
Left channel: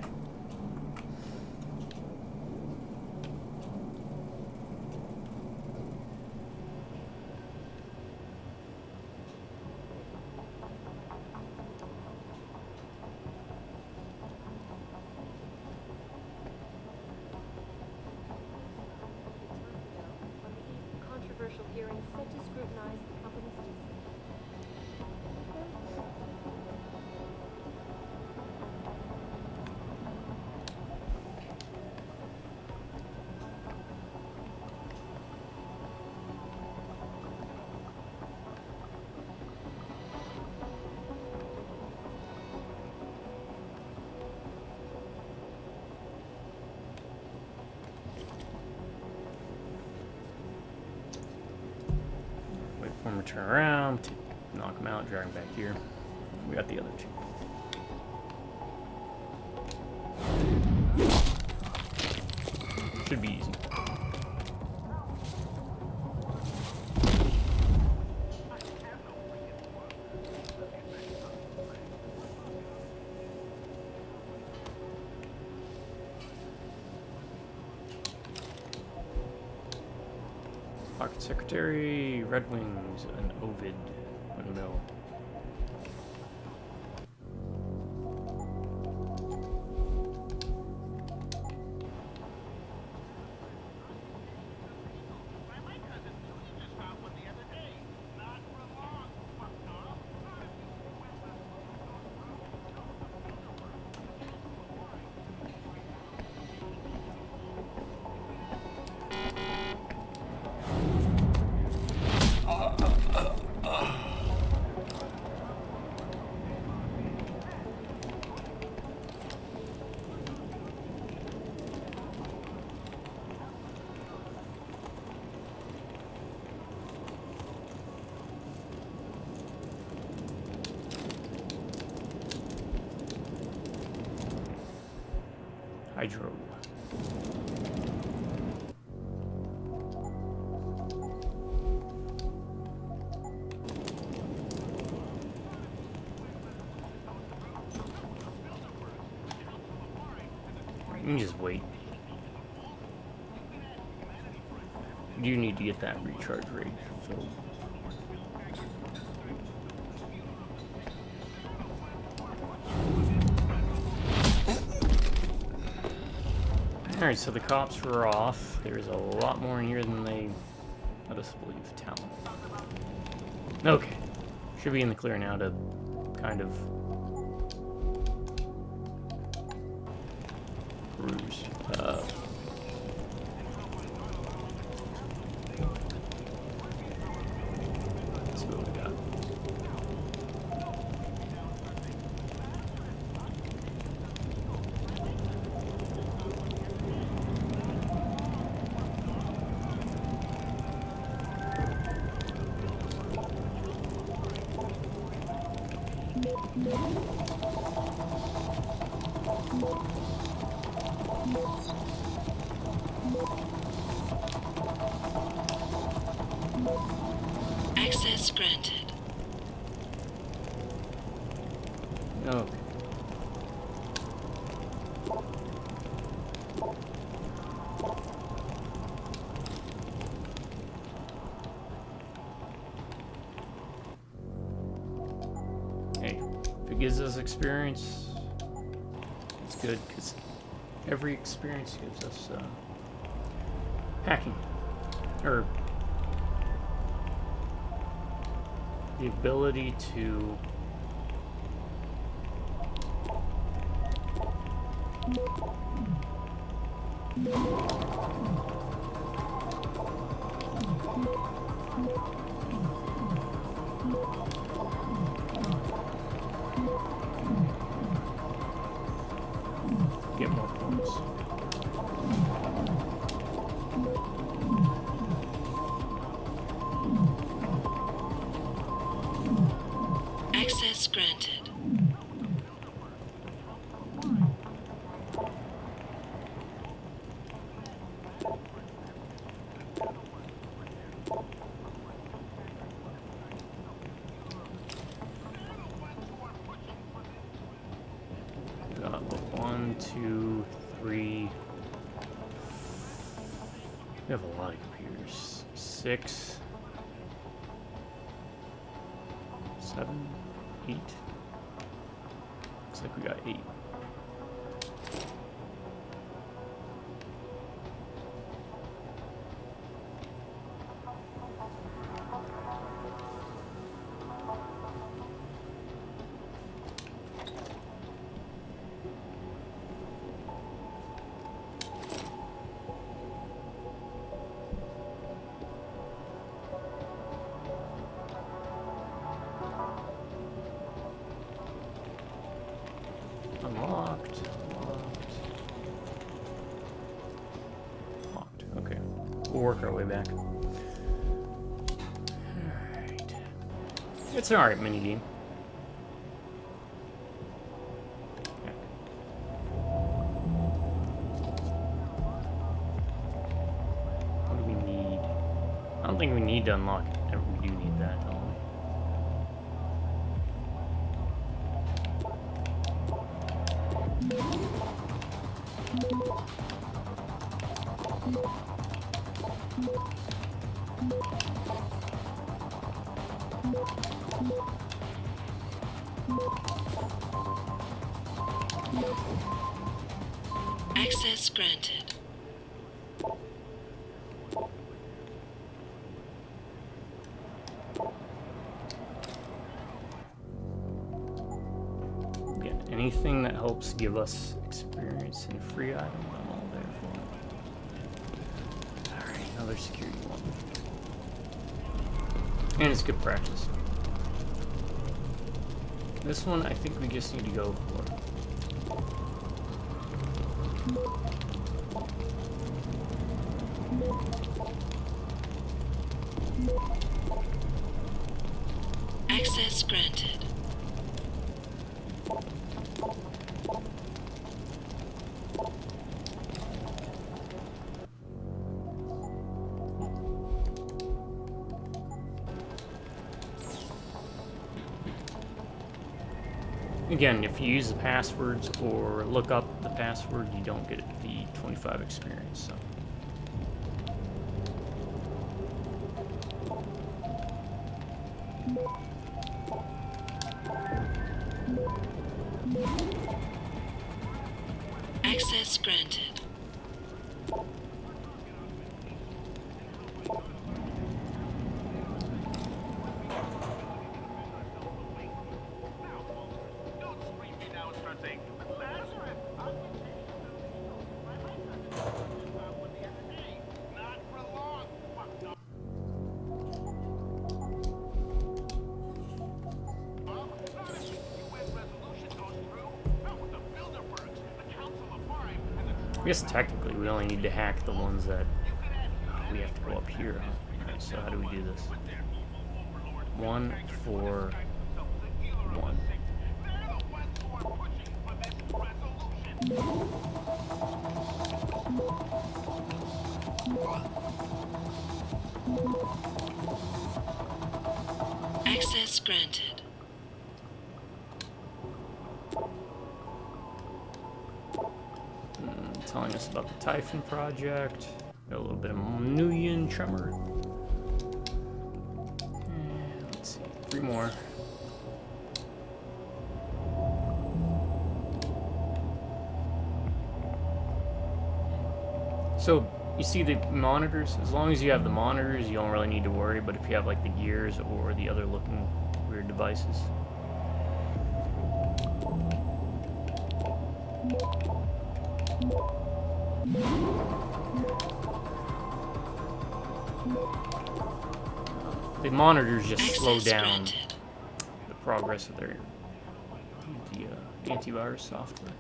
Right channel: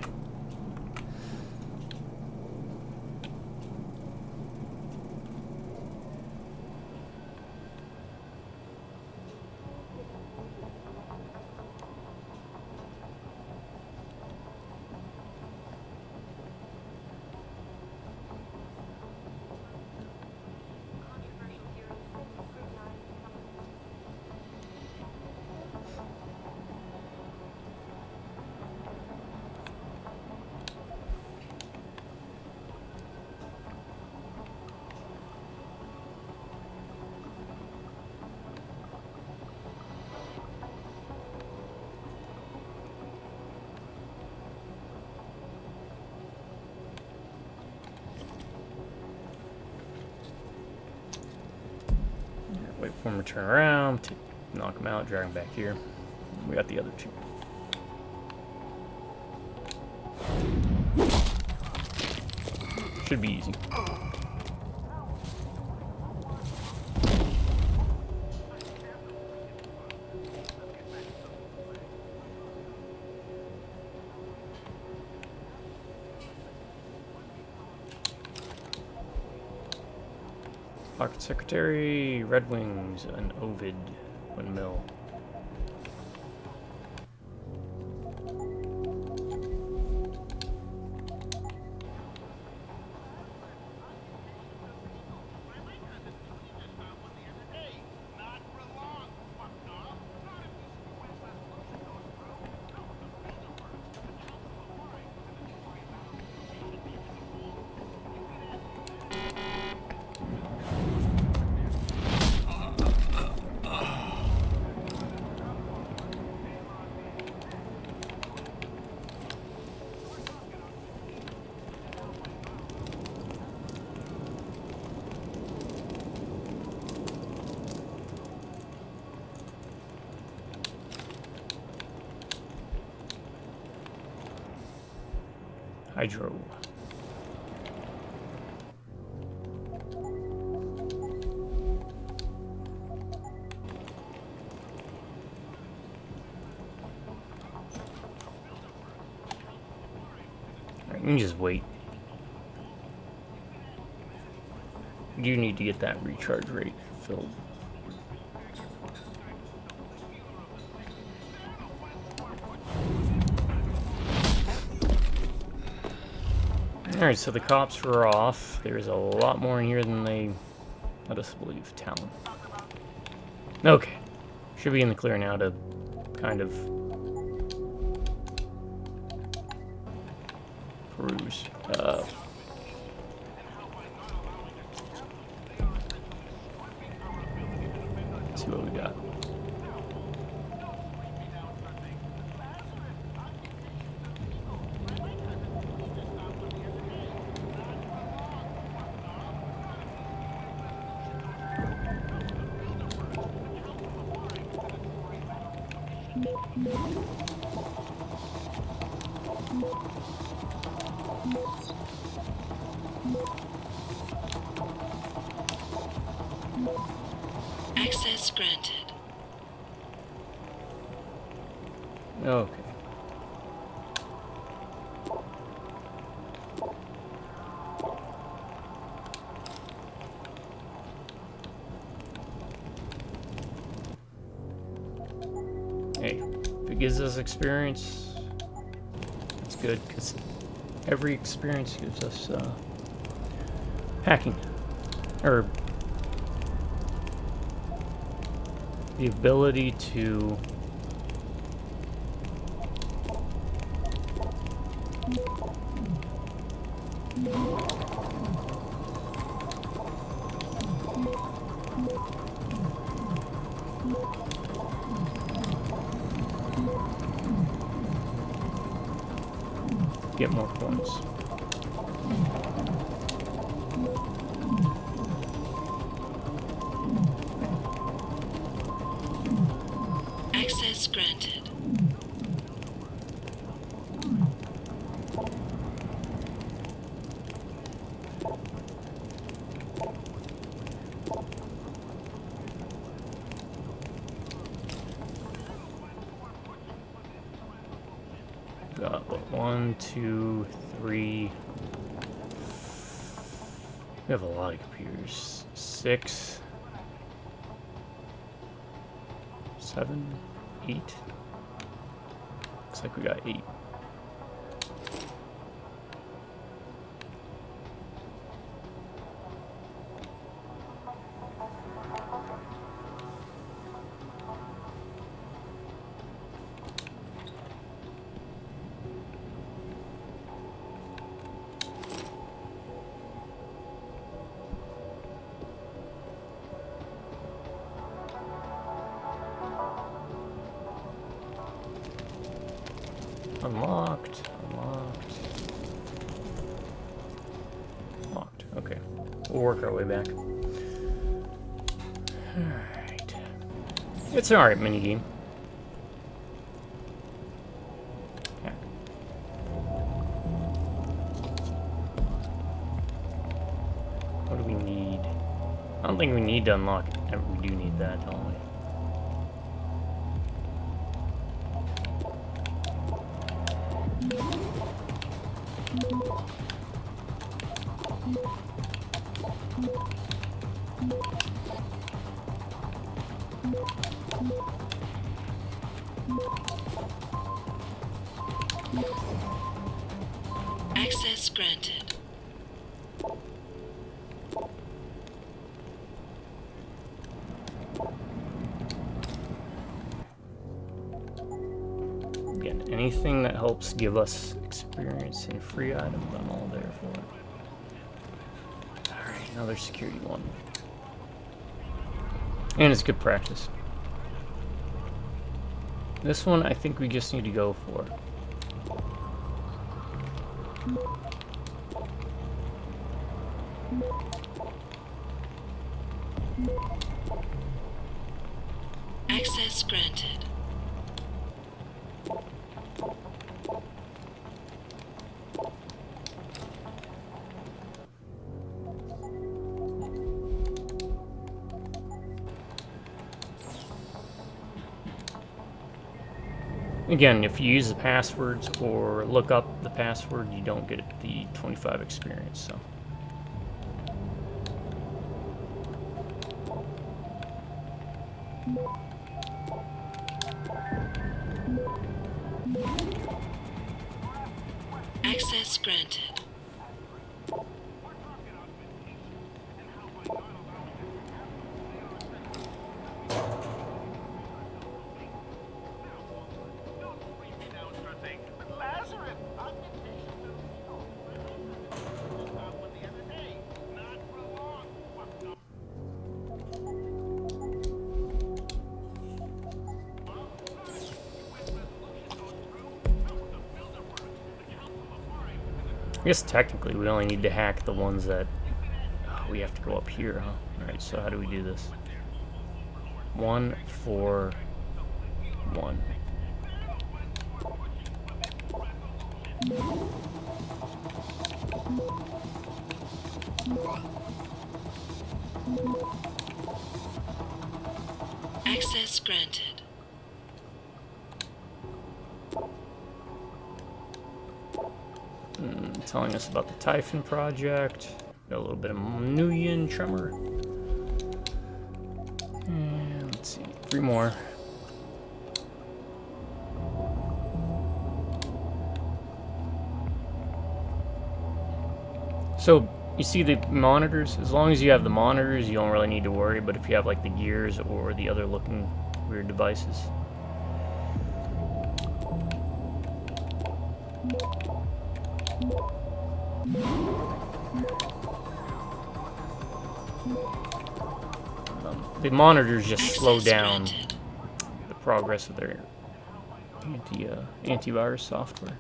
Platformer turn around, knock him out, drag him back here. We got the other two. Should be easy. Pocket Secretary, Red Wings, an Ovid, windmill. Hydro. Right, you can just wait. You need to get that recharge rate filled. Alright, so the cops were off. There's a lot more in here than they let us believe. Talon. Okay. Should be in the clear now to kind of peruse. Let's see what we got. Access granted. Okay. Hey, if it gives us experience, that's good, because every experience gives us hacking. Or the ability to get more points. Access granted. Got what, 1, 2, 3. We have a lot of computers. 6, 7, 8. Looks like we got 8. Unlocked, unlocked. Locked, okay. We'll work our way back. Alright. It's an alright minigame. Heck. What do we need? I don't think we need to unlock it. We do need that, don't we? Access granted. Again, anything that helps give us experience and free items, I'm all there for it. Alright, another security one. And it's good practice. This one I think we just need to go for. Access granted. Again, if you use the passwords or look up the password, you don't get the 25 experience, so. Access granted. I guess technically we only need to hack the ones that we have to go up here, huh? Alright, so how do we do this? 1, 4, 1. Access granted. Telling us about the Typhon project. Got a little bit of Nuyen Tremor. And let's see, 3 more. So you see the monitors? As long as you have the monitors, you don't really need to worry, but if you have like the gears or the other looking weird devices. The monitors just slow down the progress of their antivirus software.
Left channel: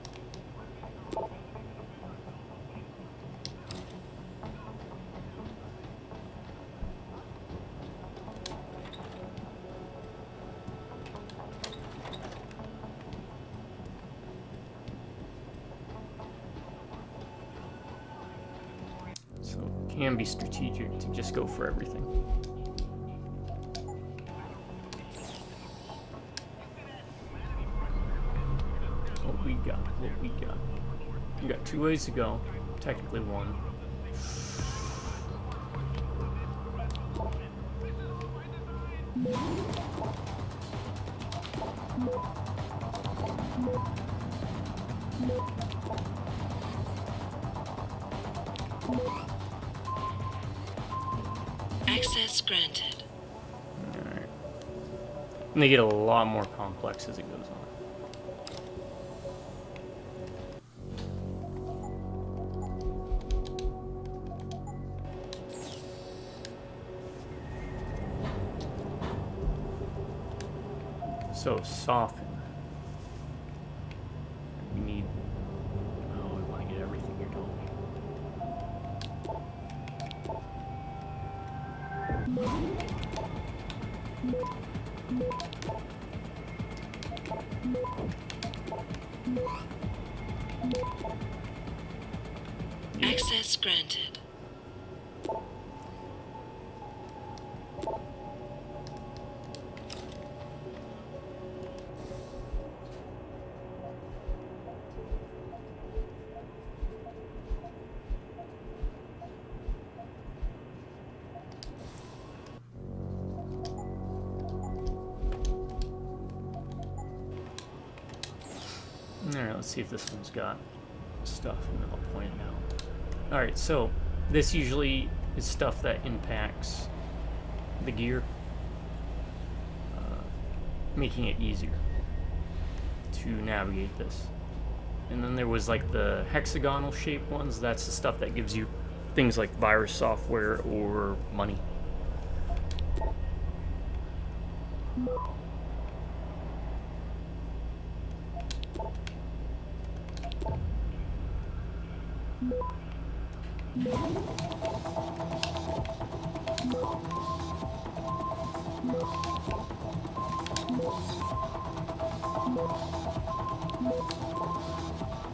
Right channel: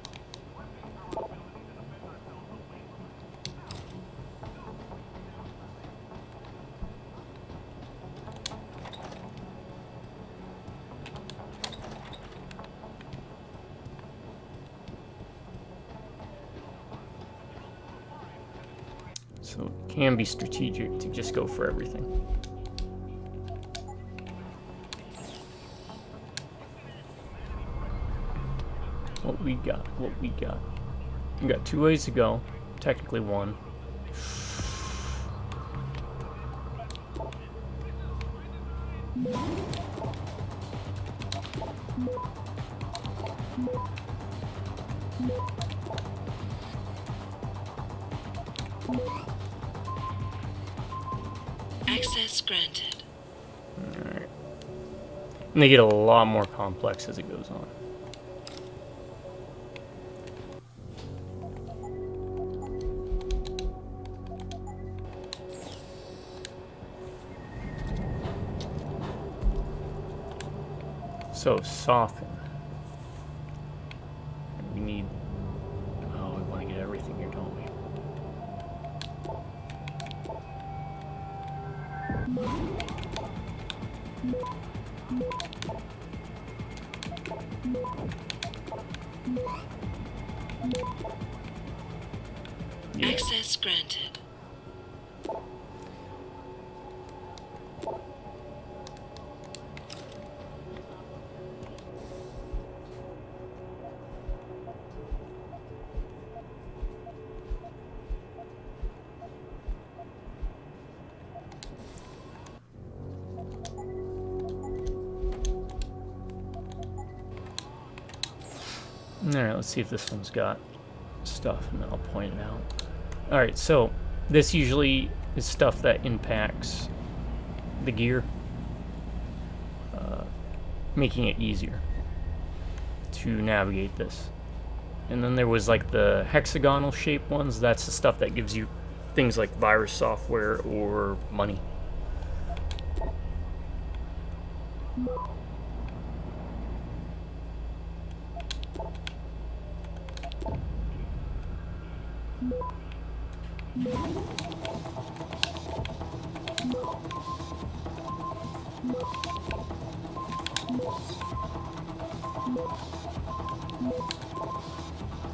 So it can be strategic to just go for everything. What we got? We got 2 ways to go. Technically 1. Access granted. Alright. And they get a lot more complex as it goes on. So, soften. We need... Oh, we want to get everything here, don't we? Yeah. Access granted. Alright, let's see if this one's got stuff, and then I'll point it out. Alright, so this usually is stuff that impacts the gear, making it easier to navigate this. And then there was like the hexagonal shaped ones. That's the stuff that gives you things like virus software or money.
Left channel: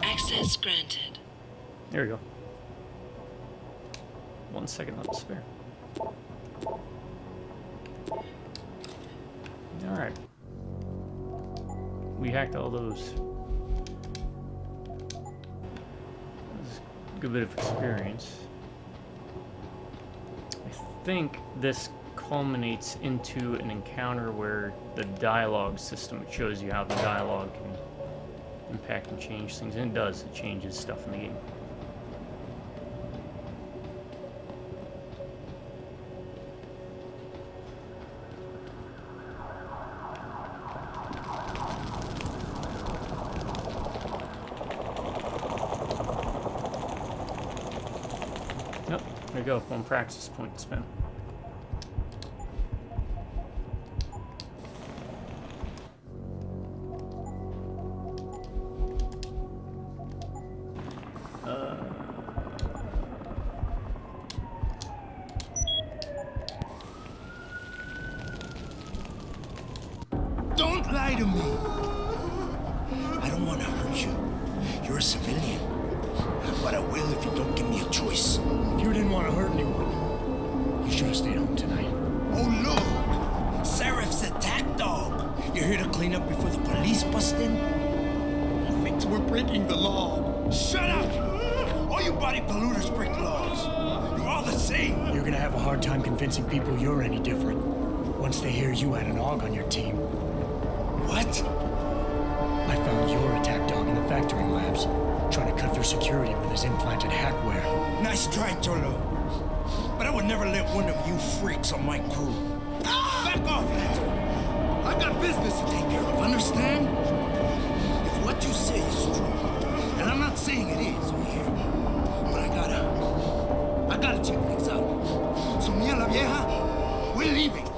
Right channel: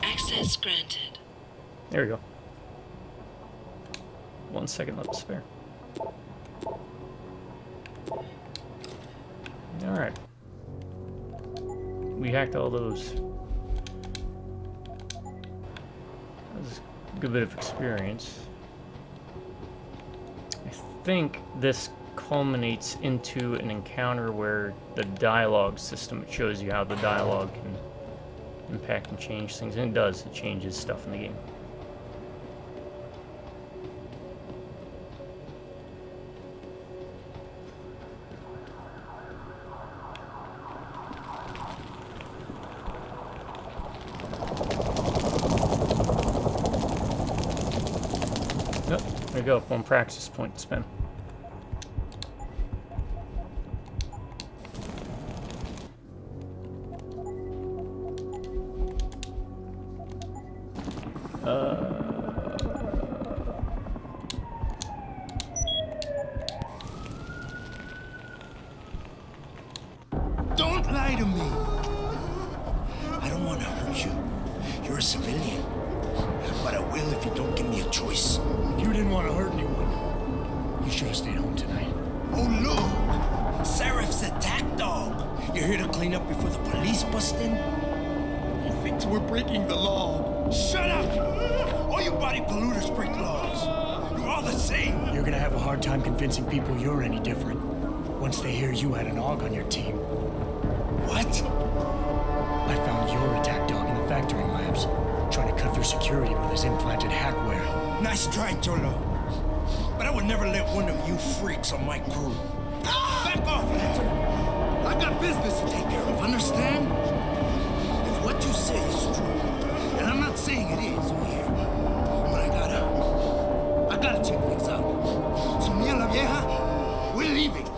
Access granted. There we go. 1 second left to spare. Alright. We hacked all those. That was a good bit of experience. I think this culminates into an encounter where the dialogue system, it shows you how the dialogue can impact and change things, and it does. It changes stuff in the game. Nope, there you go. One practice point to spend. Don't lie to me. I don't want to hurt you. You're a civilian. But I will if you don't give me a choice. If you didn't want to hurt anyone, you should have stayed home tonight. Oh, look! Serif's attack dog. You're here to clean up before the police bust in? He thinks we're breaking the law. Shut up! All you body polluters break laws. You're all the same. You're gonna have a hard time convincing people you're any different once they hear you had an AUG on your team. What? I found your attack dog in the factoring labs, trying to cut through security with his implanted hackware. Nice try, Cholo. But I would never let one of you freaks on my crew. Back off, Hunter. I got business to take care of, understand? If what you say is true, and I'm not saying it is, you hear? But I gotta check things out. So, mia la vieja, we're leaving.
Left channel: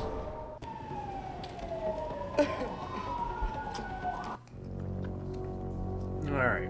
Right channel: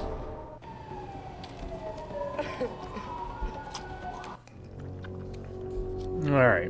All right.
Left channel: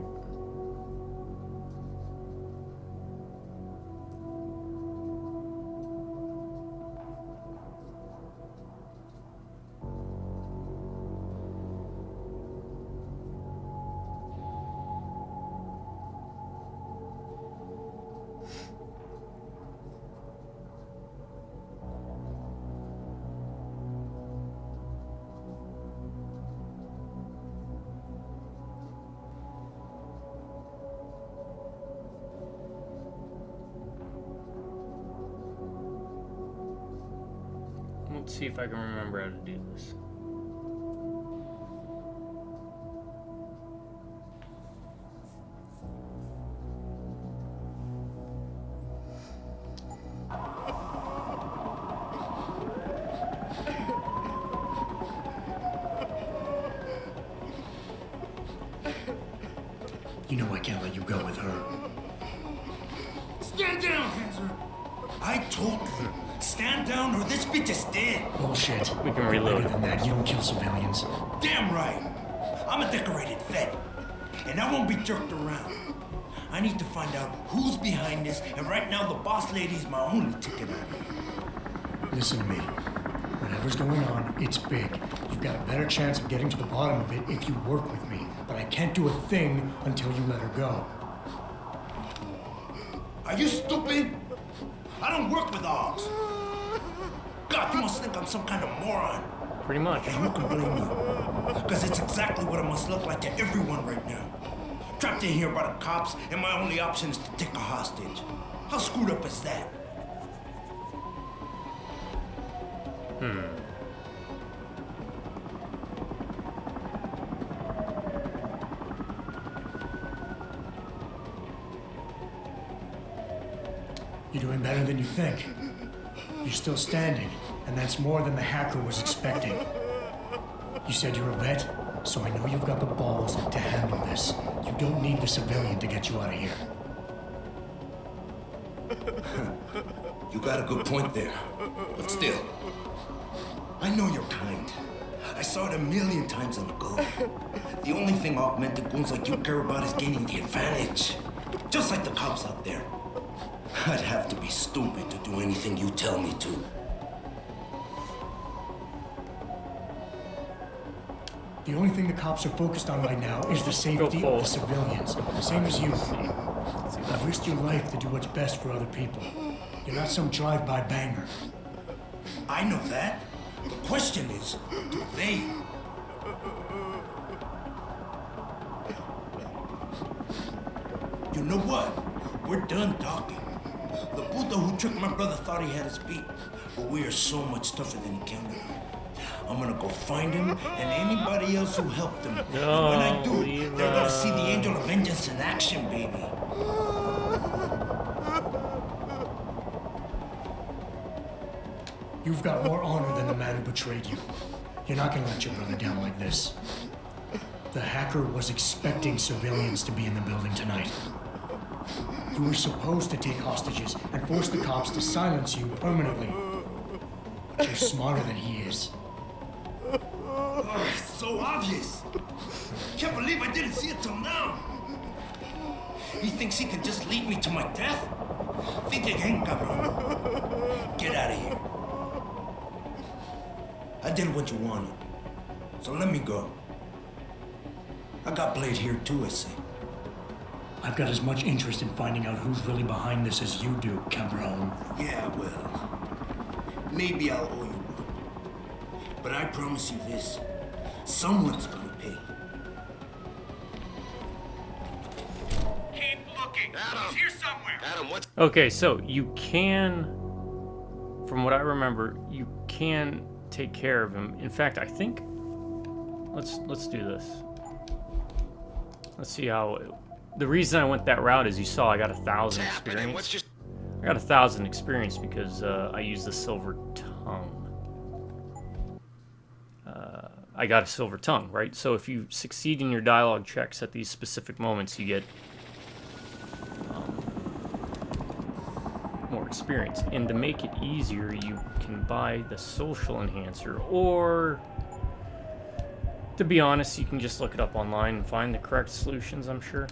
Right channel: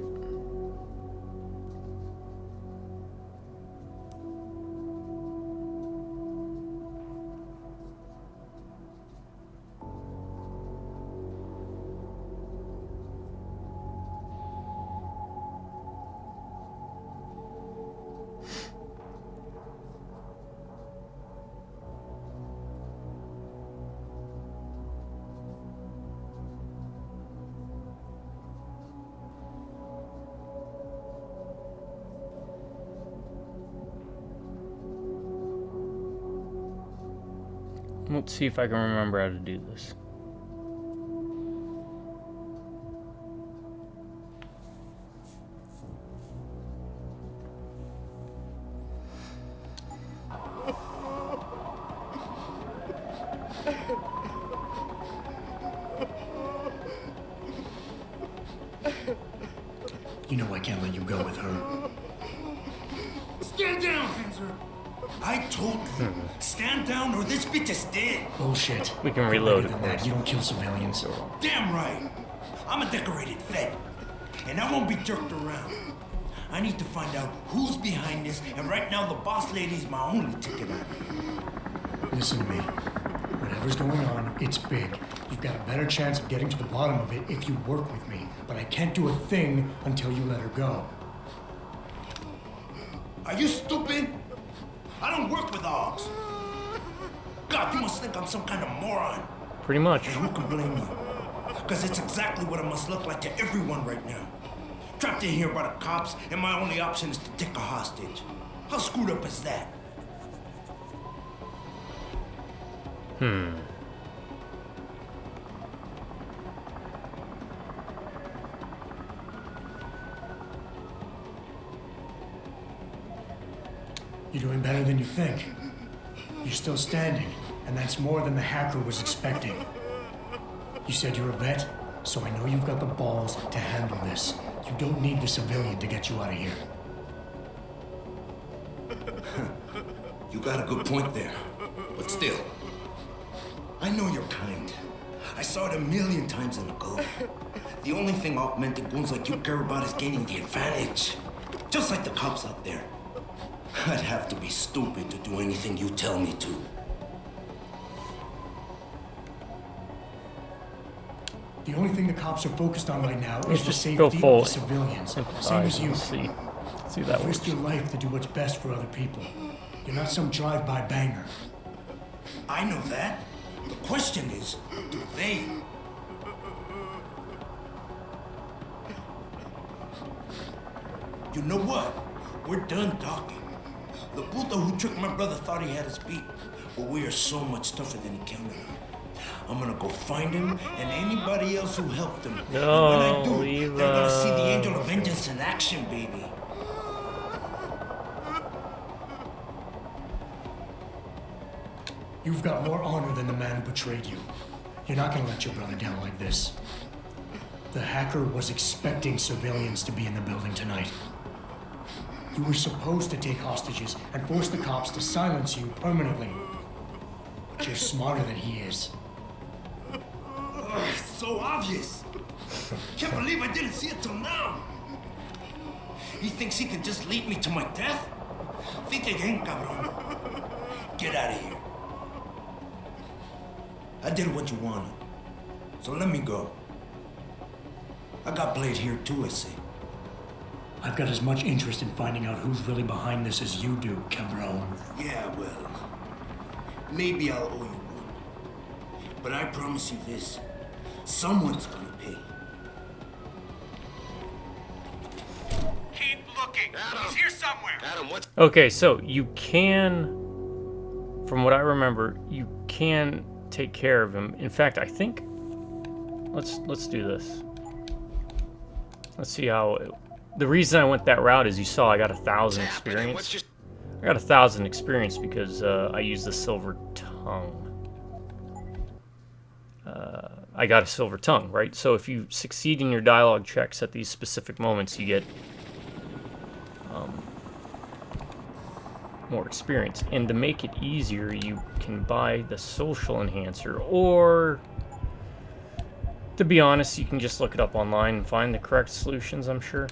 Let's see if I can remember how to do this. You know I can't let you go with her. Stand down, Hanser. I told you, stand down or this bitch is dead. Bullshit. We can reload Better than that. You don't kill civilians. Damn right. I'm a decorated vet, and I won't be jerked around. I need to find out who's behind this, and right now the boss lady's my only ticket out of here. Listen to me. Whatever's going on, it's big. You've got a better chance of getting to the bottom of it if you work with me. But I can't do a thing until you let her go. Are you stupid? I don't work with dogs. God, you must think I'm some kind of moron. Pretty much. And who can blame you? Because it's exactly what it must look like to everyone right now. Trapped in here by the cops, and my only option is to take a hostage. How screwed up is that? You're doing better than you think. You're still standing, and that's more than the hacker was expecting. You said you're a vet, so I know you've got the balls to handle this. You don't need the civilian to get you out of here. You got a good point there. But still, I know you're kind. I saw it a million times in the Gulf. The only thing augmented goons like you care about is gaining the advantage. Just like the cops out there. I'd have to be stupid to do anything you tell me to. The only thing the cops are focused on right now is the Go safety of the forward. civilians. Same as you. See that You've risked your life to do what's best for other people. You're not some drive-by banger. I know that. The question is, do they? You know what? We're done talking. The puto who tricked my brother thought he had us beat, but we are so much tougher than he counted on. I'm gonna go find him and anybody else who helped him. No, and when I do, leave they're gonna see the us. angel of vengeance in action, baby. You've got more honor than the man who betrayed you. You're not gonna let your brother down like this. The hacker was expecting civilians to be in the building tonight. You were supposed to take hostages and force the cops to silence you permanently. But you're smarter than he is. Oh, it's so obvious. Can't believe I didn't see it till now. He thinks he can just lead me to my death? Think again, cabron. Get out of here. I did what you wanted, so let me go. I got Blade here too, I see. I've got as much interest in finding out who's really behind this as you do, cabron. Yeah, well, maybe I'll owe you one. But I promise you this, someone's gonna pay. Keep looking. Adam. He's here somewhere. Adam, what's... Okay, so you can, from what I remember, you can take care of him. In fact, I think let's do this. Let's see how. The reason I went that route is you saw I got 1,000 happening? What's experience. just... I got 1,000 experience because I used the silver tongue. I got a silver tongue, right? So if you succeed in your dialogue checks at these specific moments, you get more experience. And to make it easier, you can buy the social enhancer, or to be honest, you can just look it up online and find the correct solutions, I'm sure.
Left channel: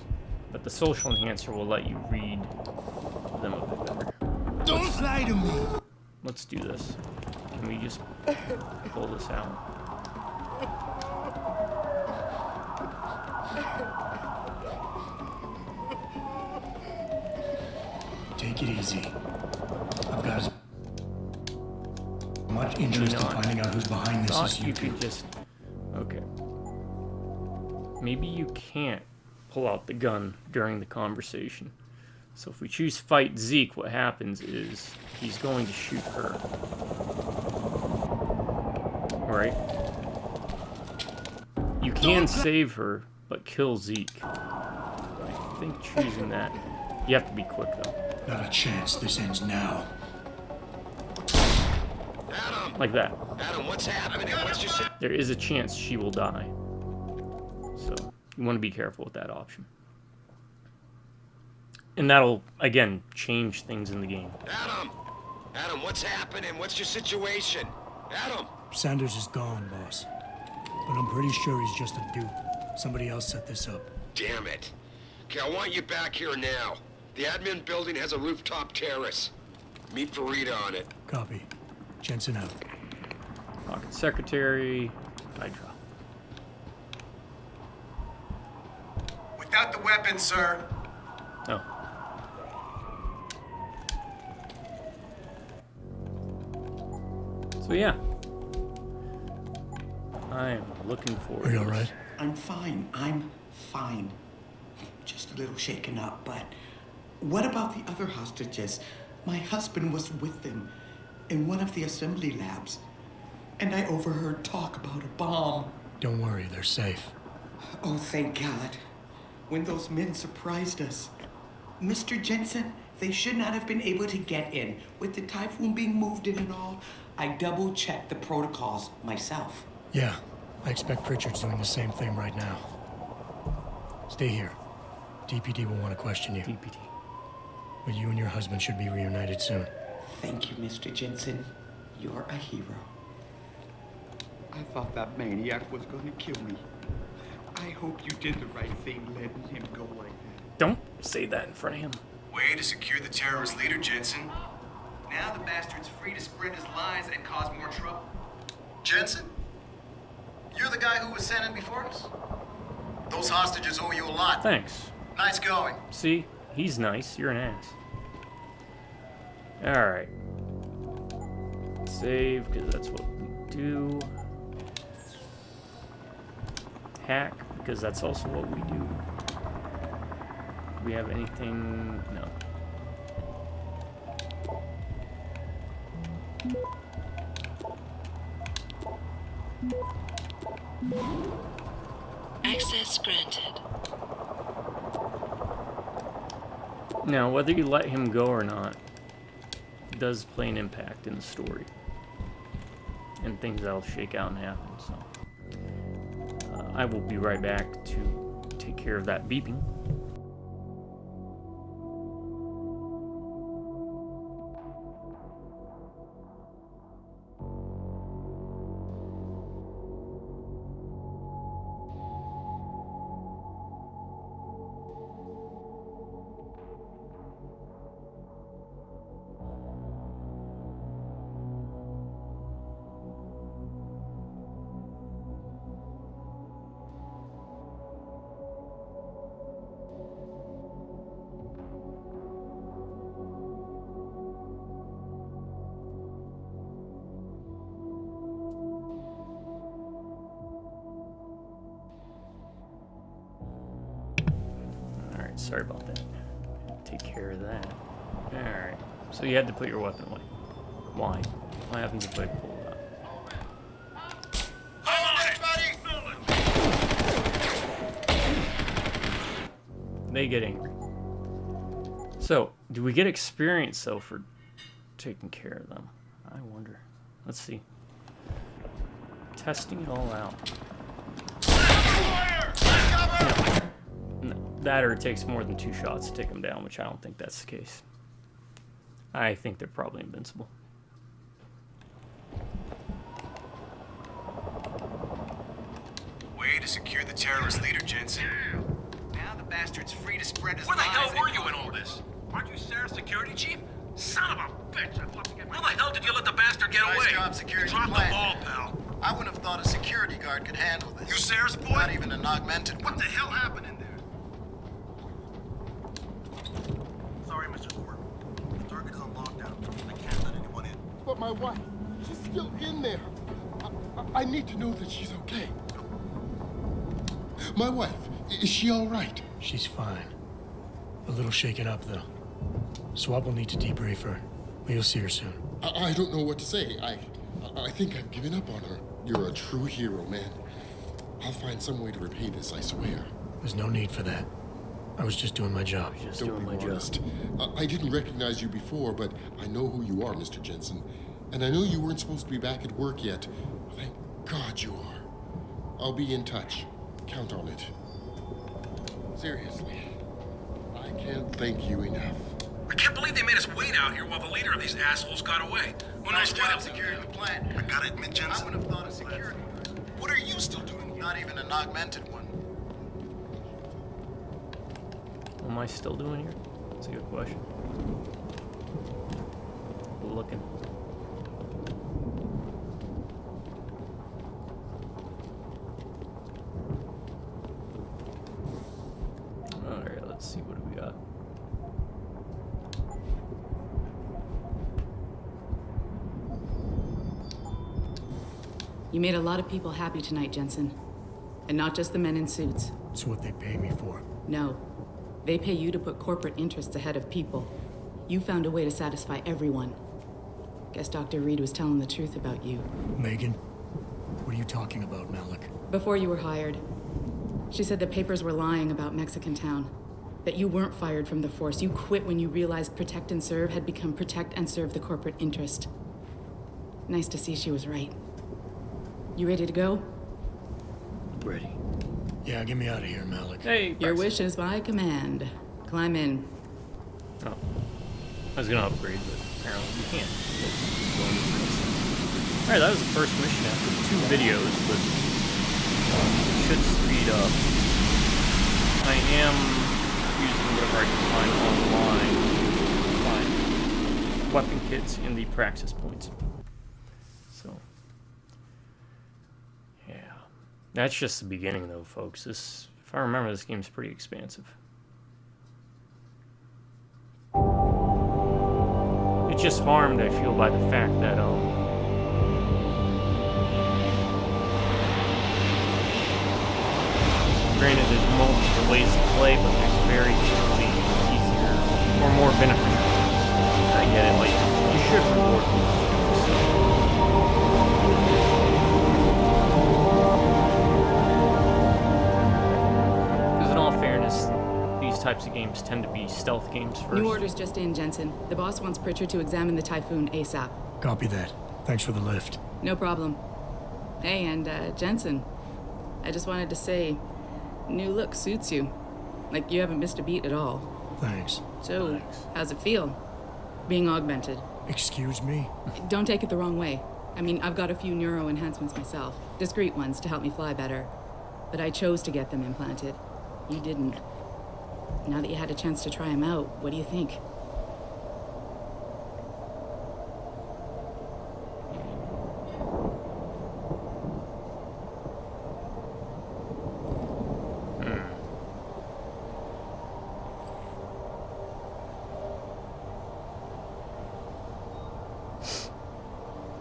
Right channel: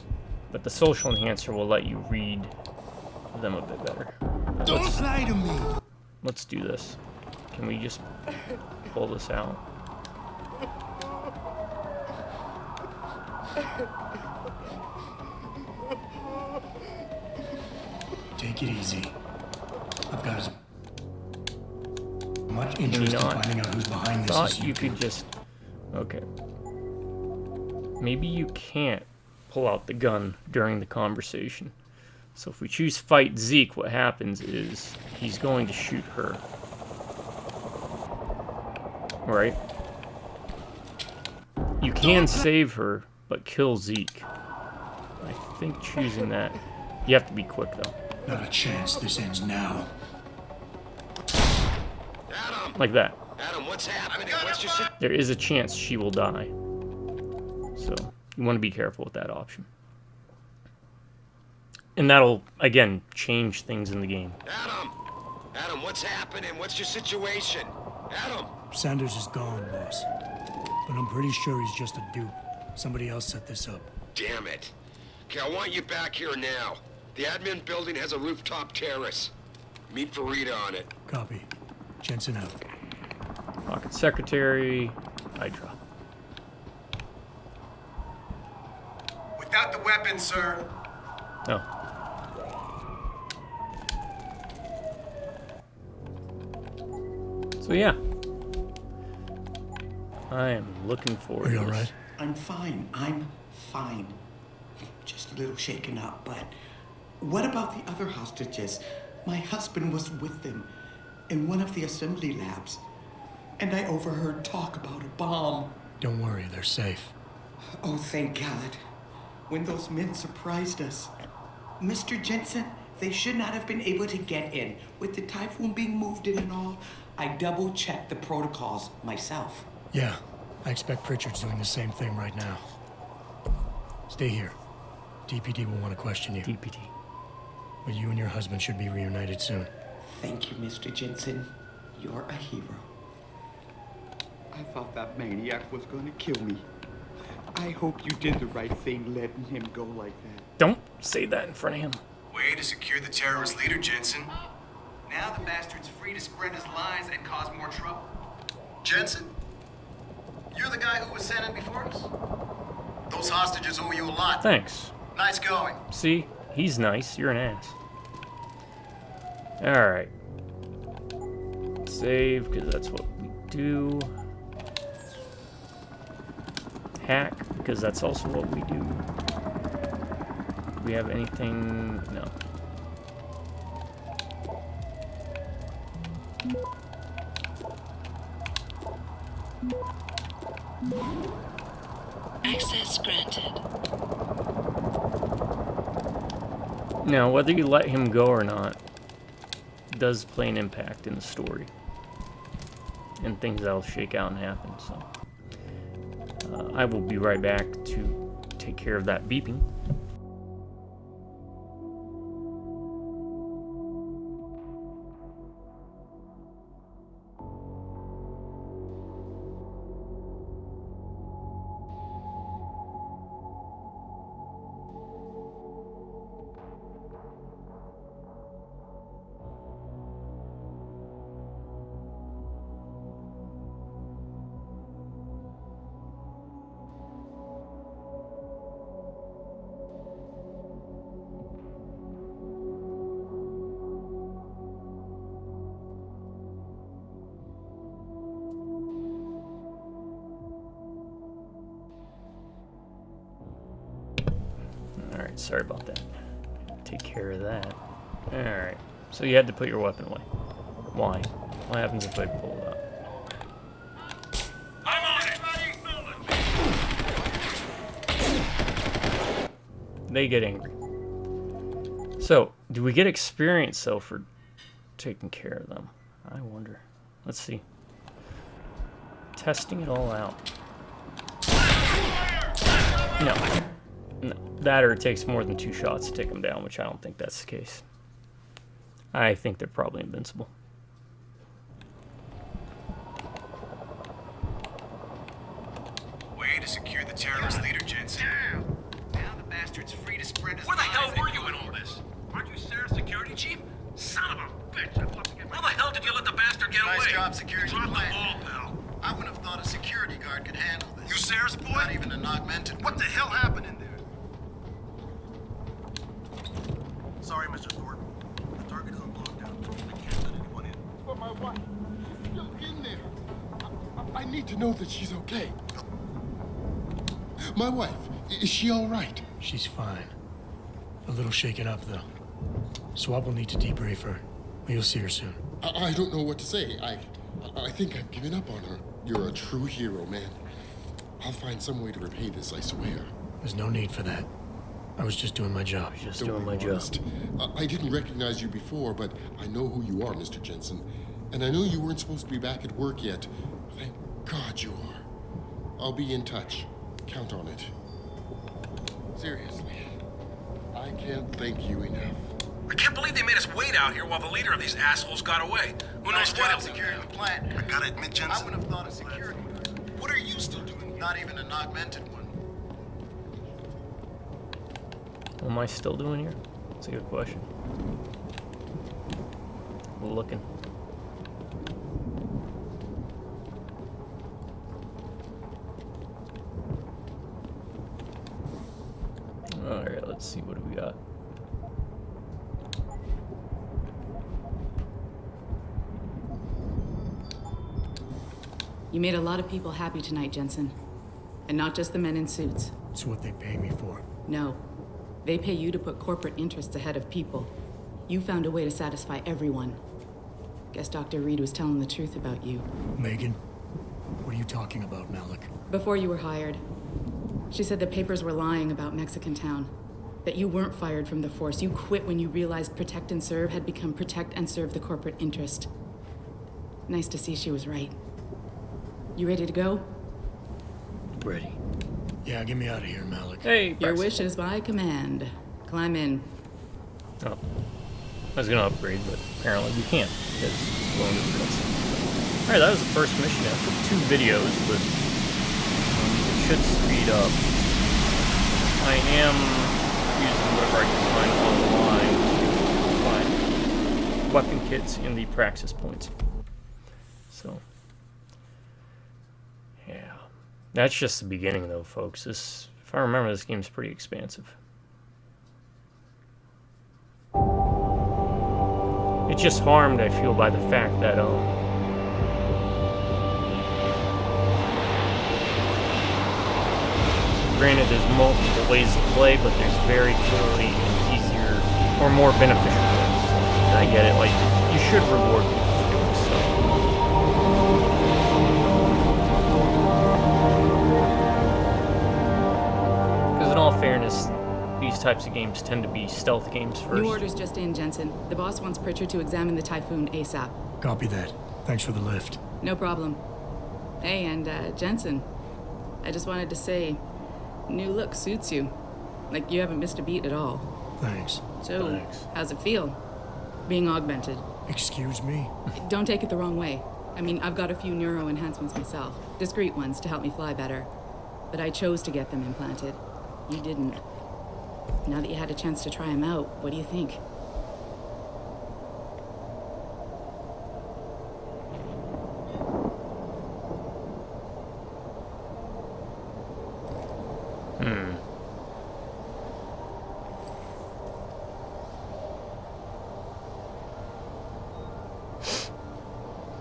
But the social enhancer will let you read them a bit better. Don't lie to me! Let's do this. Can we just pull this out? Take it easy. I've got as much interest in finding out who's behind this as you do. Could just... Okay. Maybe you can't pull out the gun during the conversation. So if we choose fight Zeke, what happens is he's going to shoot her. Right? You can save her, but kill Zeke. I think choosing that... You have to be quick, though. Not a chance this ends now. Adam! Like that. Adam, what's happening? What's your... There is a chance she will die. So, you want to be careful with that option. And that'll, again, change things in the game. Adam! Adam, what's happening? What's your situation? Adam! Sanders is gone, boss. But I'm pretty sure he's just a dupe. Somebody else set this up. Damn it. Okay, I want you back here now. The admin building has a rooftop terrace. Meet Farida on it. Copy. Jensen out. Pocket Secretary, Hydra. Without the weapon, sir. Oh. So yeah, I am looking forward. Are you to all this. right? I'm fine. I'm fine. Just a little shaken up, but what about the other hostages? My husband was with them in one of the assembly labs, and I overheard talk about a bomb. Don't worry, they're safe. Oh, thank God. When those men surprised us. Mr. Jensen, they should not have been able to get in. With the typhoon being moved in and all, I double-checked the protocols myself. Yeah, I expect Pritchard's doing the same thing right now. Stay here. DPD will want to question you. DPD. But you and your husband should be reunited soon. Thank you, Mr. Jensen. You're a hero. I thought that maniac was gonna kill me. I hope you did the right thing letting him go like that. Don't say that in front of him. Way to secure the terrorist leader, Jensen. Now the bastard's free to spread his lies and cause more trouble. Jensen? You're the guy who was sent in before us? Those hostages owe you a lot. Thanks. Nice going. See, he's nice. You're an ass. All right. Save, because that's what we do. Hack, because that's also what we do. Do we have anything? No. Access granted. Now, whether you let him go or not does play an impact in the story. And things that'll shake out and happen, so. I will be right back to take care of that beeping. Alright, sorry about that. Take care of that. Alright, so you had to put your weapon away. Why? What happens if I pull it up? They get angry. So, do we get experience, though, for taking care of them? I wonder. Let's see. Testing it all out. No. No. That or it takes more than 2 shots to take them down, which I don't think that's the case. I think they're probably invincible. Way to secure the terrorist leader, Jensen. Now the bastard's free to spread his lies. Where the hell were you in all this? Aren't you Sarah's security chief? Son of a bitch! I'd love to get. How the hell did you let the bastard get away? Nice job securing Drop the the plant. ball, pal. I wouldn't have thought a security guard could handle this. You Sarah's boy? Not even an augmented What one. the hell happened in there? Sorry, Mr. Thornton. The target is on lockdown. I can't let anyone in. But my wife, she's still in there. I need to know that she's okay. My wife, is she all right? She's fine. A little shaken up, though. Swab will need to debrief her. We'll see her soon. I don't know what to say. I think I've given up on her. You're a true hero, man. I'll find some way to repay this, I swear. There's no need for that. I was just doing my job. Just Don't doing be my job. modest. I didn't recognize you before, but I know who you are, Mr. Jensen. And I know you weren't supposed to be back at work yet. Thank God you are. I'll be in touch. Count on it. Seriously, I can't thank you enough. I can't believe they made us wait out here while the leader of these assholes got away. Who Nice knows what job he'll do securing now. the plant. I gotta admit, I Jensen. wouldn't have thought a security guard. What are you still doing? Not even an augmented one. What am I still doing here? That's a good question. Looking. Alright, let's see, what do we got? You made a lot of people happy tonight, Jensen. And not just the men in suits. It's what they pay me for. No. They pay you to put corporate interests ahead of people. You found a way to satisfy everyone. Guess Dr. Reed was telling the truth about you. Megan? What are you talking about, Malik? Before you were hired, she said the papers were lying about Mexican Town. That you weren't fired from the force. You quit when you realized Protect and Serve had become Protect and Serve the corporate interest. Nice to see she was right. You ready to go? Ready. Yeah, get me out of here, Malik. Hey, Your wish is my command. Climb in. Oh. I was gonna upgrade, but apparently we can't. Alright, that was the first mission. I took 2 videos, but it should speed up. I am using whatever I can find online to find weapon kits in the praxis points. So, yeah. That's just the beginning, though, folks. This, if I remember, this game's pretty expansive. It's just harmed, I feel, by the fact that, granted, there's multiple ways to play, but there's very clearly easier or more beneficial ways. And I get it, like, you should reward people for doing stuff. Because in all fairness, these types of games tend to be stealth games first. New orders just in, Jensen. The boss wants Pritchard to examine the Typhoon ASAP. Copy that. Thanks for the lift. No problem. Hey, and Jensen, I just wanted to say, new look suits you. Like you haven't missed a beat at all. Thanks. So, how's it feel? Being augmented? Excuse me? Don't take it the wrong way. I mean, I've got a few neuro enhancements myself. Discreet ones to help me fly better. But I chose to get them implanted. You didn't. Now that you had a chance to try them out, what do you think?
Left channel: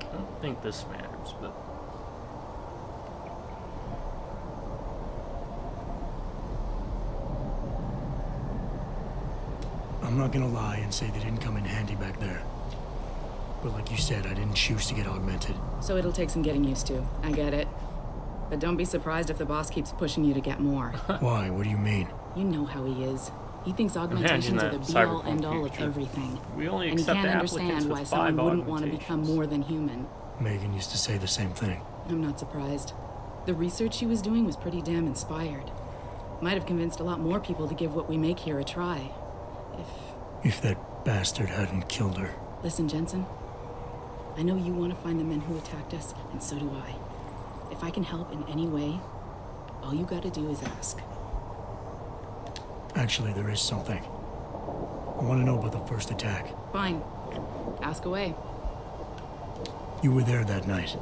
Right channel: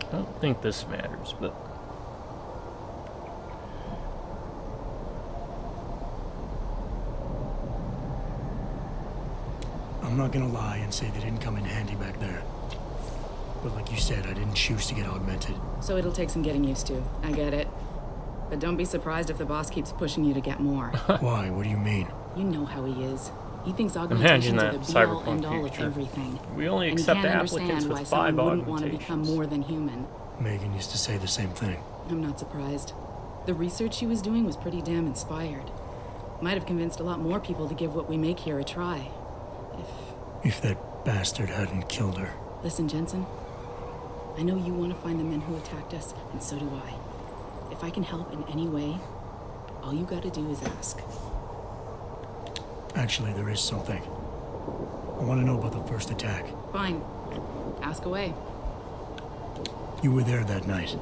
I don't think this matters, but... I'm not gonna lie and say they didn't come in handy back there. But like you said, I didn't choose to get augmented. So it'll take some getting used to. I get it. But don't be surprised if the boss keeps pushing you to get more. Why? What do you mean? You know how he is. He thinks augmentations are the be-all, end-all of everything. We only and he accept can't applicants understand why with 5 someone wouldn't want to become augmentations. more than human. Megan used to say the same thing. I'm not surprised. The research she was doing was pretty damn inspired. Might have convinced a lot more people to give what we make here a try. If that bastard hadn't killed her. Listen, Jensen. I know you want to find the men who attacked us, and so do I. If I can help in any way, all you gotta do is ask. Actually, there is something. I want to know about the first attack. Fine. Ask away. You were there that night.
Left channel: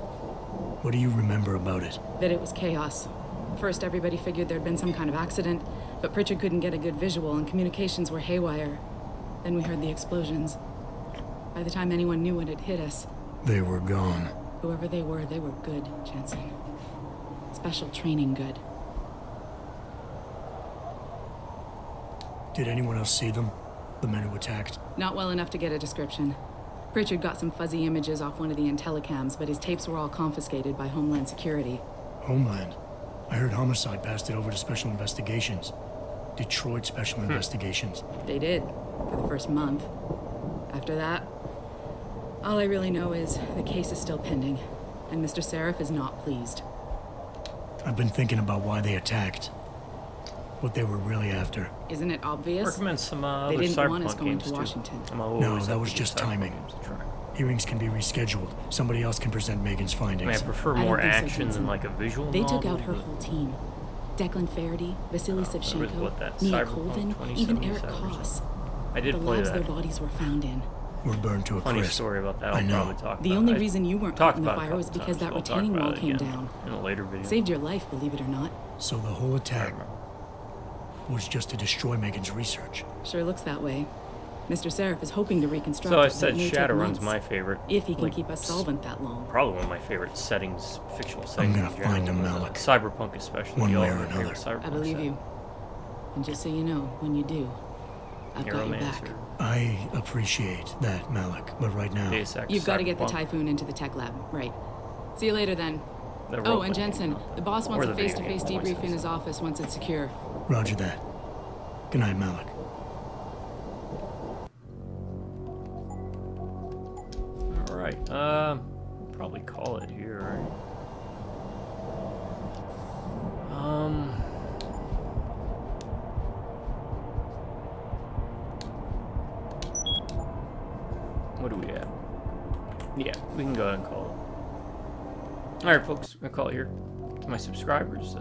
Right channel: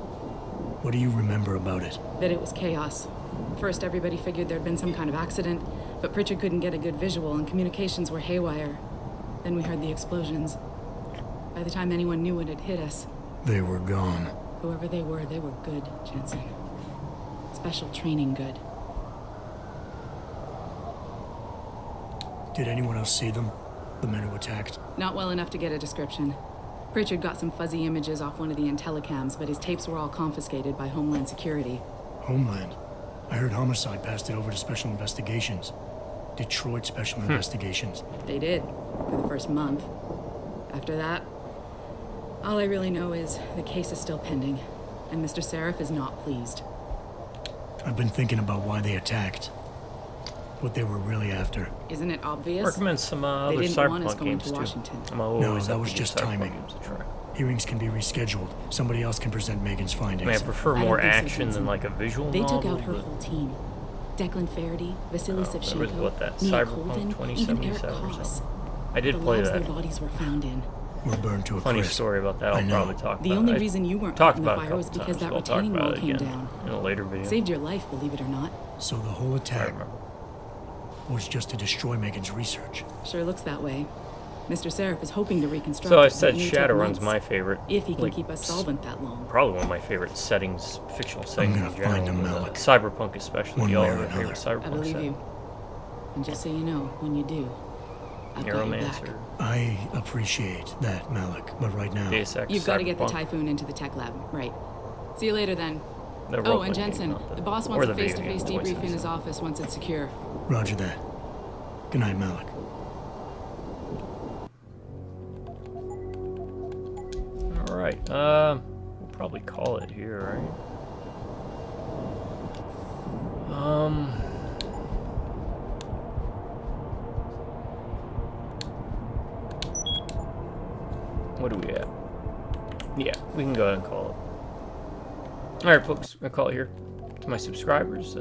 What do you remember about it? That it was chaos. First, everybody figured there'd been some kind of accident, but Pritchard couldn't get a good visual and communications were haywire. Then we heard the explosions. By the time anyone knew what had hit us... They were gone. Whoever they were good, Jensen. Special training good. Did anyone else see them? The men who attacked? Not well enough to get a description. Pritchard got some fuzzy images off one of the Intellicams, but his tapes were all confiscated by Homeland Security. Homeland? I heard Homicide passed it over to Special Investigations. Detroit Special Investigations. They did, for the first month. After that, all I really know is the case is still pending, and Mr. Seraph is not pleased. I've been thinking about why they attacked. What they were really after. Isn't it obvious? Recommend some they other didn't want us Cyberpunk going games to too. Washington. No, that was just timing. Hearings can be rescheduled. Somebody else can present Megan's findings. I mean, I prefer more action than like a visual They novel. took out her whole team. Declan Faraday, Vasily Savchenko, what, that Nia Cyberpunk Colvin, even Eric 2077 or Koss. something. I did the play labs that. their bodies were found in. We're burned to a Funny crisp. story about that. I I'll know. probably talk The about. only I reason you weren't talked caught in the about it a fire was couple because times, that but I'll talk retaining about wall it came again down. in a later video. Saved your life, believe it or not. So the whole I attack remember. was just to destroy Megan's research. Sure looks that way. Mr. Seraph is hoping to reconstruct So I it, but said it may take Shadowrun's months, my favorite. if he can like, keep us solvent that long. Probably one of my favorite settings, fictional settings gonna in general. find him, but, Malik. Cyberpunk especially. One Y'all way or are my favorite another. Cyberpunk I believe setting. you. And just so you know, when you do, I've got your back. Neuromancer, I appreciate that, Malik, but right now... Deus Ex, You've got to get the Cyberpunk. Typhoon into the tech lab, right? See you later then. The Oh, role-playing and game, Jensen, not the boss wants or a the video face-to-face game, debrief in his 2077. office once it's secure. Roger that. Good night, Malik. Alright, we'll probably call it here, right? What do we have? Yeah, we can go ahead and call it. Alright, folks, I'm gonna call it here. To my subscribers,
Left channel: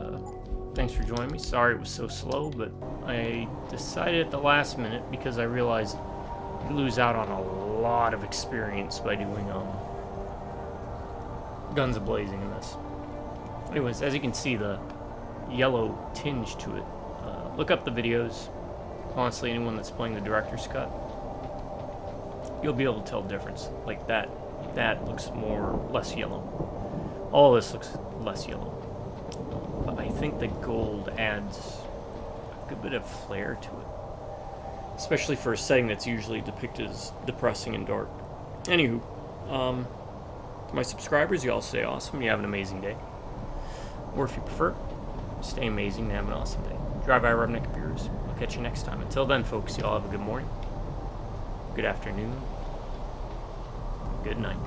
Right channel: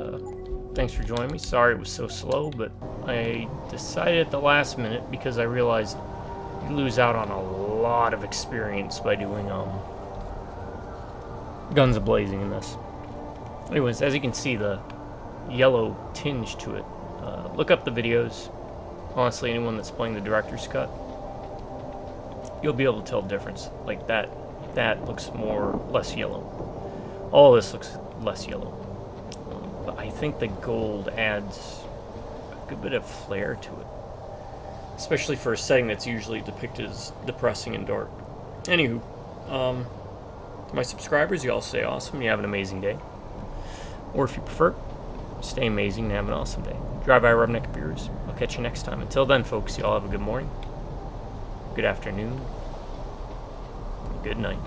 thanks for joining me. Sorry it was so slow, but I decided at the last minute because I realized you lose out on a lot of experience by doing guns a-blazing in this. Anyways, as you can see, the yellow tinge to it. Look up the videos. Honestly, anyone that's playing the director's cut, you'll be able to tell the difference. Like that looks less yellow. All this looks less yellow. But I think the gold adds a good bit of flair to it. Especially for a setting that's usually depicted as depressing and dark. Anywho, to my subscribers, you all stay awesome. You have an amazing day. Or if you prefer, stay amazing and have an awesome day. Drive by Rubneck Beers. I'll catch you next time. Until then, folks, you all have a good morning, good afternoon, good night.